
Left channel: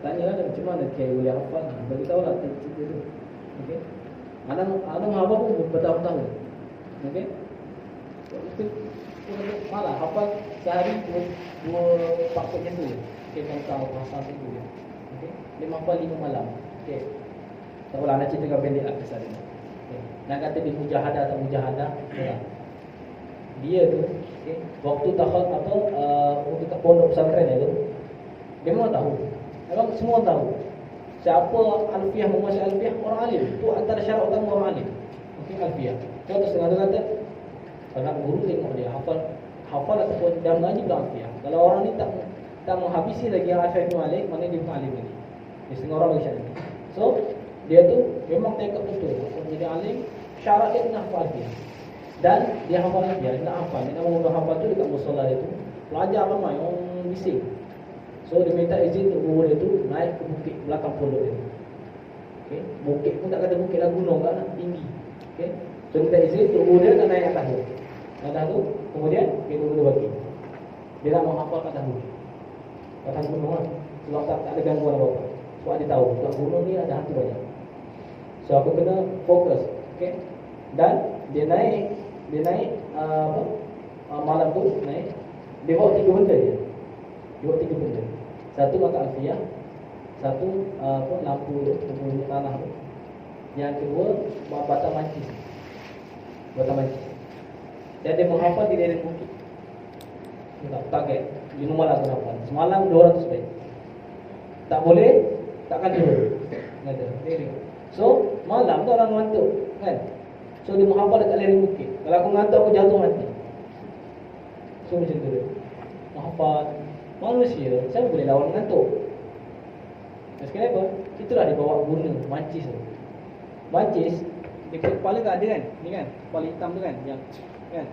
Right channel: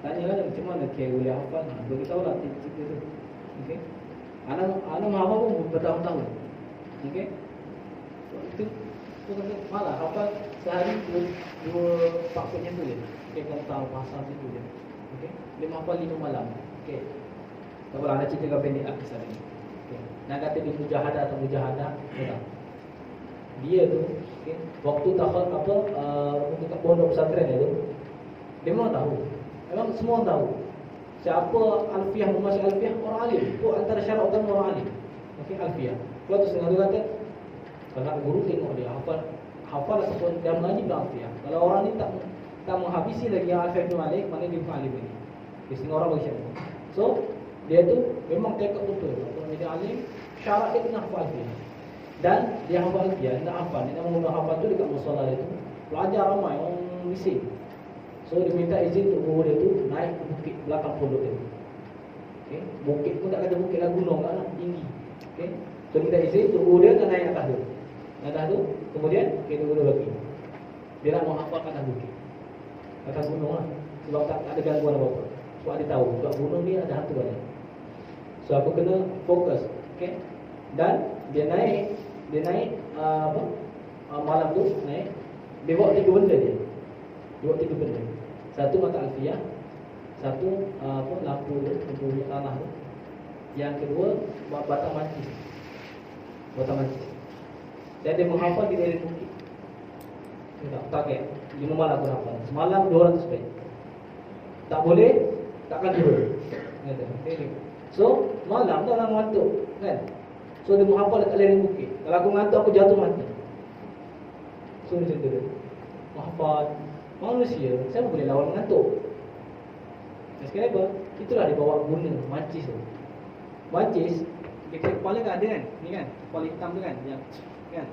Tanya lah macam mana Kiai boleh hafal. Bagi tahu lah cerita tu. Okey. Anak menghafal pun bertahun-tahun. Okey. Itu pun kata malah hafal sehari 2 paksanya tu je. Okey, kan tahu bahasa situ je. Okey. Dia menghafal 5 malam. Okey. Tak boleh nak ceritakan pendek lah kisah dia. Okey. Nak kata dia mujahadah atau mujahadah, dia tu okay, waktu tahun untuk kat pondok pesantren itu dia memang tahu. Memang semua tahu siapa alfiah, menguasai alfiah, orang alim. Itu antara syarat utama orang alim. Okey, alfiah. Kau tu setengah tu kata kalau nak guru tengok dia hafal ataupun dia mengaji dalam alfiah. Kalau orang ni tak menghabisi lagi yang alfiah Ibn Malik, mana dia bukan alim lagi. Setengah orang bagi syarat. So dia tu memang tekad betul untuk menjadi alim. Syarat dia kena hafal alfiah. Dan dia hafal alfiah, dia nak hafal. Dia nak mengumpul hafal tu dekat musola dia tu. Pelajar ramai, orang bising. So dia minta izin untuk guru dia tu naik ke bukit belakang pondok dia. Okey, bukit pun tak kata bukit lah, gunung kan, tinggi. Okey. So minta izin untuk guru dia nak naik atas tu. Atas tu, kemudian guru dia bagi. Dia nak menghafal kat atas bukit. Atas gunung lah. Sebab tak ada gangguan apa-apa. Sebab dia tahu, sebab gunung ni ada hantu banyak. So aku kena fokus. Okey. Dan dia naik malam tu naik. Dia bawa 3 benda dia. Dia bawa 3 benda. Satu mata alfiah, satu lampu tanah tu. Yang kedua batang mancis. Batang mancis. Dan dia menghafal di daerah bukit. Dia tak target 5 malam aku hafal. Semalam 200 baik. Tak boleh, takkan turun. Kata. So malam tu orang ngantuk kan. So dia menghafal dekat lereng bukit. Kalau aku ngantuk aku jatuh mati. So macam tu. Menghafal. Manusia siapa boleh lawan mengantuk? Dan sekarang apa? Itulah dia bawa guna mancis tu. Mancis dekat kepala kan ada kan? Ni kan, kepala hitam tu kan, yang kan.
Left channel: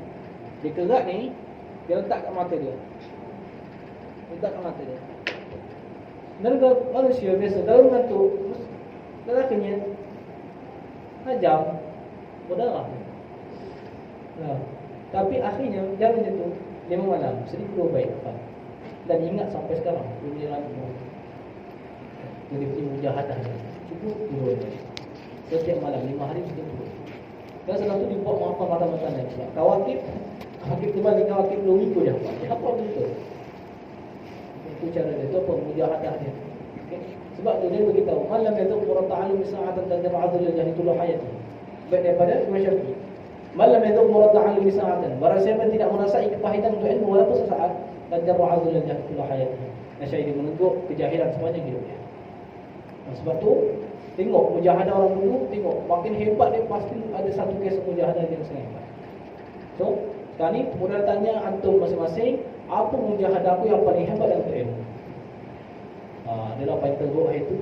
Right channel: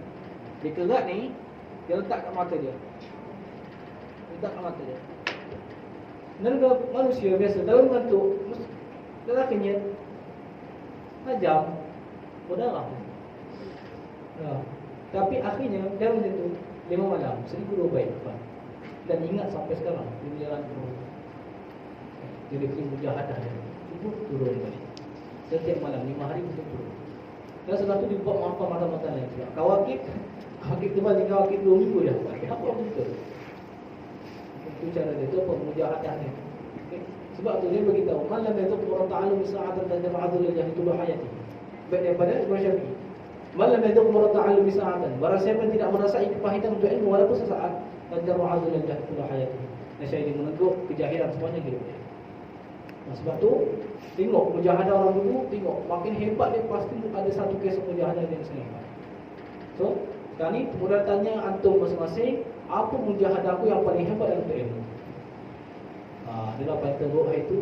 Dia kerat ni, dia letak kat mata dia. Letak kat mata dia. Sebenarnya manusia biasa kalau mengantuk, dah kenyat. Tajam berdarah. Ya. Tapi akhirnya dia macam tu 5 malam 1002 baik lepas. Dan ingat sampai sekarang dia berjalan dia punya mujahadah dia. Cukup turun balik. Setiap malam 5 hari kita turun. Dan setelah tu dia buat menghafal mata-mata lain pula. Kawakib tu balik kawakib 2 minggu dia hafal. Dia hafal betul. Itu cara dia. Itu apa? Mujahadah dia. Okay. Sebab tu dia beritahu malam itu Quran ta'ala bisa'atan dan jar'adul jahitullah hayati. Baik daripada Imam Syafi'i. Malam itu Quran ta'ala bisa'atan. Barang siapa tidak merasai kepahitan untuk ilmu walaupun sesaat, dan jar'adul jahitullah hayati. Nasyai dia meneguk kejahilan semuanya hidup dia. Sebab tu tengok mujahadah orang dulu, tengok makin hebat dia pasti ada satu kisah mujahadah yang sangat hebat. So, sekarang ni kemudian tanya antum masing-masing, apa mujahadah aku yang paling hebat dalam ilmu? Dia apa yang teruk itu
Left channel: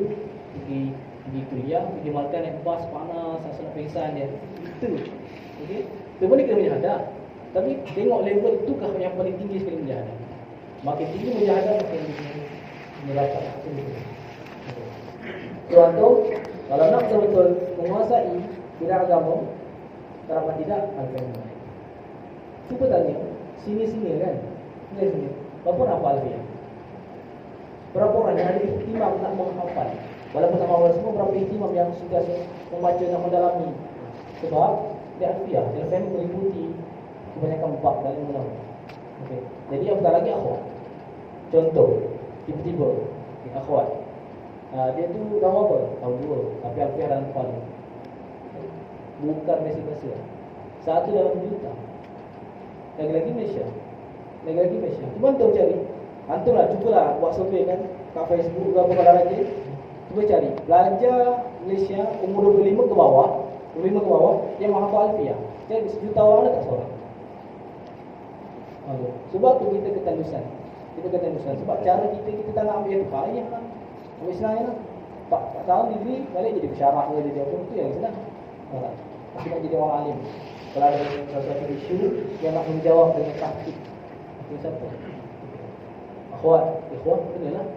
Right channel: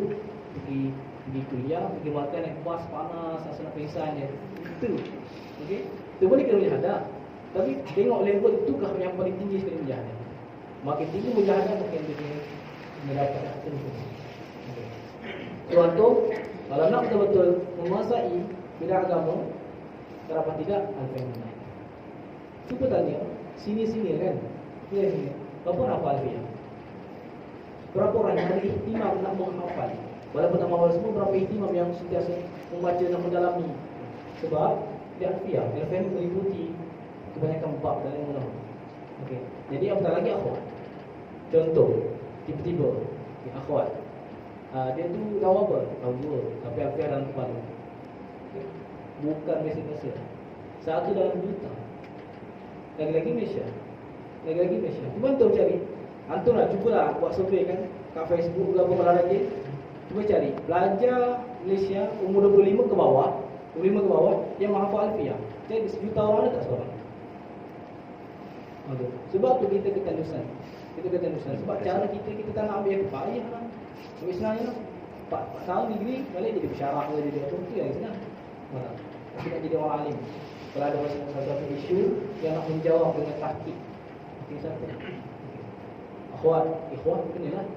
pergi kuliah, pergi makan naik bas panas, asal nak pingsan dia. Itu. Okey. Itu boleh kena mujahadah. Tapi tengok level itukah yang paling tinggi sekali mujahadah. Makin tinggi mujahadah makin tinggi mendapat aku. So antum kalau nak betul-betul menguasai bidang agama, kenapa tidak alfiah? Cuba tanya sini-sini kan. Sini. Berapa hafal alfiah? Berapa orang yang ada ihtimam nak menghafal? Walaupun tak mahu semua, berapa ihtimam yang sentiasa membaca dan mendalami. Sebab dia alfiah, dia meliputi kebanyakan bab dalam ilmu nahwu. Okey. Jadi apatah lagi akhwat. Contoh, tiba-tiba akhwat. Dia tu tahu apa? Tahu dua, tapi alfiah dalam kepala. Okay. Bukan biasa-biasa. Satu dalam juta. Lagi-lagi Malaysia. Cuba antum cari. Antum lah, cubalah buat survey kan kat Facebook ke apa kalau rajin. Cuba cari pelajar Malaysia umur 25 ke bawah yang menghafal alfiah. Jadi 1 juta orang ada tak seorang? Sebab tu kita ketandusan. Sebab cara kita tak nak ambil payah lah. Ambil senang lah. 4 tahun degree balik jadi pensyarah ke jadi apa tu yang senang. Tapi nak jadi orang alim. Kalau ada satu isu yang nak menjawab dengan tahqiq. Ini siapa? Ikhwan kenalah.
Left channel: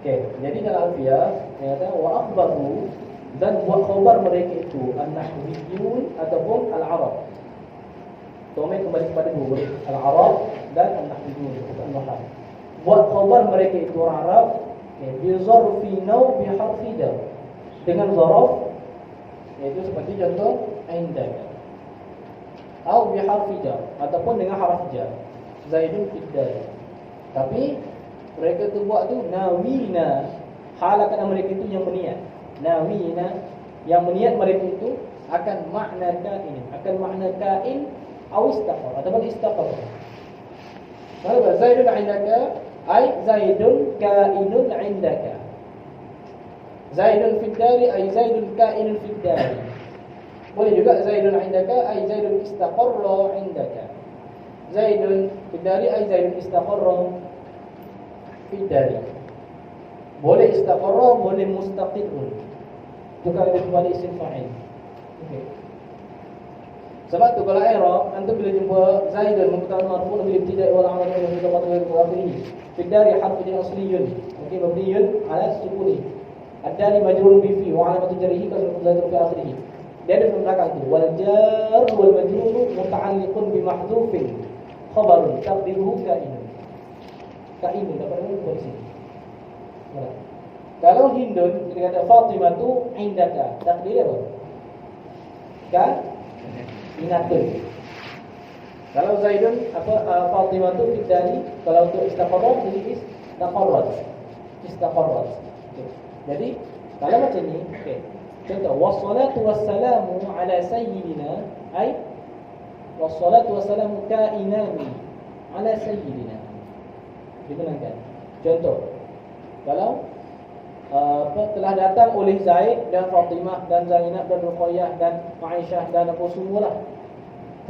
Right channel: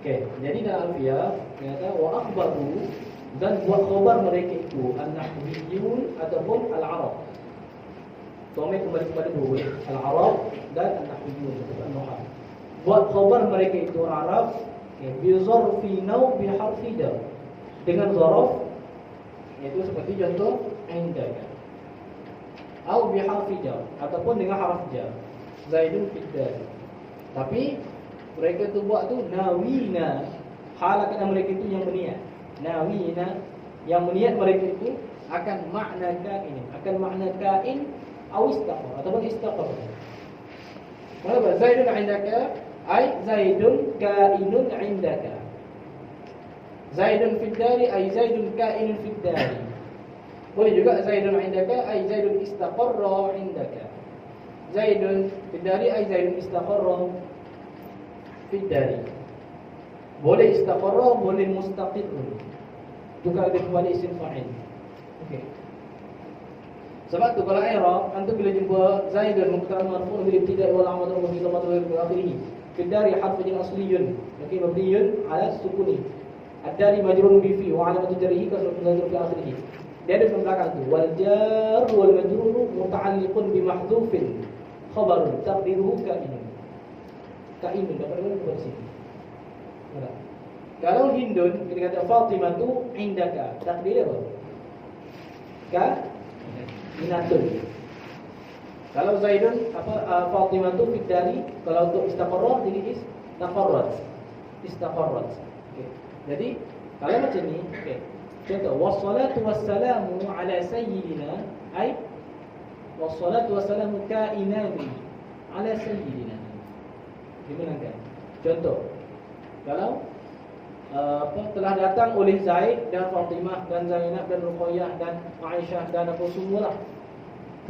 Okey, jadi dalam alfiah dia kata wa akhbaru dan buat khabar mereka itu an-nahwiyyun ataupun al-arab. Domain kembali kepada dua, al-arab dan an-nahwiyyun ataupun an-nahw. Buat khabar mereka itu orang Arab, bi zarfi naw bi harfi jar. Dengan zaraf iaitu seperti contoh indaka. Atau bi harfi jar ataupun dengan harf jar. Zaidun fiddal. Tapi mereka tu buat tu nawina. Halakan mereka itu yang berniat. Nawina yang berniat mereka itu akan makna kain atau istaqar ataupun istaqar. Kalau Zaidun indaka ay Zaidun kainun indaka. Zaidun fid dari ay Zaidun kainun fid dari. Boleh juga Zaidun indaka ay Zaidun istaqarra indaka. Zaidun fid dari ay Zaidun istaqarra fid dari. Boleh istaqarra, boleh mustaqirrun. Bukan ada kembali isim fa'il. Okey. Sebab tu kalau i'rab antum bila jumpa Zaidun mubtada marfu' bila tidak wal amal wa fi dhamma wa akhirih. Fi dari harfu jar asliyun. Okey, mabniyun ala sukuni. Ad-dari majrurun bi fi wa alamatu jarrihi kasratu dhahir fi akhirih. Dia ada di belakang tu wal jar wal majrur muta'alliqun bi mahdhufin khabarun taqdiruhu kainun. Kainun dapat di sini. Kalau Hindun kita kata Fatimah tu indaka, takdir apa? Inatun. Kalau Zaidun Fatimah tu fiddari, kalau untuk istaqarrat jadi istaqarrat. Okay. Jadi kalau macam ni, okey. Contoh wassalatu wassalamu ala sayyidina ay wassalatu wassalamu kainani ala sayyidina. Dibenarkan. Contoh kalau telah datang oleh Zaid dan Fatimah dan Zainab dan Ruqayyah dan Aisyah dan apa semualah.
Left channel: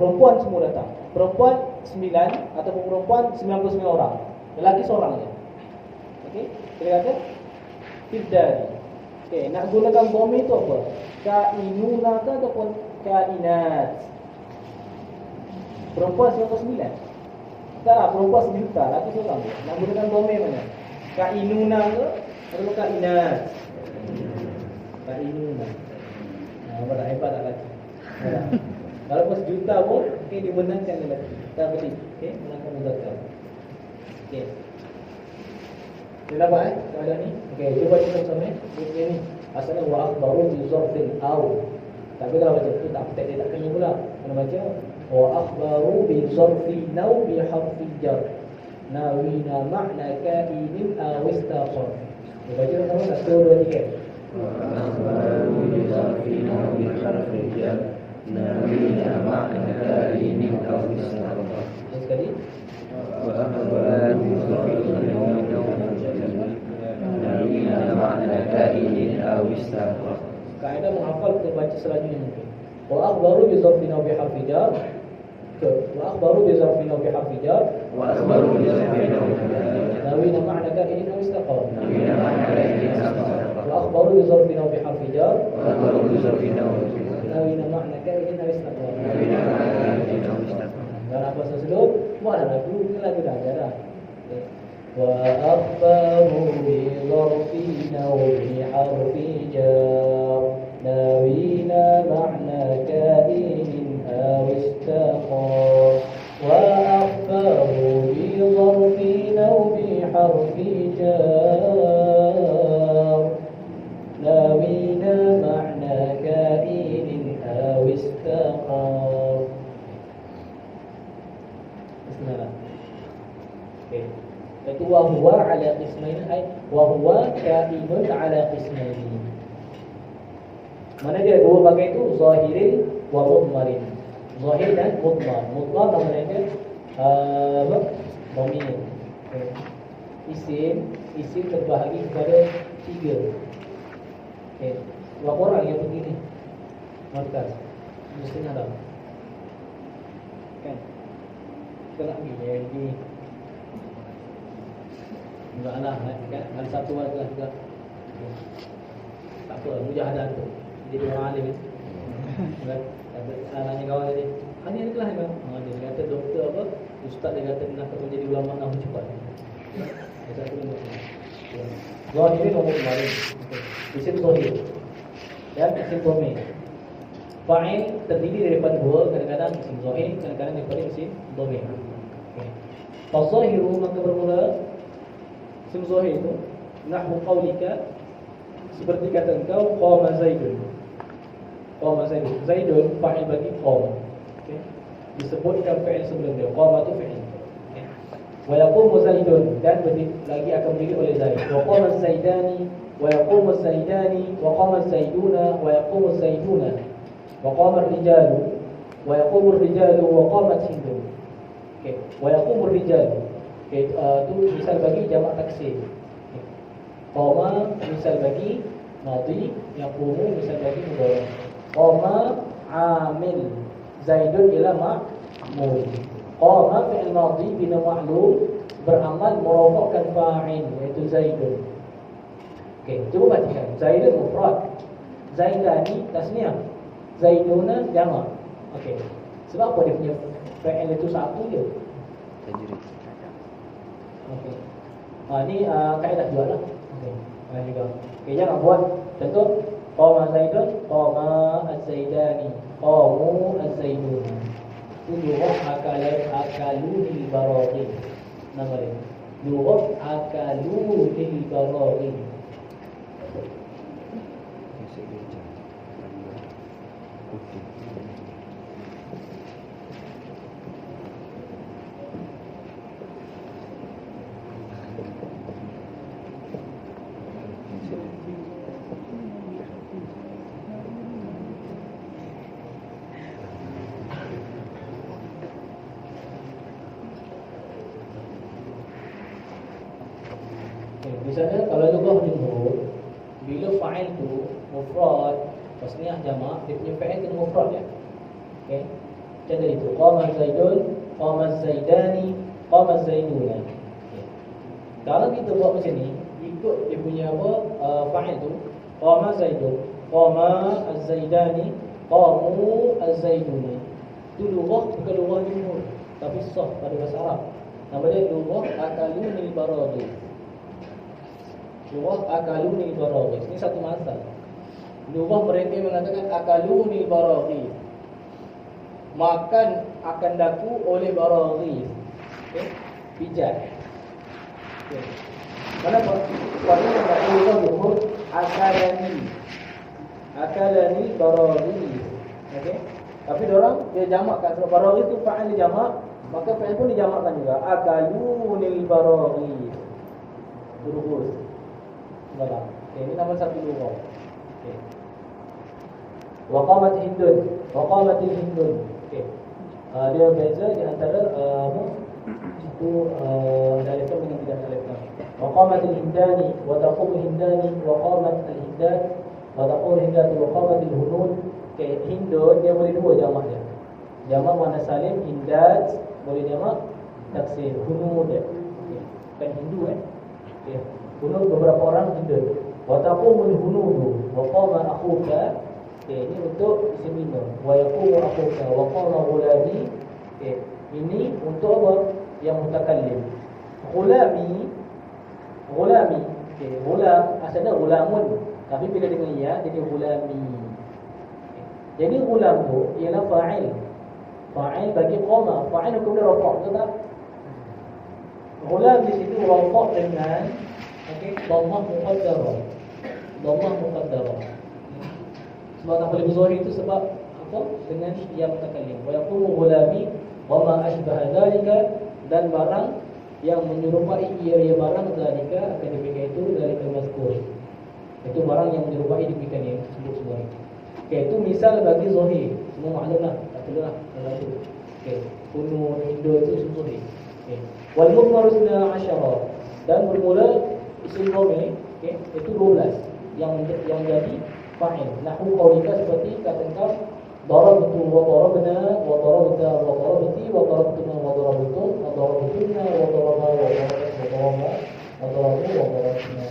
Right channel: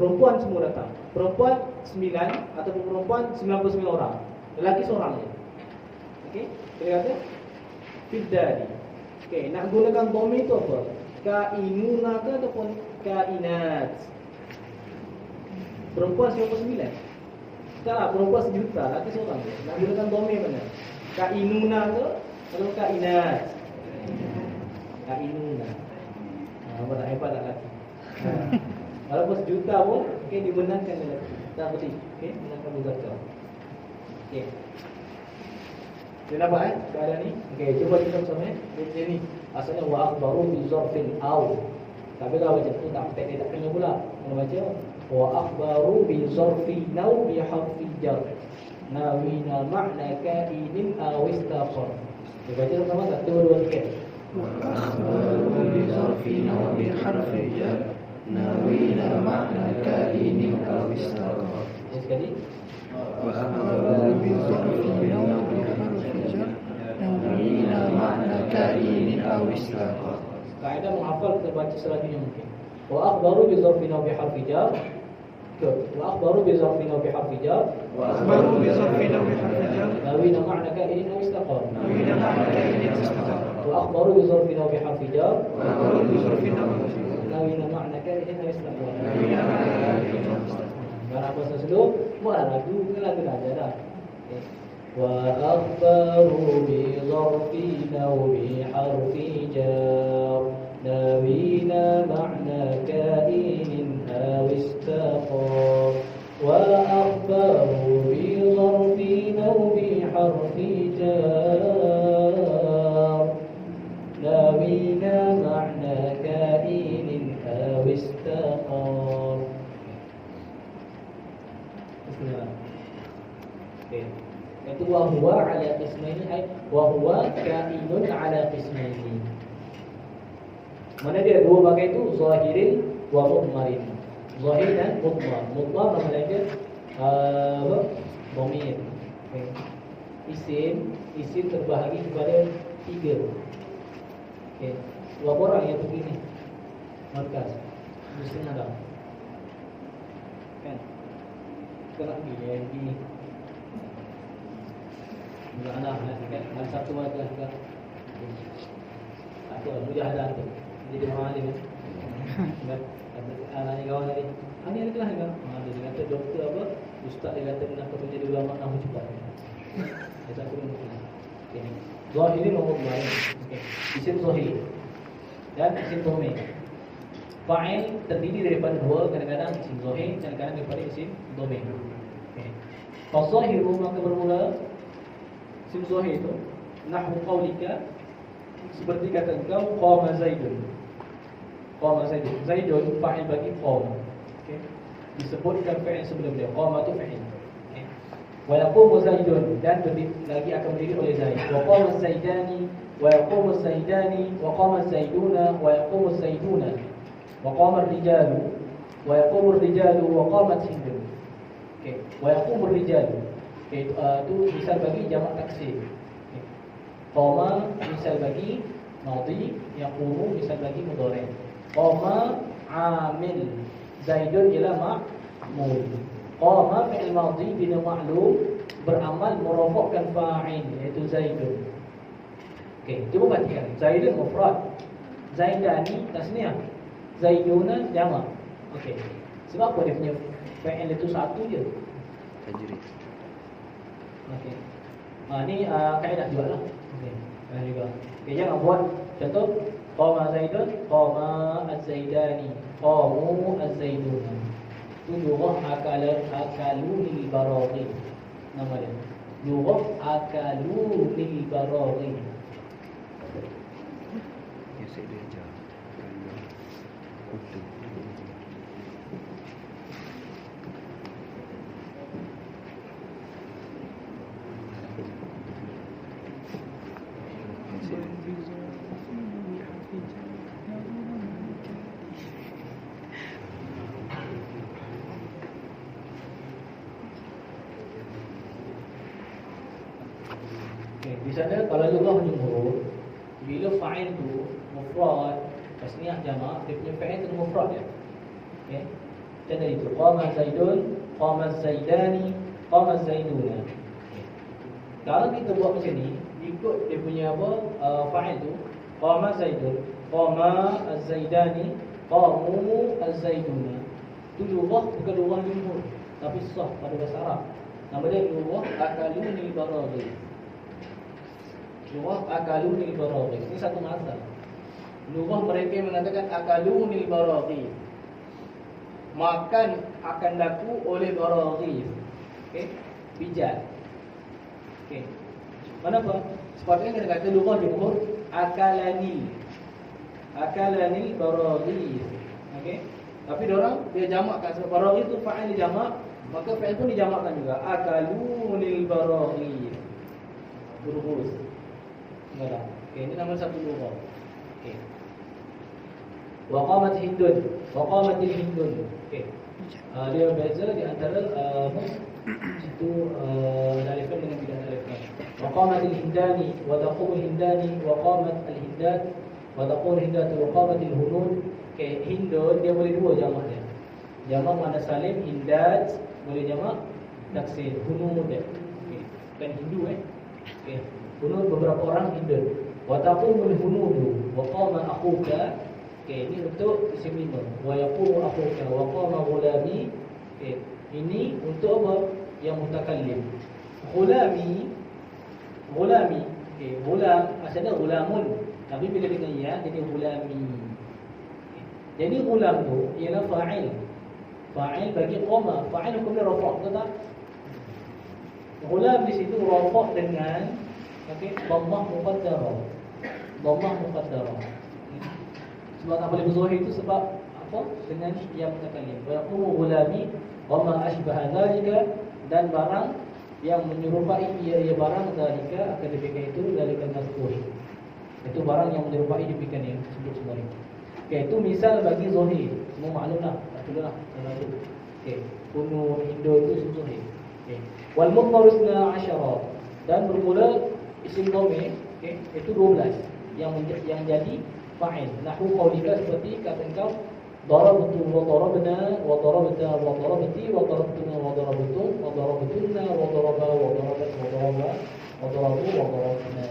Perempuan semua datang. Perempuan 9 ataupun perempuan 99 orang. Lelaki seorang je. Okey, kita kata fiddari. Okey, nak gunakan dhamir itu apa? Kainuna ke ataupun kainat? Perempuan 99. Tak lah, perempuan 1 juta, lelaki seorang je. Nak gunakan dhamir mana? Kainuna ke atau kainat? Kainuna. Apa dah hebat tak lelaki? Walaupun 1 juta pun dibenarkan lelaki. Tak betul. Okey, benarkan muzakkar. Okey. Dia nampak keadaan ni? Okey, cuba kita sama dia ni. Asalnya wa akhbaru bi zarfin aw. Tapi kalau baca tu tak petik dia tak kena pula. Kena baca wa akhbaru bi zarfi naw bi harfi jar. Nawina ma'na kainin aw istaqar. Dia baca sama-sama 1 2 3. Wa akhbaru bi zarfi naw bi harfi jar. Nawina ma'na kainin aw istaqar. Sekali. Wa akhbaru bi zarfi naw bi harfi jar. Nawina ma'na kainin aw istaqar. Kaedah menghafal kita baca selanjutnya mungkin. Wa akhbaru bi zarfi naw bi harfi jar. Wa akhbaru bi zarfi naw bi harfi jar. Wa akhbaru bi zarfi naw bi harfi jar. Nawina ma'na kainin aw istaqar. Nawina ma'na kainin aw istaqar. Wa akhbaru bi zarfi naw bi harfi jar. Wa akhbaru bi zarfi naw bi harfi jar. Nawina ma'na kainin aw istaqar. Nawina ma'na kainin aw istaqar. Kalau apa sesuatu, buatlah lagu, dengan lagu dah aja dah. Wa akhbaru bi zarfi naw bi harfi jar. Nawina ma'na kainin aw istaqar. Wa akhbaru bi zarfi naw bi harfi jar. Okey. Itu wa huwa ala qismaini ay wa huwa kainun ala qismaini. Mana dia dua bagai itu, zahirin wa mudmarin. Zahir dan mudmar. Mudmar nama dia dhamir. Isim terbahagi kepada 3. Okey. Berapa orang yang pergi ni? Markas Muslim Arab. Kan? Kita nak pergi yang ini. Enggak anak kan? Hari Sabtu mana kelas juga. Tak apa, mujahadah tu. Jadi orang alim ni. Kan? Anaknya kawan ni. Ini ada kelas juga. Dia kata doktor apa? Ustaz dia kata nak menjadi ulama nak cepat. Dia tak boleh buat. Zahir ni nombor kemarin. Isim zahir dan isim dhamir. Fa'il terdiri daripada dua, kadang-kadang isim zahir, kadang-kadang daripada isim dhamir. Okey. Fazahiru maka bermula isim zahir itu nahwu qaulika, seperti kata engkau qama zaidun. Qama zaidun. Zaidun fa'il bagi qam. Okey. Disebutkan fa'il sebelum dia. Qama tu fa'il. Okey. Wa yaqumu zaidun, dan lagi akan berdiri oleh Zaid. Wa qama zaidani wa yaqumu zaidani wa qama zaiduna wa yaqumu zaiduna. وقام الرجال ويقوم الرجال وقامت هند. Okey, ويقوم الرجال. Okey, itu misal bagi jamak taksir. Okay. Qama misal bagi madhi, yaqumu misal bagi mudhari. Qama amil, Zaidun ialah ma'mul. Qama fi'il madhi bina ma'lum, beramal merofakkan fa'il iaitu Zaidun. Okey, cuba perhatikan. Zaidun mufrad, Zaidani tasniah, Zaiduna jamak. Okey. Sebab apa dia punya fa'il itu satu je? Tajrid. Okey. Ni kaedah juga lah. Okey. Kaedah juga. Okey, jangan buat contoh qama Zaidun, qama az-Zaidani, qamu az-Zaidun. Lughat akalunil baraghi. Nama dia. Lughat akalunil baraghi. Di sana kalau lughah jumhur, bila fa'il tu mufrad, tasniah jamak, dia punya fa'il tu mufrad ya. Okey. Contoh itu qama Zaidun, qama Zaidani, qama Zaiduna. Okay. Kalau kita buat macam ni, ikut dia punya apa fa'il tu, qama Zaidun, qama az-Zaidani, qamu az-Zaiduna. Itu lughah bukan lughah jumhur, tapi sah pada bahasa Arab. Nama dia lughah akalunil baraghi. Lughah akalunil baraghi. Ini satu mazhab. Lughah mereka yang mengatakan akalunil baraghi, makan akan daku oleh baraghi. Okey, pijat. Okey. Kenapa? Kerana enggak lughah jumhur akalani. Akalani baraghi. Okey. Tapi diorang dia jamakkan sebab baraghi itu fa'il jamak, maka fa'il pun dijamakkan juga. Akalunil baraghi. Berurus. Baiklah. Okey, ini nama satu lughah. Okey. Waqamat hindun. Waqamatil hindun. Okey. Dia beza di antara satu alifan dengan tidak alifan. Waqamatil hindani wa taqumul hindani wa qamat al hindan wa taqul hindatu wa qamatil hunud. Okey, hindun dia boleh dua jamak dia. Jamak muannas salim, hindat boleh jamak taksir, hunud. Okey. Kan hindu Okey. Hunud beberapa orang hindun. Wa taqumul hunudu wa qama akhuka. Okey, ini untuk isim lima. Wa yaqumu akhuka wa qama ghulami. Okey, ini untuk apa? Yang mutakallim. Ghulami. Okey, ghulam asalnya ghulamun, tapi bila dengan ya jadi ghulami. Okay. Jadi ghulam tu ialah fa'il. Fa'il bagi qama. Fa'il hukum dia rafa', betul tak? Ghulam di situ rafa' dengan okey, dhammah muqaddarah. Dhammah muqaddarah. Sebab tak boleh berzahir itu sebab apa? Dengan yang mutakallim. Wa yaqumu ghulami wa ma ashbaha dzalika, dan barang yang menyerupai ia barang dalika akan demikian itu dari mazkur. Itu barang yang menyerupai demikian yang sebut semua ini. Okey, itu misal bagi zahir. Semua maklumlah, tak perlulah kalau itu. Okey, kunun Indo itu isim zahir. Okey. Wal mudmar 12 dan bermula isim dhamir, okey, itu 12 yang jadi fa'il. Nahwu qaulika seperti kata engkau darabtu wa darabna wa darabta wa darabti wa darabtuna wa darabtum wa darabtunna wa daraba wa daraba wa daraba wa darabu wa darabna.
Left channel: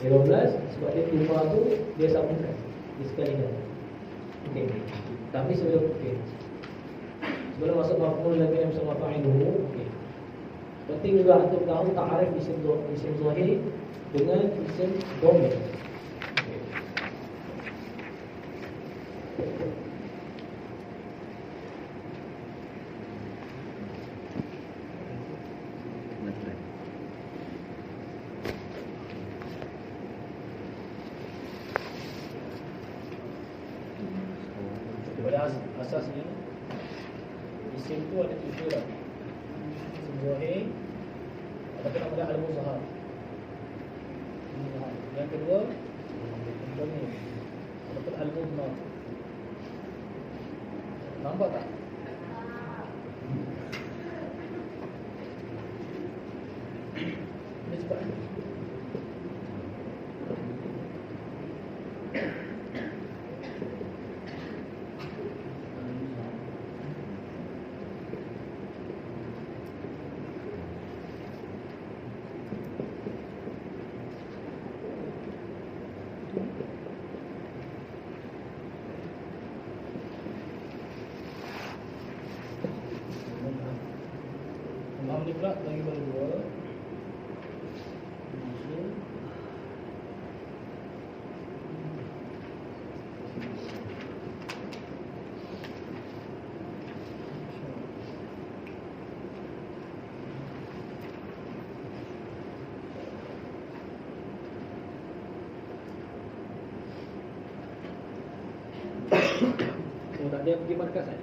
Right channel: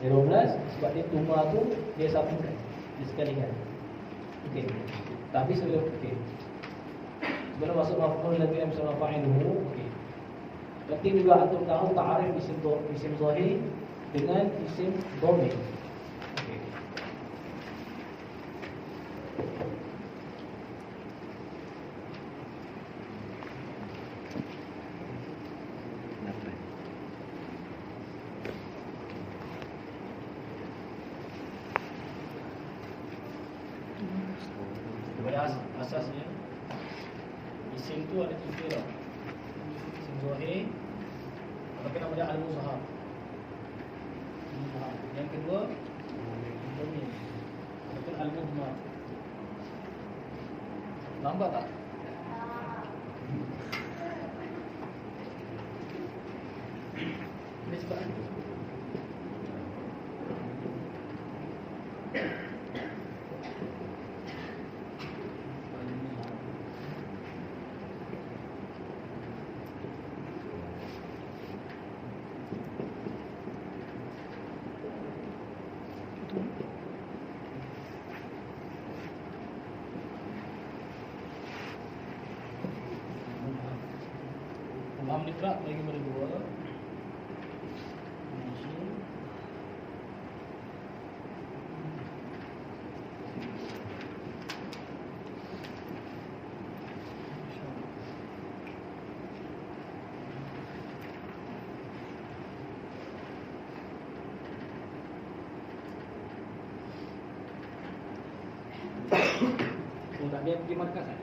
12 sebab dia tuma tu dia sambungkan disekalikan. Okey. Tapi sebelum sebelum masuk maf'ul lagi yang sama fa'iluhu, okey. Penting juga untuk tahu ta'arif isim zahir dengan isim dhamir. Asasnya isim tu ada 7 lah. Isim zahir ataupun ada al-muzhar. Yang kedua dhamir ataupun al-mudmar. Nampak tak? Ini sebab ni pula bagi pada 2. Oh, tak dia pergi markas kan?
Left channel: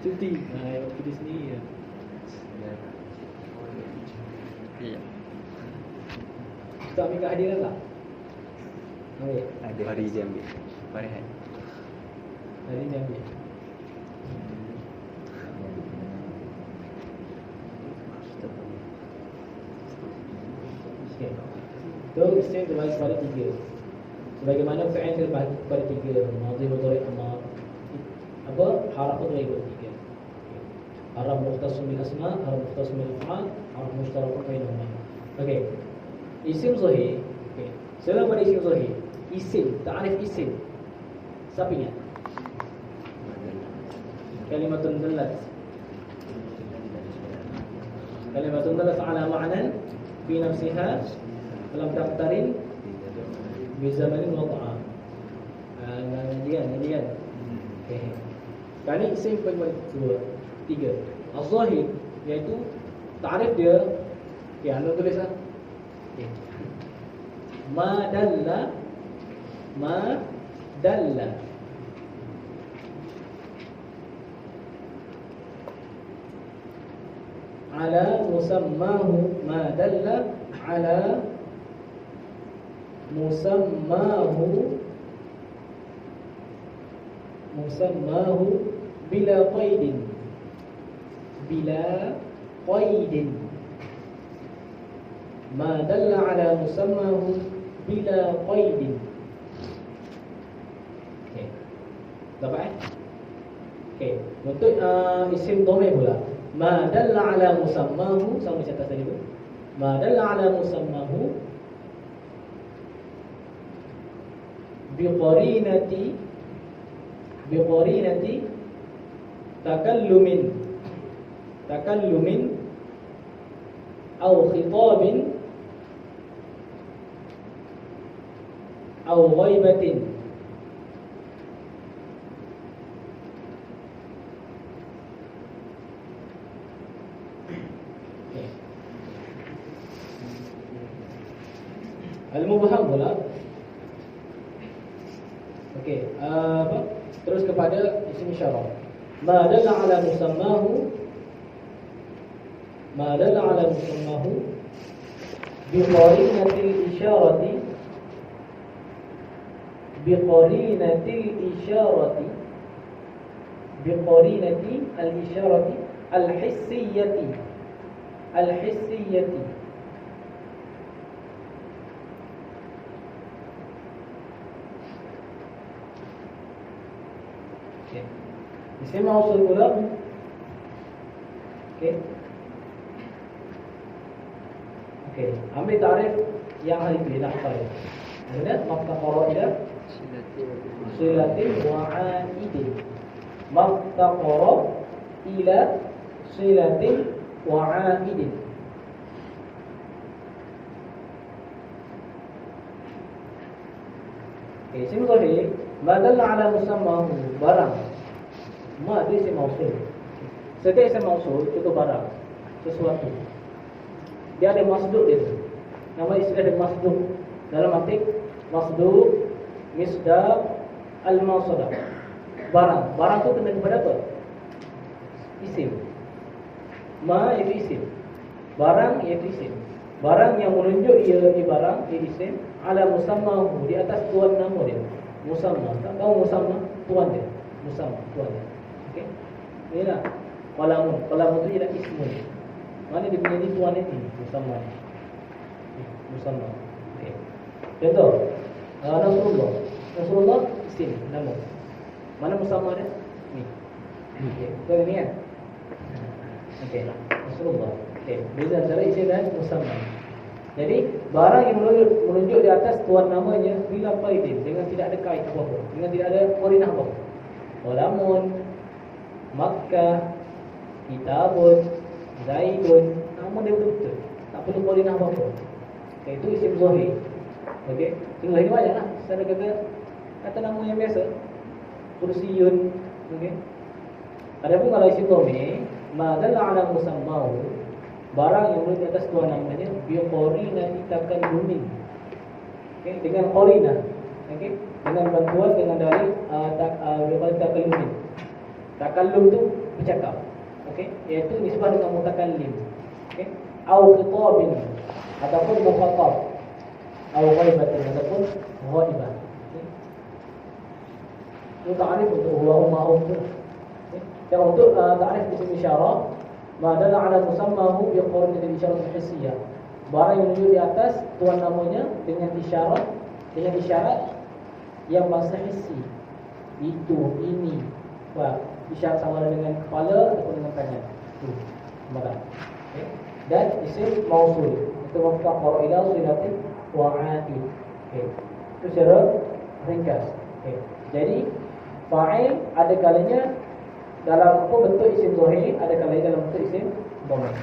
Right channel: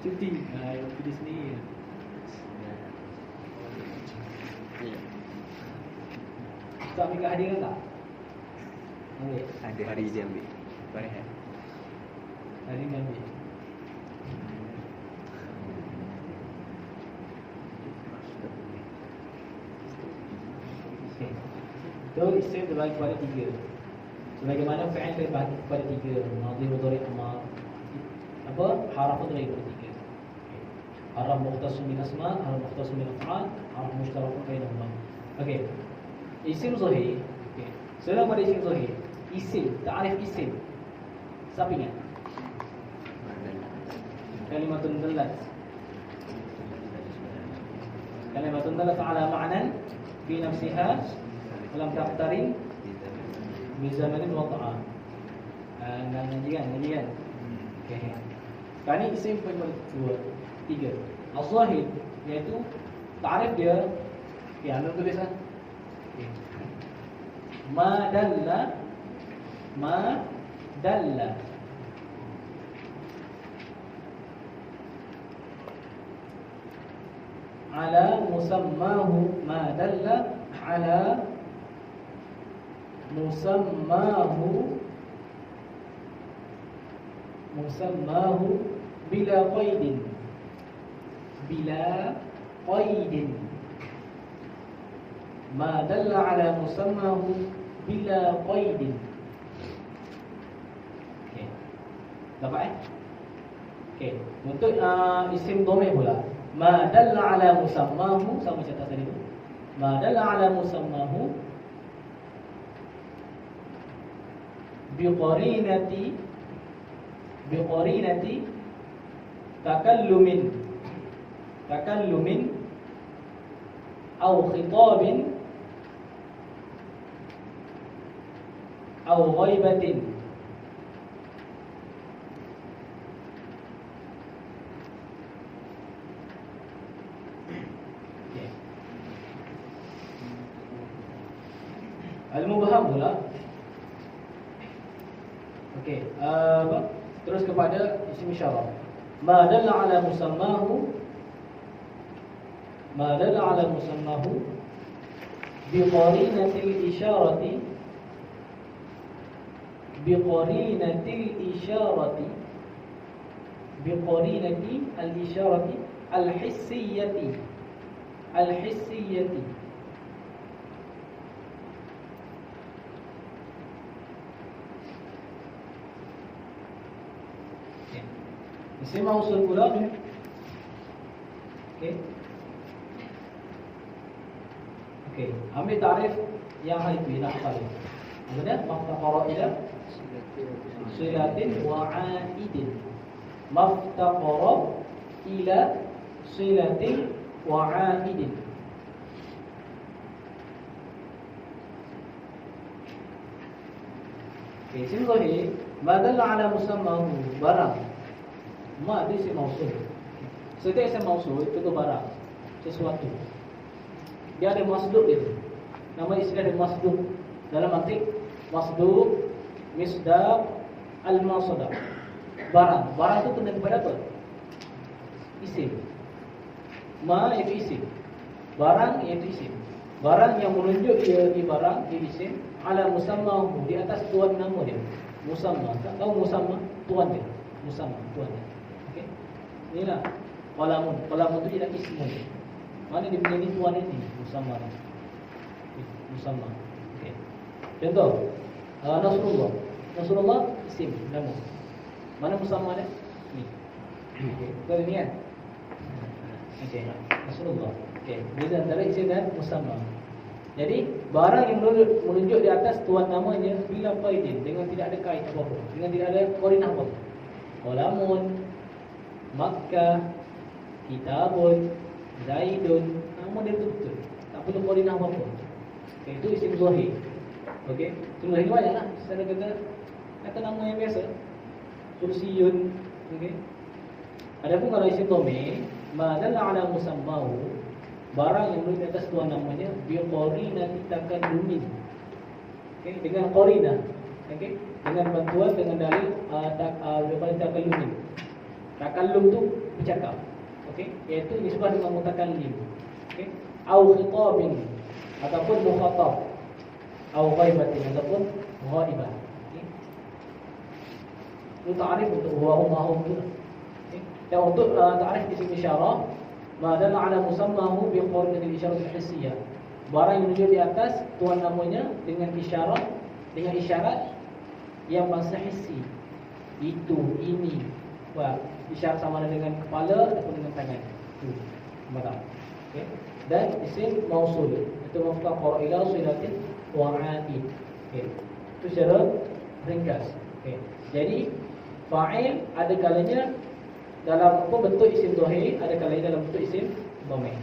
Cuti. Yang pergi sendiri kan? Tak ambil kehadiran tak? Ambil. Ada hari dia ambil. Hari ni ambil. Okay. So, isim terbagi kepada 3. Sebagaimana fi'il terbagi kepada 3. Madhi, mudhari, amar. Apa? Haraf tu terbagi kepada 3. Haraf mukhtasun bil asma, haraf mukhtasun bil af'al, haraf mushtarakun bainahuma. Okey. Isim zahir. Okey. Sekarang pada isim zahir. Isim, ta'rif isim. Siapa ingat? Kalimatun dallat. Kalimatun dallat ala ma'nan fi nafsiha lam taqtarin bi zamanin wada'a. Ngajian. Okey. Sekarang ni isim pada 3. Az-zahir iaitu ta'rif dia. Okey, anda tulis ah. Okey. Ma dalla ala musammahu, ma dalla ala musammahu bila qaidin ma dalla ala musammahu bila qaidin. Okey. Dapat Okey. Untuk isim dhamir pula, ma dalla ala musammahu, sama macam tadi tu. Ma dalla ala musammahu biqarinati takallumin aw khitabin aw ghaibatin. Al-mubham pula. Okey, apa? Terus kepada isim isyarah. Ma dalla ala musammahu ma dalla ala musammahu biqarinatil isyarati biqarinati al-isyarati al-hissiyati okay. Isim mausul pula. Okay. Okay. Ambil tarikh yang halifi nak tahu. Ada maftaqara ila silatin wa aidin. Maftaqara ila silatin wa aidin. Okay, isim zahir ma dalla ala musammahu, barang. Ma itu isim mausul. Setiap isim mausul itu barang, sesuatu. Dia ada masduk dia. Nama isim ada masduk. Dalam arti masduk, misdaq, al-masadaq. Barang. Barang itu kena kepada apa? Isim. Ma itu isim. Barang iaitu isim. Barang yang menunjuk ia barang, ia isim. Ala musammahu, di atas tuan nama dia. Musamma. Tak tahu musamma? Tuan dia. Musamma, tuan. Okey. Inilah qalamun. Qalamun itu ialah ismun. Mana dia punya ni tuan ini? Musamma. Musamma. Okey. Contoh, Nasrullah. Nasrullah isim, nama. Mana musamma dia? Ni. Okey. Betul ni kan? Okey. Nasrullah. Okey. Beza antara isim dan musamma. Jadi barang yang menunjuk di atas tuan namanya bila faidin, dengan tidak ada kait apa-apa, dengan tidak ada qarinah apa-apa. Qalamun, Makkah, Kitabun, Zaidun, nama dia betul-betul, tak perlu qarinah apa-apa. Okay, itu isim zahir. Okey, isim zahir banyaklah. Kita kata nama yang biasa, Kursiyun. Okey. Adapun kalau isim dhamir, ma dalla ala musammahu, barang yang menunjuk di atas tuan namanya biqarinati takallumin. Okey, dengan qarinah. Okey, dengan bantuan dengan dalil takallumin. Takallum tu bercakap. Okey, iaitu nisbah dengan mutakallim. Okey, au khitabin ataupun mukhatab, au ghaibatin ataupun ghaibah. Okey. Itu ta'rif untuk huwa ummahum tu. Okey. Dan untuk ta'rif isim isyarah, ma dalla ala musammahu biqarinatil isyarah al-hissiyah. Barang yang menunjuk di atas tuan namanya dengan isyarat yang bahasa hissi. Itu, ini. Wah, isyarat sama ada dengan kepala ataupun dengan tangan. Itu. Marah. Okay. Dan isim mausul. Itu maftaqar ila silatin wa aid. Okay. Itu secara ringkas. Okay. Jadi fa'il ada kalanya dalam apa bentuk isim zahir, ada kalanya dalam bentuk isim dhamir.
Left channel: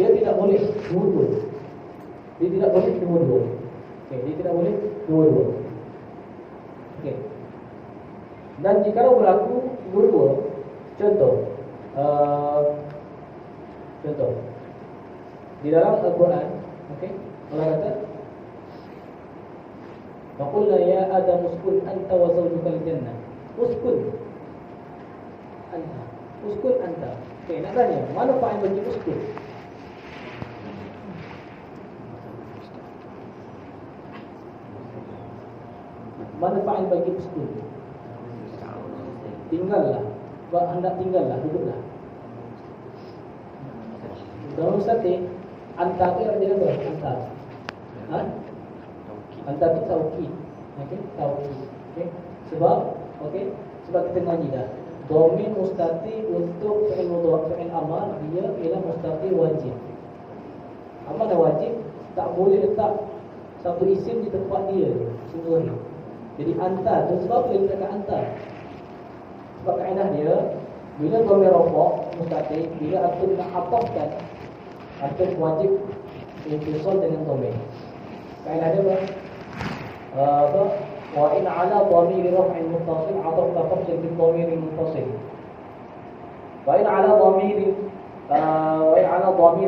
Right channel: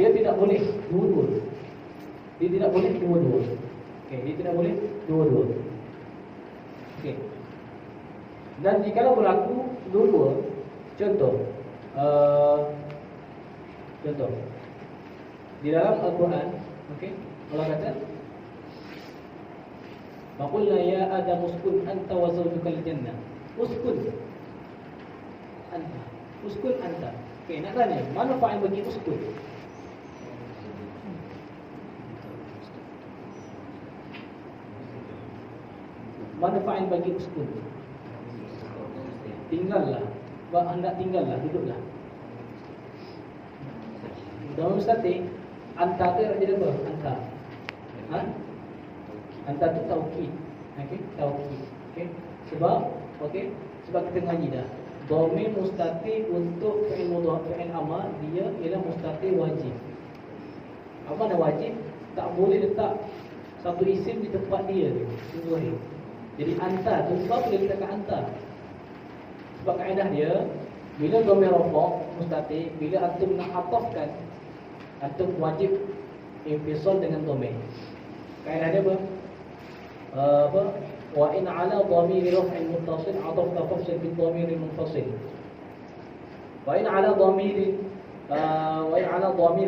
Dia tidak boleh dua-dua. Dia tidak boleh dua-dua. Okey, dia tidak boleh dua-dua. Okey. Dan jika berlaku dua-dua, contoh di dalam Al-Quran, okey, Allah kata Faqulna ya Adam uskun anta wa zawjukal jannah. Uskun anta. Uskun anta. Okey, nak tanya, mana fa'il bagi uskun? Mana fa'il bagi uskun? Tinggallah. Hendak tinggallah, duduklah. Dalam mustati anta tu ada apa? Anta. Ha? Anta tu taukid. Okey, taukid. Okey. Sebab kita ngaji dah. Dhamir mustati untuk fi'il mudhari, fi'il amar, dia ialah mustati wajib. Apa dah wajib? Tak boleh letak satu isim di tempat dia sendiri. Jadi anta tu sebab dia letakkan anta. Sebab kaedah dia, bila dhamir rafa' mustati, bila antum nak atafkan, antum wajib intisal dengan dhamir. Kaedah dia apa? Wa in ala dhamir raf'in muttasil ataf tafsil bi dhamir munfasil. Wa in ala dhamir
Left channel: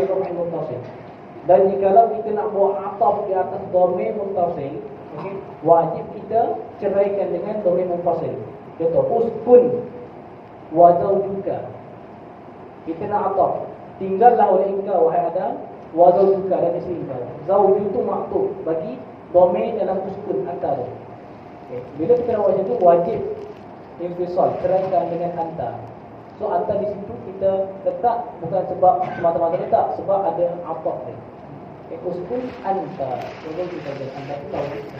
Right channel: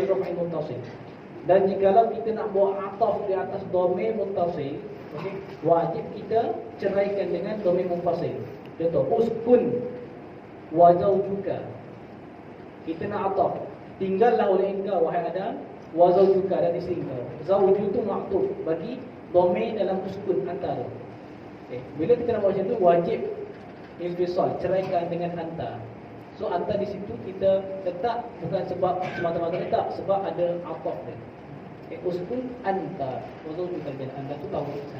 raf'in muttasil. Dan jikalau kita nak buat ataf di atas dhamir muttasil, okey, wajib kita ceraikan dengan dhamir munfasil. Contoh, uskun wa zawjuka. Kita nak ataf tinggallah oleh engkau wahai Adam wa zawjuka dan isteri engkau. Zawju itu maktub bagi domain dalam sukun antara. Bila kita nak baca itu wajib infisal, ceraikan dengan anta. So anta di situ kita letak bukan sebab semata-mata letak, sebab ada ataf dia. Uskun anta, contoh kita dan anta itu tahu kita.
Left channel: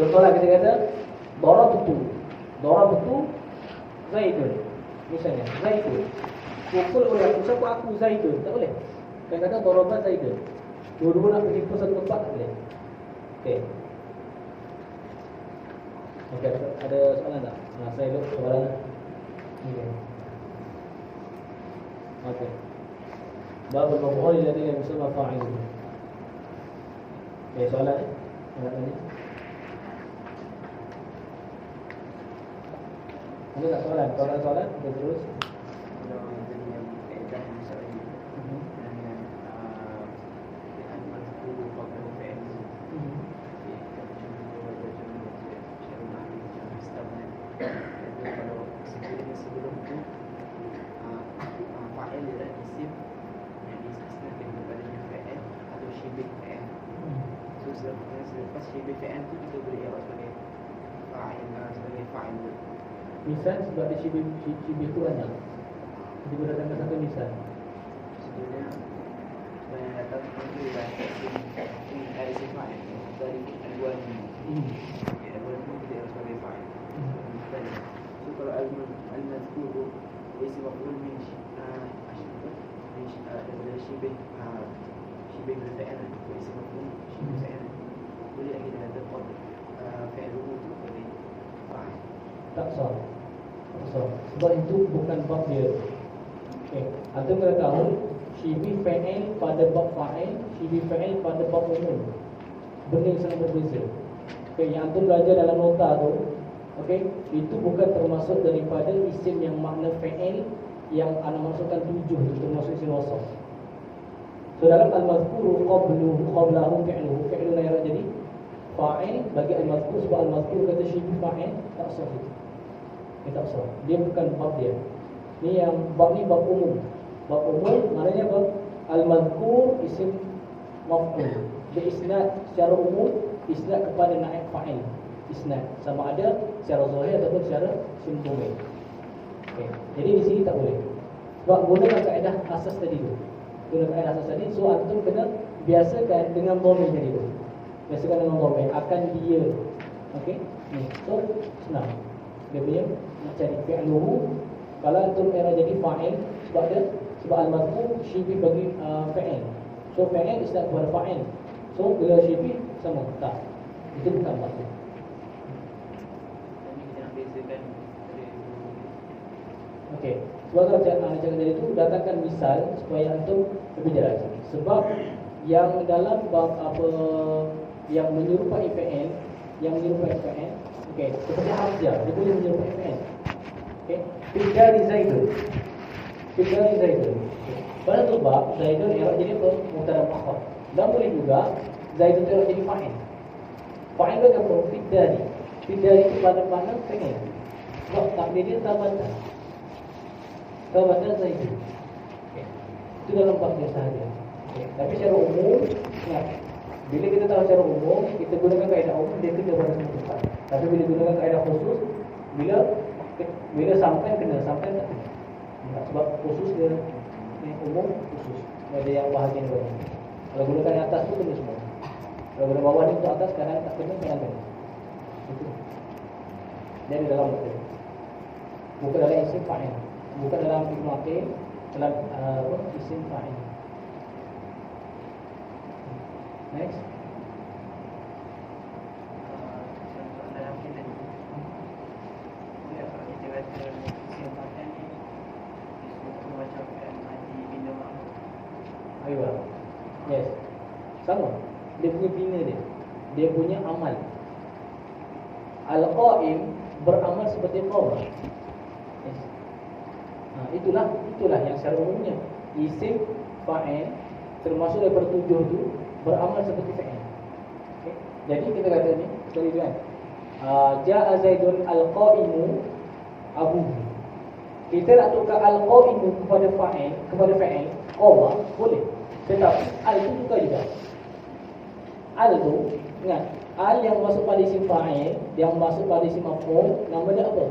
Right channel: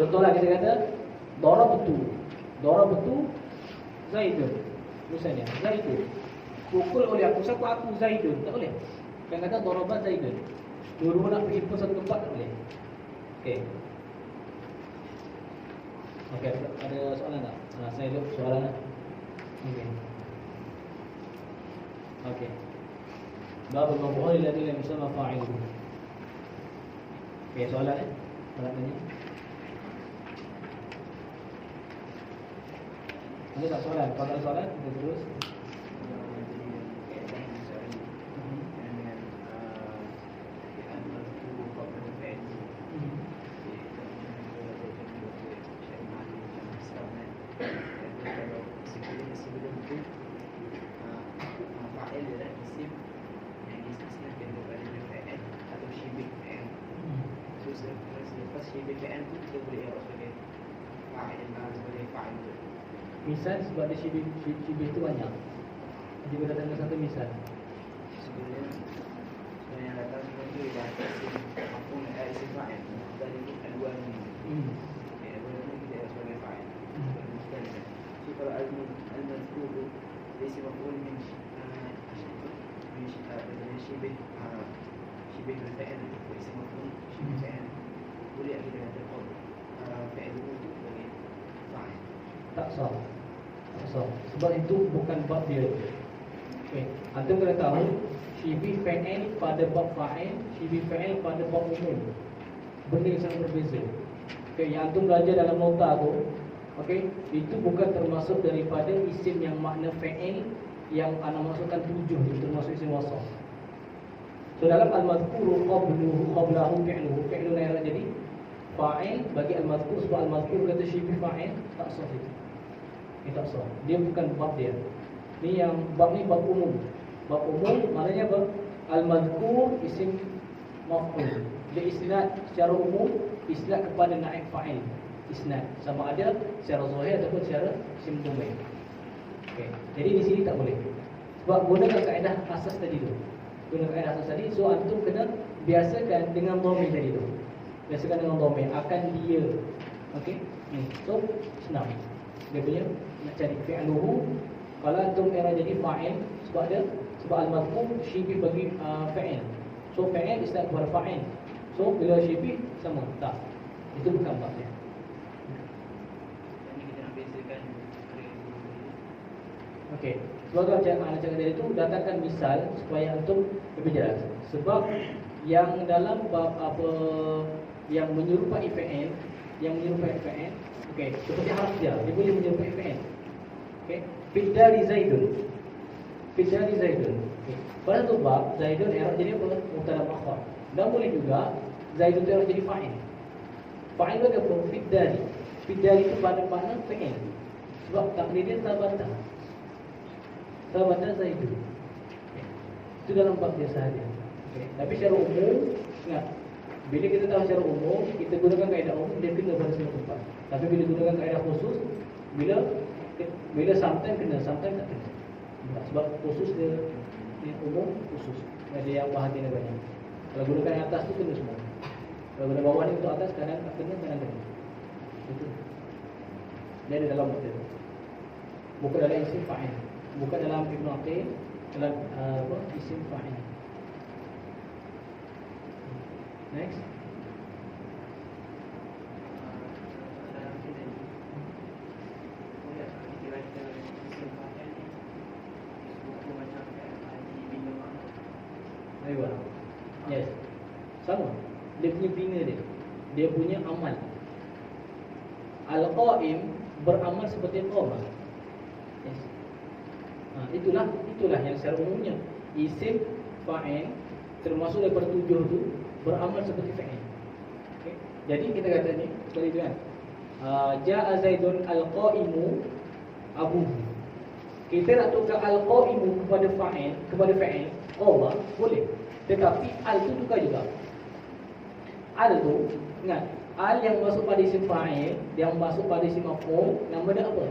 Contohlah kita kata darabtu Zaidun. Misalnya Zaidun pukul oleh aku, siapa aku Zaidun, tak boleh. Kita kata darabat Zaidun. Dua-dua nak pergi satu tempat tak boleh. Okey. Okey, ada soalan tak? Saya lihat soalan. Okey. Okey. Bab al-maf'ul alladhi lam yusamma fa'iluhu. Okey, soalan soalan tadi. Ada tak soalan? Kalau ada soalan, kita terus. Misal sebab dia syibih tu banyak. Dia boleh datangkan satu misal. Sebenarnya yang datang seperti itu dah ini dari sifat dari kedua ini. Ya, walaupun kita sebagai fa'il. So kalau al-mazkur dari maf'ul min syibih al-fa'il itu isim maf'ul syibih fa'il. Boleh kita katakan fa'ilun sebagai fa'il. Tak sah. Sebab itu bukan bab dia. Okey, antum kena tahu syibih fa'il pada bab fa'il, syibih fa'il pada bab umum. Benda yang sangat berbeza. Okey, yang antum belajar dalam nota tu, okey, itu bukan termasuk daripada isim yang makna fa'il yang ana maksudkan 7 itu termasuk isim wasaf. So dalam al-mazkuru qablahu fi'luhu, fi'lun yang jadi fa'il bagi al-mazkur, sebab al-mazkur kata syibih fa'il tak sah itu. Tak sah. Dia bukan bab dia. Ni yang bab ni bab umum. Bab umum maknanya apa? Al-mazkur isim maf'ul. Dia isnad secara umum, isnad kepada naib fa'il. Isnad sama ada secara zahir ataupun secara isim domain. Okey. Jadi di sini tak boleh. Sebab gunakan kaedah asas tadi tu. Gunakan kaedah asas tadi, so antum kena biasakan dengan domain tadi tu. Biasakan dengan domain akan dia. Okey. Ni. So senang. Dia punya nak cari fi'luhu. Kalau antum era jadi fa'il, sebab al-mazkur syibih bagi fa'il. So fa'il isnad kepada fa'il. So bila syibih sama tak. Itu bukan bab dia. Jadi kita nak bezakan Okey. Sebab kalau anak cakap tadi tu datangkan misal supaya antum lebih jelas. Sebab yang dalam bab apa yang menyerupai fa'il, okey, seperti harfiah, dia boleh menyerupai fa'il. Okey, Fidari Zaidun. Okay. Pada tu bab Zaidun i'rab jadi apa? Mubtada muakhar. Dan boleh juga Zaidun i'rab jadi fa'il. Fa'il bagi apa? Fidari itu pada makna fa'il. Sebab takdir dia tabata Zaidun. Okay. Itu dalam bab biasa saja. Okay. Tapi secara umum, ingat, bila kita tahu secara umum, kita gunakan kaedah umum, dia kena pada semua tempat. Tapi bila gunakan kaedah khusus, bila sometimes kena, sometimes tak kena. Sebab khusus dia umum khusus. Ada yang bahagian banyak. Kalau gunakan yang atas tu kena semua. Kalau guna bawah ni untuk atas, kanan tak kena, kanan kena. Itu. Dia ada dalam betul. Bukan dalam isim fa'il. Bukan dalam Ibn Athir, dalam isim fa'il. Next. Yes. Sama. Dia punya bina dia. Dia punya amal. Al-Qa'im beramal seperti qawmah. Yes. Itulah yang secara umumnya isim fa'il termasuk daripada 7 tu beramal seperti fa'il. Okay. Jadi kita kata ni tadi kan. Ja'a Zaidun al-qa'imu abuhu. Kita nak tukar al-qa'imu kepada fa'il, qama, boleh. Tetapi al tu tukar juga. Al tu, ingat, al yang masuk pada isim fa'il, yang masuk pada isim maf'ul, nama dia apa?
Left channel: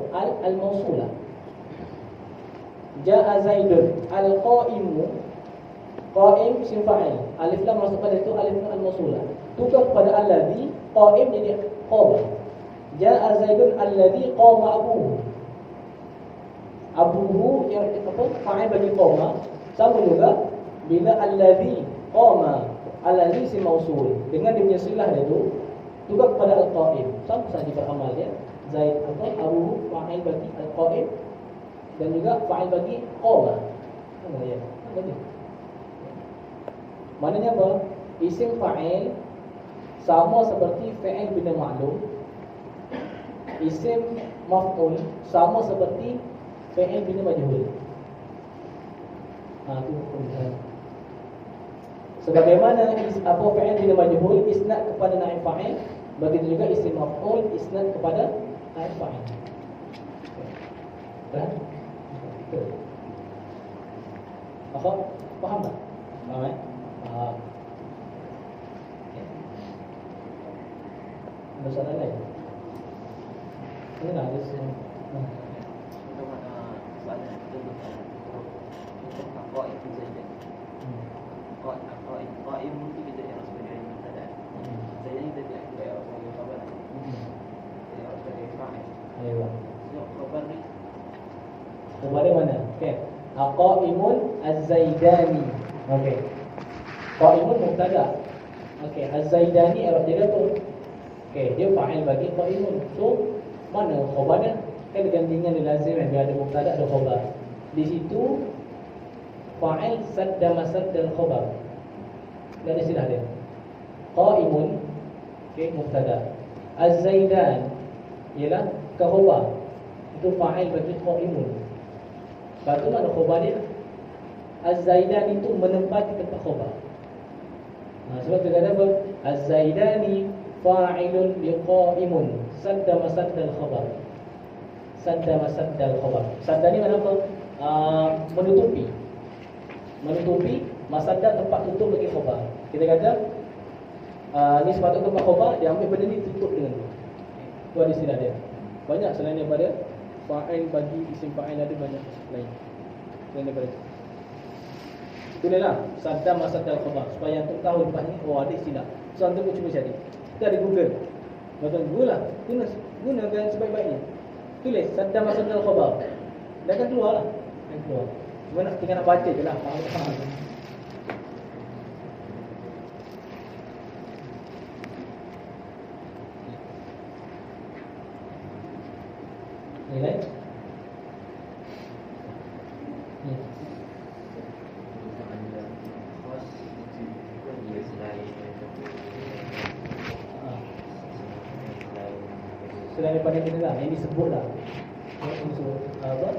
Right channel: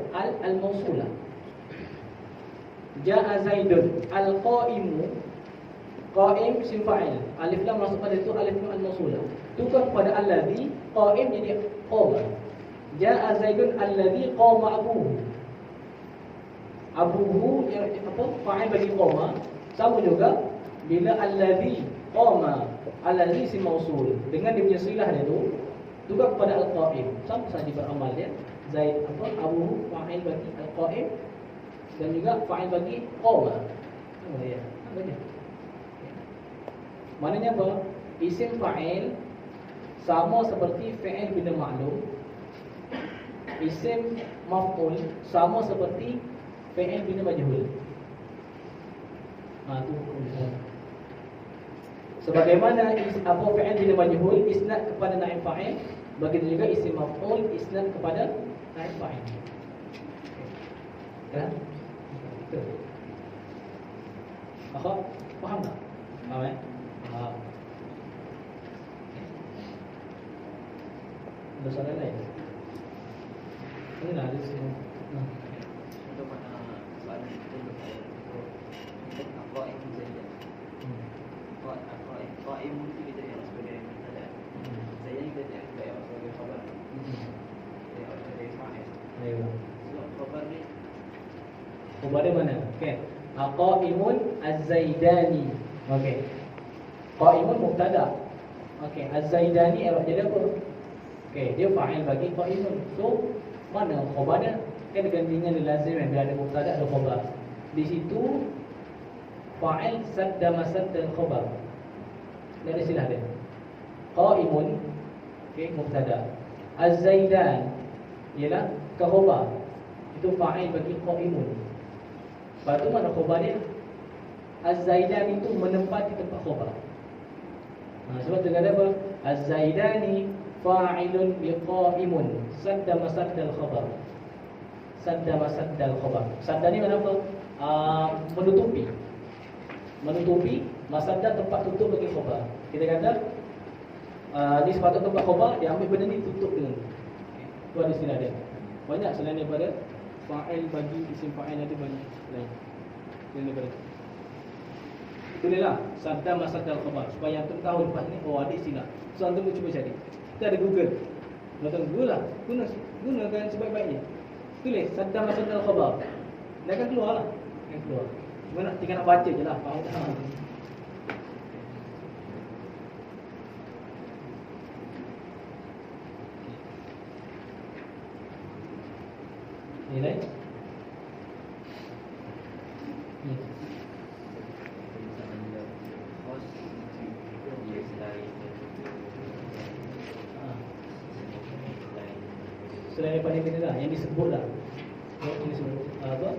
Al-mausulah. Ja'a Zaidun, al-qa'imu, qa'im isim fa'il. Alif lam masuk pada itu alif lam al-mausulah. Tukar kepada allazi, qa'im jadi qama. Ja'a Zaidun allazi qama abuhu. Abuhu yang apa? Fa'il bagi qama. Sama juga bila allazi qama, allazi isim mausul dengan dia punya silah dia tu tukar kepada al-qa'im. Sama saja beramal dia. Zaid apa? Abuhu fa'il bagi al-qa'im dan juga fa'il bagi qama. Sama dia. Baca. Maknanya apa? Isim fa'il sama seperti fi'il bila ma'lum. Isim maf'ul sama seperti fi'il bila majhul. Tu sebagaimana apa fi'il bila majhul isnad kepada naib fa'il, begitu juga isim maf'ul isnad kepada naib fa'il. Kan? Faham tak? Faham ya? Faham. Ada soalan lain? Ini lah ada soalan. Untuk soalan itu untuk qaim itu saja. Qaim itu kita yang sebagai mubtada. Saya ni kita yang sebagai khabar. Jadi harus ada fa'il. Ya. So khabar ni Khabar dia mana? Okey. Qaimun az-Zaidani. Okey. Qaimun mubtada. Okey, az-Zaidani i'rab dia apa? Okey, dia fa'il bagi qaimun. So, mana khabarnya? Kan dengan lazim yang dia ada mubtada ada khabar. Di situ fa'il sadda masaddal khabar. Dan istilah dia. Qaimun okey, mubtada. Az-Zaidan ialah khabar. Itu fa'il bagi qaimun. Lepas tu mana khabar dia? Az-Zaidan itu menempati tempat khabar. Sebab tu kata apa? Az-Zaidani fa'ilun biqa'imun sadda masaddal khabar. Sadda masaddal khabar. Sadda ni mana apa? Menutupi. Menutupi masadda tempat tutup bagi khabar. Kita kata ni sepatutnya tempat khabar, dia ambil benda ni tutup dengan ni. Tu ada istilah dia. Banyak selain daripada fa'il bagi isim fa'il ada banyak lain. Dan daripada itulah sadda masaddal khabar supaya antum tahu lepas ni ada istilah. So antum cuba cari. Kita ada Google. Antum Google lah. Gunakan sebaik-baiknya. Tulis sadda masaddal khabar. Dia akan keluar lah. Akan keluar. Cuma tinggal nak baca je lah. Faham. Ini lain. Selain daripada kita dah yang disebut lah, yang disebut apa?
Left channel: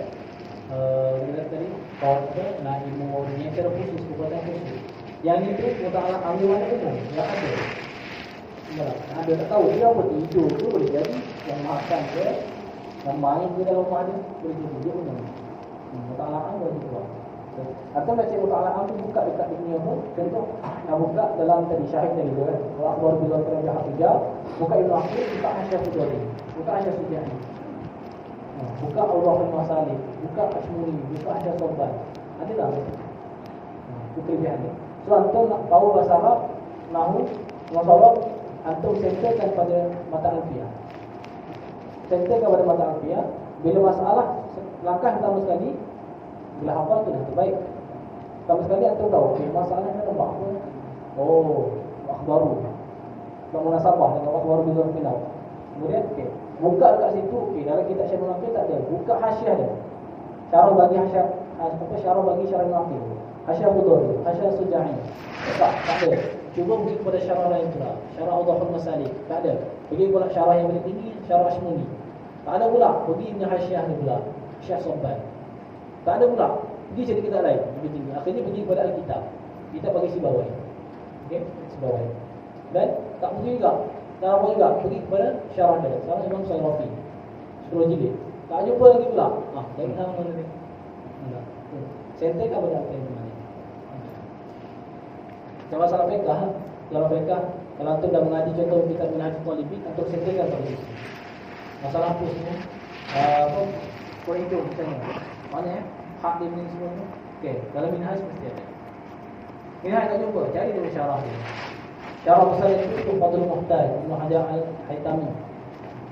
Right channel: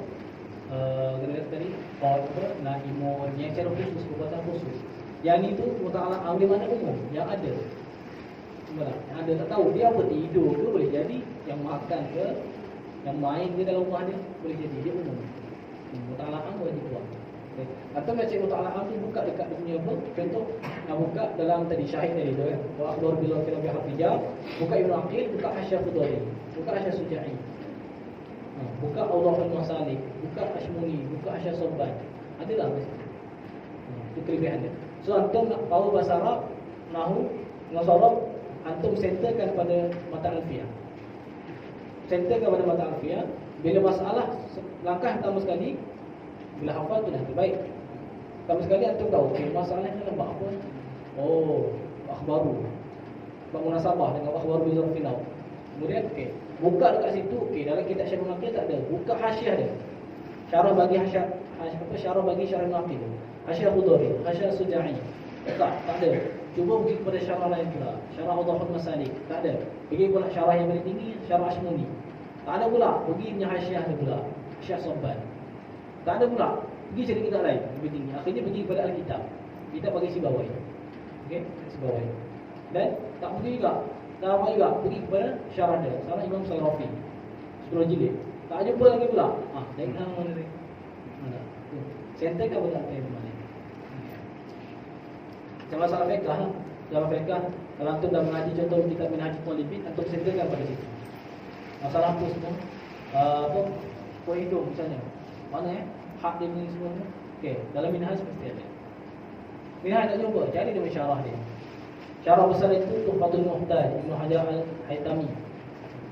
Kita tadi apa? Naimun yang secara khusus, perbuatan khusus. Yang itu muta'alaq amri mana umum yang ada. Semua ada tak tahu dia apa tidur tu boleh jadi, yang makan ke, yang main ke dalam rumah dia boleh jadi dia umum. Muta'alaqan boleh keluar. Atau macam muta'alaqan tu buka dekat dia punya apa? Contoh nak buka dalam tadi syahid tadi tu kan. Wa akhbar bil kalam bi hafijah, buka Ibnu Aqil, buka Hasyah Fudhali, buka Hasyah Suja'i. Buka Awdahul Masalik, buka Ashmuni, buka Hasyah Sabban. Adalah. Itu kelebihan dia. So antum nak tahu bahasa Arab, nahwu, bahasa Arab, antum centerkan pada mata alfiah. Centerkan pada mata alfiah. Bila masalah langkah pertama sekali, bila hafal tu dah terbaik. Pertama sekali antum tahu okey masalahnya adalah apa? Oh, akhbaru. Tak munasabah dengan akhbaru bi zarfin naw. Kemudian okey, buka dekat situ okey dalam kitab Syarah Naqil tak ada. Buka hasyiah dia. Syarah bagi hasyiah apa syarah bagi Syarah Naqil. Hasyah Fudhali, Hasyah Suja'i. Tak ada. Cuba pergi kepada syarah lain pula. Syarah Awdahul Masalik. Tak ada. Pergi pula syarah yang paling tinggi, Syarah Ashmuni. Tak ada pula. Pergi punya hasyiah dia pula. Hasyah Sabban. Tak ada pula. Pergi cari kitab lain lebih tinggi. Akhirnya pergi kepada Al-Kitab. Kita bagi Sibawai. Okey, Sibawai. Dan tak pergi juga. Tak apa juga. Pergi kepada syarah dia. Syarah Imam Sayyid Rafi. 10 jilid. Tak jumpa lagi pula. Cari hang mana dia. Enggak. Senteng ke benar ke mana? Macam masalah fiqh, dalam fiqh kalau antum dah mengaji contoh kitab Minhaj Talibin, antum senteng pada situ. Masalah apa semua? Apa? Kau hidup macam mana? Hak dia ni semua tu. Okey, dalam Minhaj mesti ada. Minhaj tak jumpa, cari dulu syarah dia. Syarah besar itu Tuhfatul Muhtaj, Ibn Hajar Al-Haytami.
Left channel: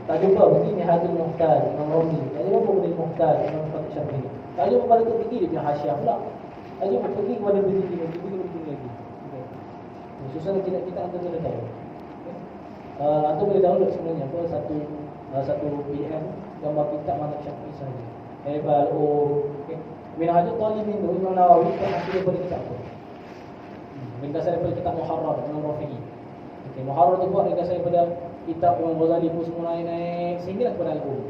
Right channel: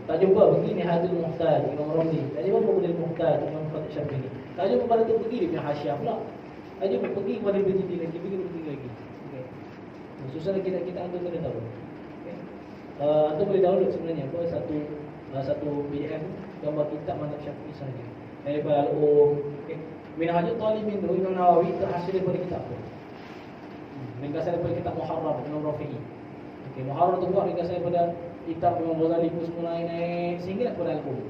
Tak jumpa pergi Nihayatul Muhtaj, Imam Romli. Tak jumpa Qudil Muhtaj, Imam Fatih Syafi'i. Tak jumpa pada tu pergi dia punya Hasyiah pula. Tak jumpa pergi kepada bertinggi lagi, pergi lagi. Okey. Susah lagi kita antum kena tahu. Okey. Antum boleh download sebenarnya apa satu PDF gambar kitab mazhab Syafi'i saja. Daripada okey. Minhajul Talibin tu Imam Nawawi tak hasil daripada kitab tu. Ringkasan daripada kitab Muharrar Imam Rafi'i. Okey, Muharrar tu buat ringkasan daripada kitab Imam Ghazali pun semua naik sehingga kepada Al-Qum.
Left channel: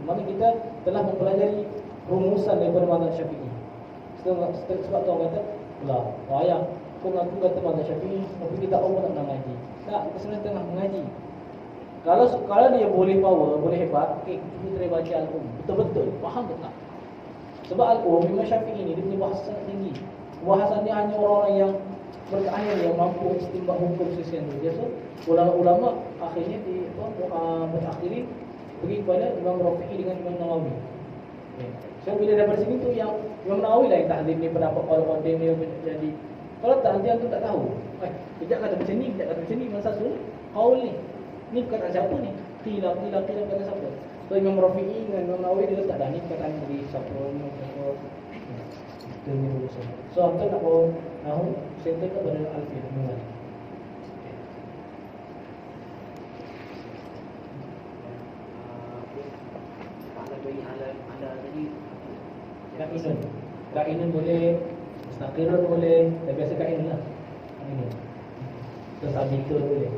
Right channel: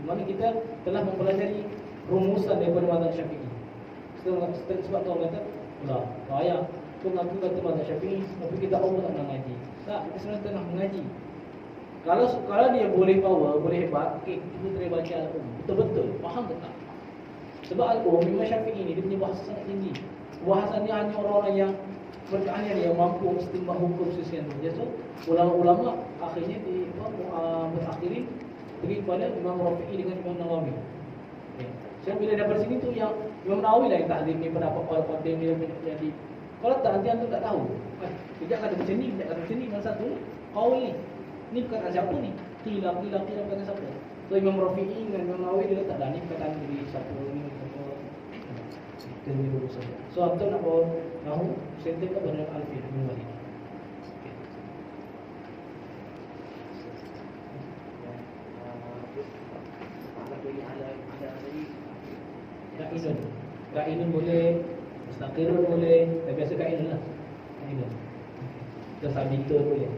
Di mana kita telah mempelajari rumusan daripada mazhab Syafi'i. Sebab tu orang kata, "Lah, ayah, kau mengaku kata mazhab Syafi'i, tapi kita tahu tak nak ngaji." Tak, kita sebenarnya tengah mengaji. Kalau dia boleh power, boleh hebat, okey, kita boleh baca Al-Qum. Betul-betul faham tak? Sebab Al-Qum Imam Syafi'i ni dia punya bahasa sangat tinggi. Bahasannya hanya orang-orang yang berkeahlian yang mampu istinbat hukum sosial tu. Jadi ulama-ulama akhirnya di mutakhirin pergi kepada Imam Rafi'i dengan Imam Nawawi. Okay. So bila daripada sini tu yang Imam Nawawi lah yang tahzib ni pendapat orang dia jadi. Kalau tak nanti antum tak tahu. Tidak kata macam ni, tidak kata macam ni, mana satu qaul ni. Ni perkataan siapa ni? Qila perkataan siapa? So Imam Rafi'i dengan Imam Nawawi dia letak dah ni perkataan dari siapa ni siapa. Ini dulu saja. So antum nak tahu senteng ke pada Alfian Ibn Malik. Kainun boleh, mustaqirun boleh, tapi biasa kainun lah. Kainun. Terus sabitun boleh.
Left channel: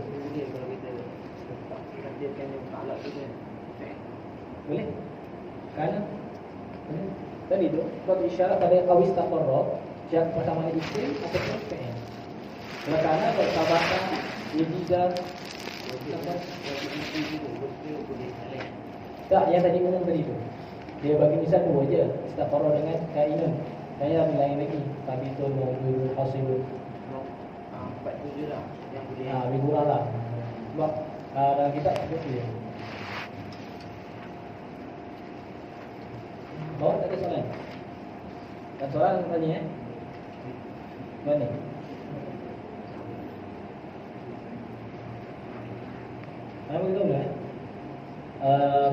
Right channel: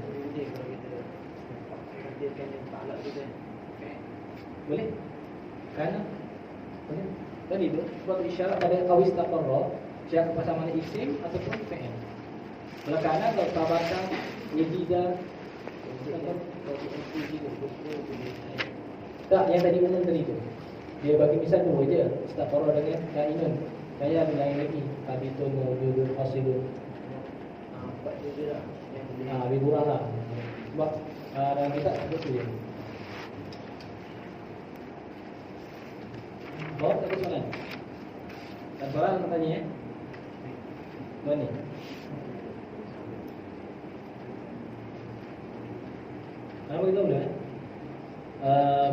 Boleh? Kerana boleh. Tadi tu buat isyarat pada awis taqarrab, syarat persamaan isim ataupun fi'il. Kalau kerana bertabatan wujida tak yang tadi umum tadi tu. Dia bagi misal dua je, istaqarrab dengan kainun. Saya ada lain lagi, sabitun, mawjudun, hasilun. Lebih murah lah. Sebab dalam kitab sebut tu je. Oh, tak ada soalan? Tak ada soalan nak tanya Mana? Mana beritahu dah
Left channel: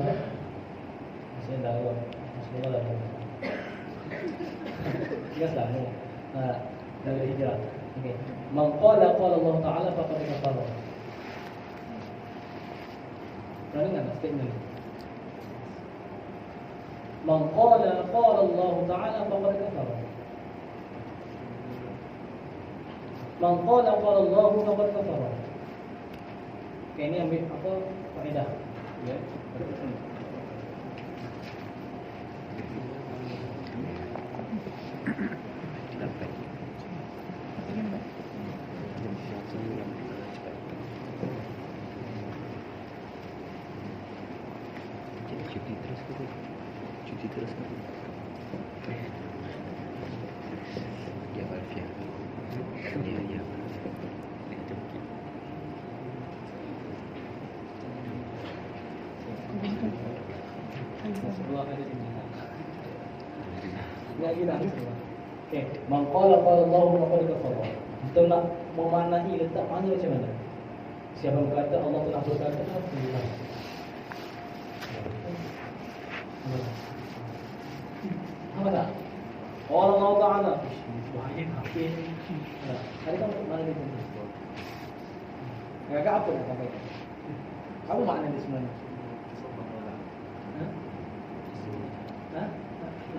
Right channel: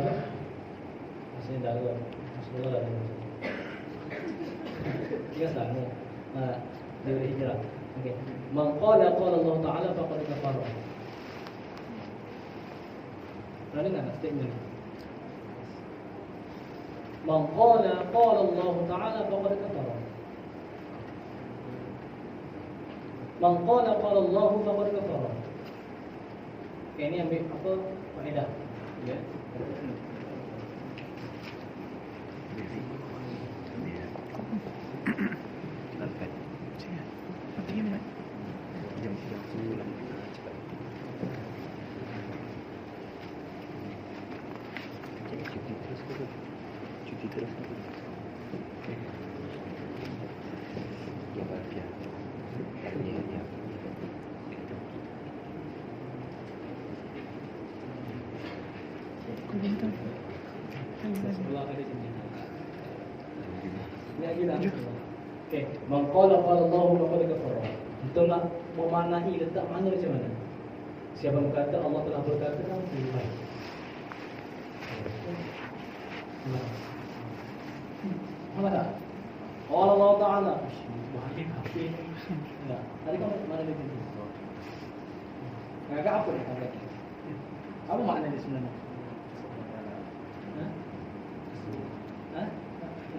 apa? Masih dah kot Sekolah dah Tiga selama Dia hijrah. Okay. Man qala Allah Ta'ala faqad kafara. Pernah dengar tak statement ni? Man qala Allah Ta'ala faqad kafara. Man qala Allah faqad kafara. Okay, ini ambil apa faedah. Ya. Cuti terus kan? Ya Alfia. Ya. Sebelah ada sini. Enggak gila. Okey, man qala Allah faqad kafara. Kita nak memaknai letak mana macam mana? Siapa berkata Allah telah berkata apa dah? Allah Ta'ala bahaya kafir. Nah, tadi kan mana dia tu? Agak apa nak sampaikan? Apa makna dia sebenarnya? Hah?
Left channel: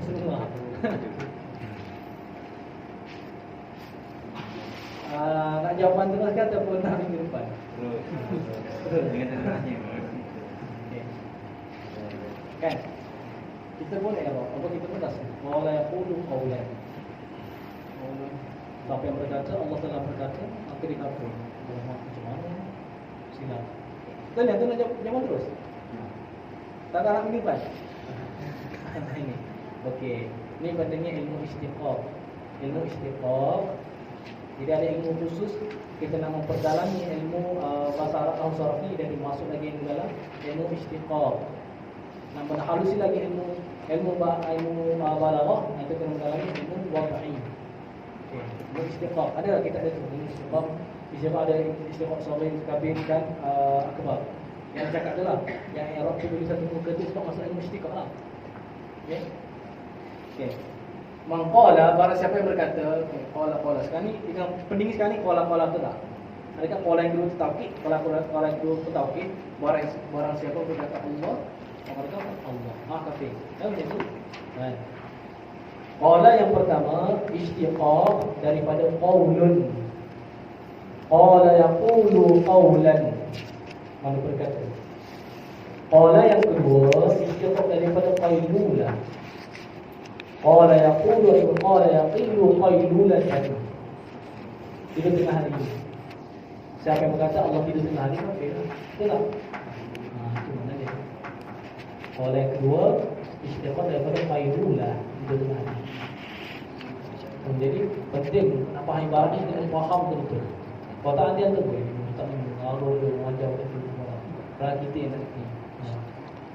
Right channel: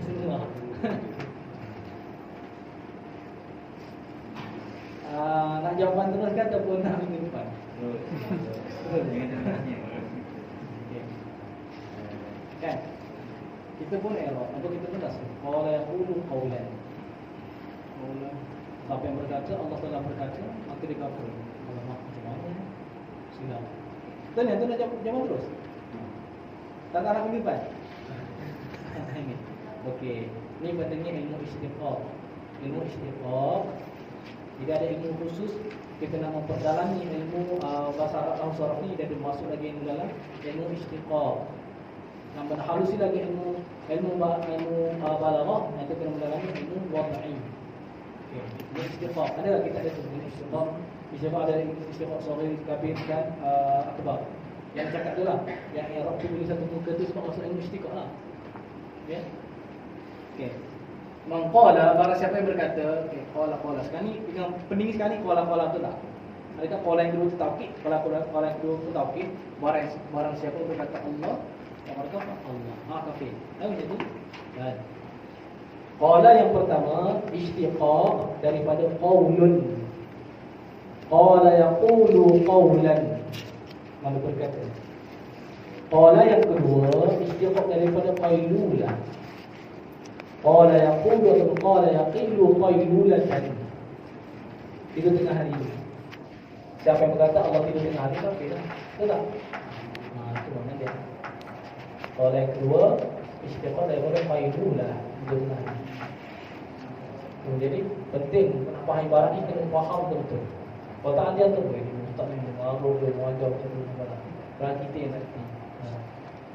Semua. Nak jawapan terus ke ataupun nak minggu depan? Terus. Dengan tanya. Kan? Kita pun error, apa kita pun rasa qala yaqulu qawlan. Siapa yang berkata Allah telah berkata, maka dia kafir. Allah macam mana? Silap. Tanya tu nak jawab terus. Tak nak minggu depan. Ini. Okey, ni pentingnya ilmu istiqaq. Ilmu istiqaq. Tidak ada ilmu khusus kita nak memperdalami ilmu bahasa Arab atau sarfi dan dimasuk lagi di dalam ilmu istiqaq. Nak halusi lagi ilmu balaghah, nanti kita mendalami ilmu wad'i. Okey, ilmu istiqaq. Ada kita ada tu ilmu istiqaq. Istiqaq ada istiqaq saghir, kabir dan akbar. Yang cakap tu lah, yang Arab tu tulis satu muka tu sebab masuk ilmu istiqaq lah. Okey. Okey. Mangqala, barang siapa yang berkata, okey, qala. Sekarang ni yang penting sekarang ni qala tu tak. Adakah qala yang kedua tu taukid? Qala yang kedua tu taukid. Barang siapa berkata Allah, maka Allah. Kafir. Tahu macam tu? Kan. Qala yang pertama istiqaq daripada qaulun. Qala yaqulu qawlan. Mana berkata. Qala yang kedua istiqaq daripada qailulah. Qala yaqulu qala yaqilu qailulatan. Tidur tengah hari. Siapa yang berkata Allah tidur tengah hari kafir? Betul tak? Itu mana dia? Qala yang kedua istiqaq daripada qailulah, tidur tengah hari. Jadi penting nak faham ibarat ni, kena faham betul-betul. Perkataan dia tu boleh tak mengaruh ke wajah tu barang. Berarti kita yang tak.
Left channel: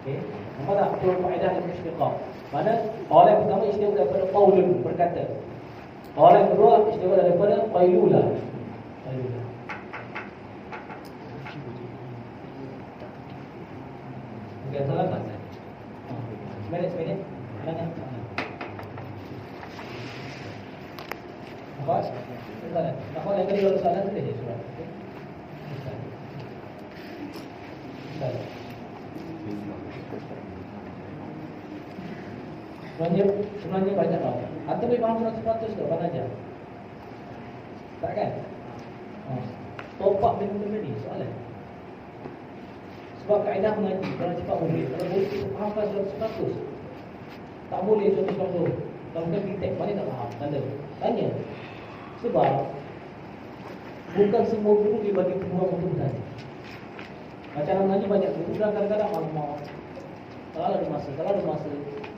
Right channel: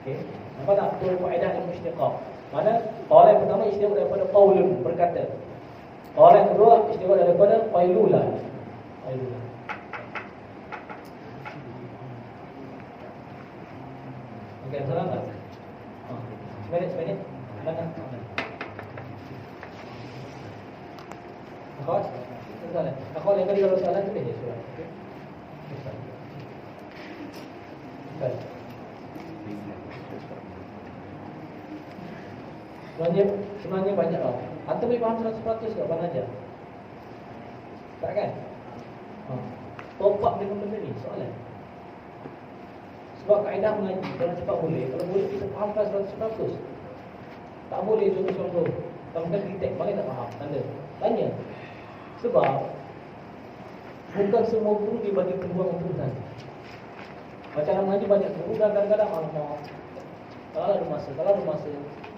Okey. Nampak tak perlu faedah ilmu istiqaq? Mana qala yang pertama istiqaq daripada qaulun, berkata. Qala yang kedua istiqaq daripada qailulah. Okey, salah tak? Sebenarnya mana? Nampak? Nampak yang kedua soalan tadi dia surah. Okey. Baik. Sebenarnya banyak lah. Atau boleh faham 100% ke Abang ajar? Tak kan? Top up dengan benda ni soalan. Sebab kaedah mengaji kalau cepat boleh. Kalau boleh kita fahamkan 100%. Tak boleh contoh-contoh. Kalau bukan kita mana tak faham. Tanya. Sebab bukan semua guru dia bagi peluang untuk tanya. Macam nak mengaji banyak guru dan kadang-kadang alamak. Kalau ada masa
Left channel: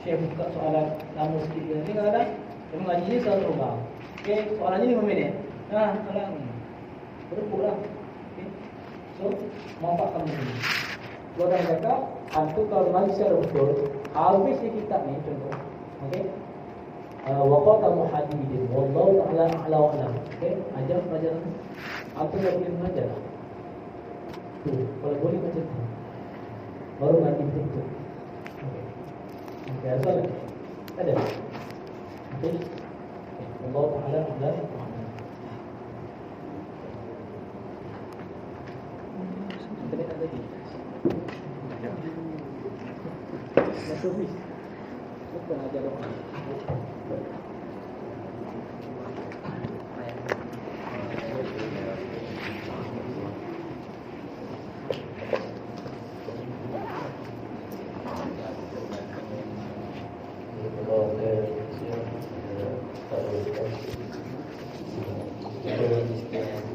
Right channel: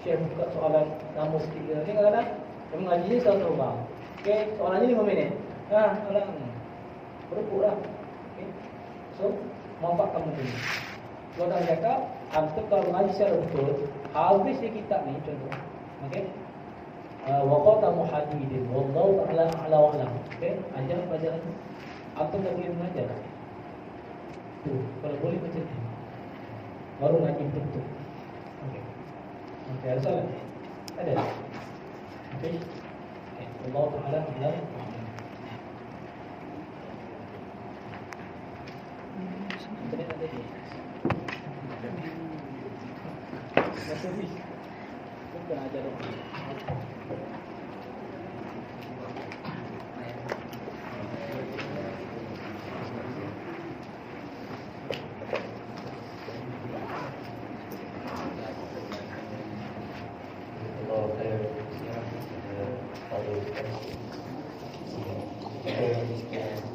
Syekh buka soalan lama sikit ke. Ni kadang-kadang dia mengaji ni selalu berubah. Okey, soalannya 5 minit. Kadang berukut lah. Okay. So, manfaatkan benda ni. Kalau kami cakap, antum kalau mengaji secara betul, habis di kitab ni contoh. Okey. Waqata muhadidin wallahu ta'ala a'la wa a'lam. Okey, ajar pelajaran. Antum tak boleh mengajar. Kalau boleh macam tu. Baru ngaji betul. Okey, ada soalan? Ada? Okey. Allah Ta'ala a'lam. Terima kasih.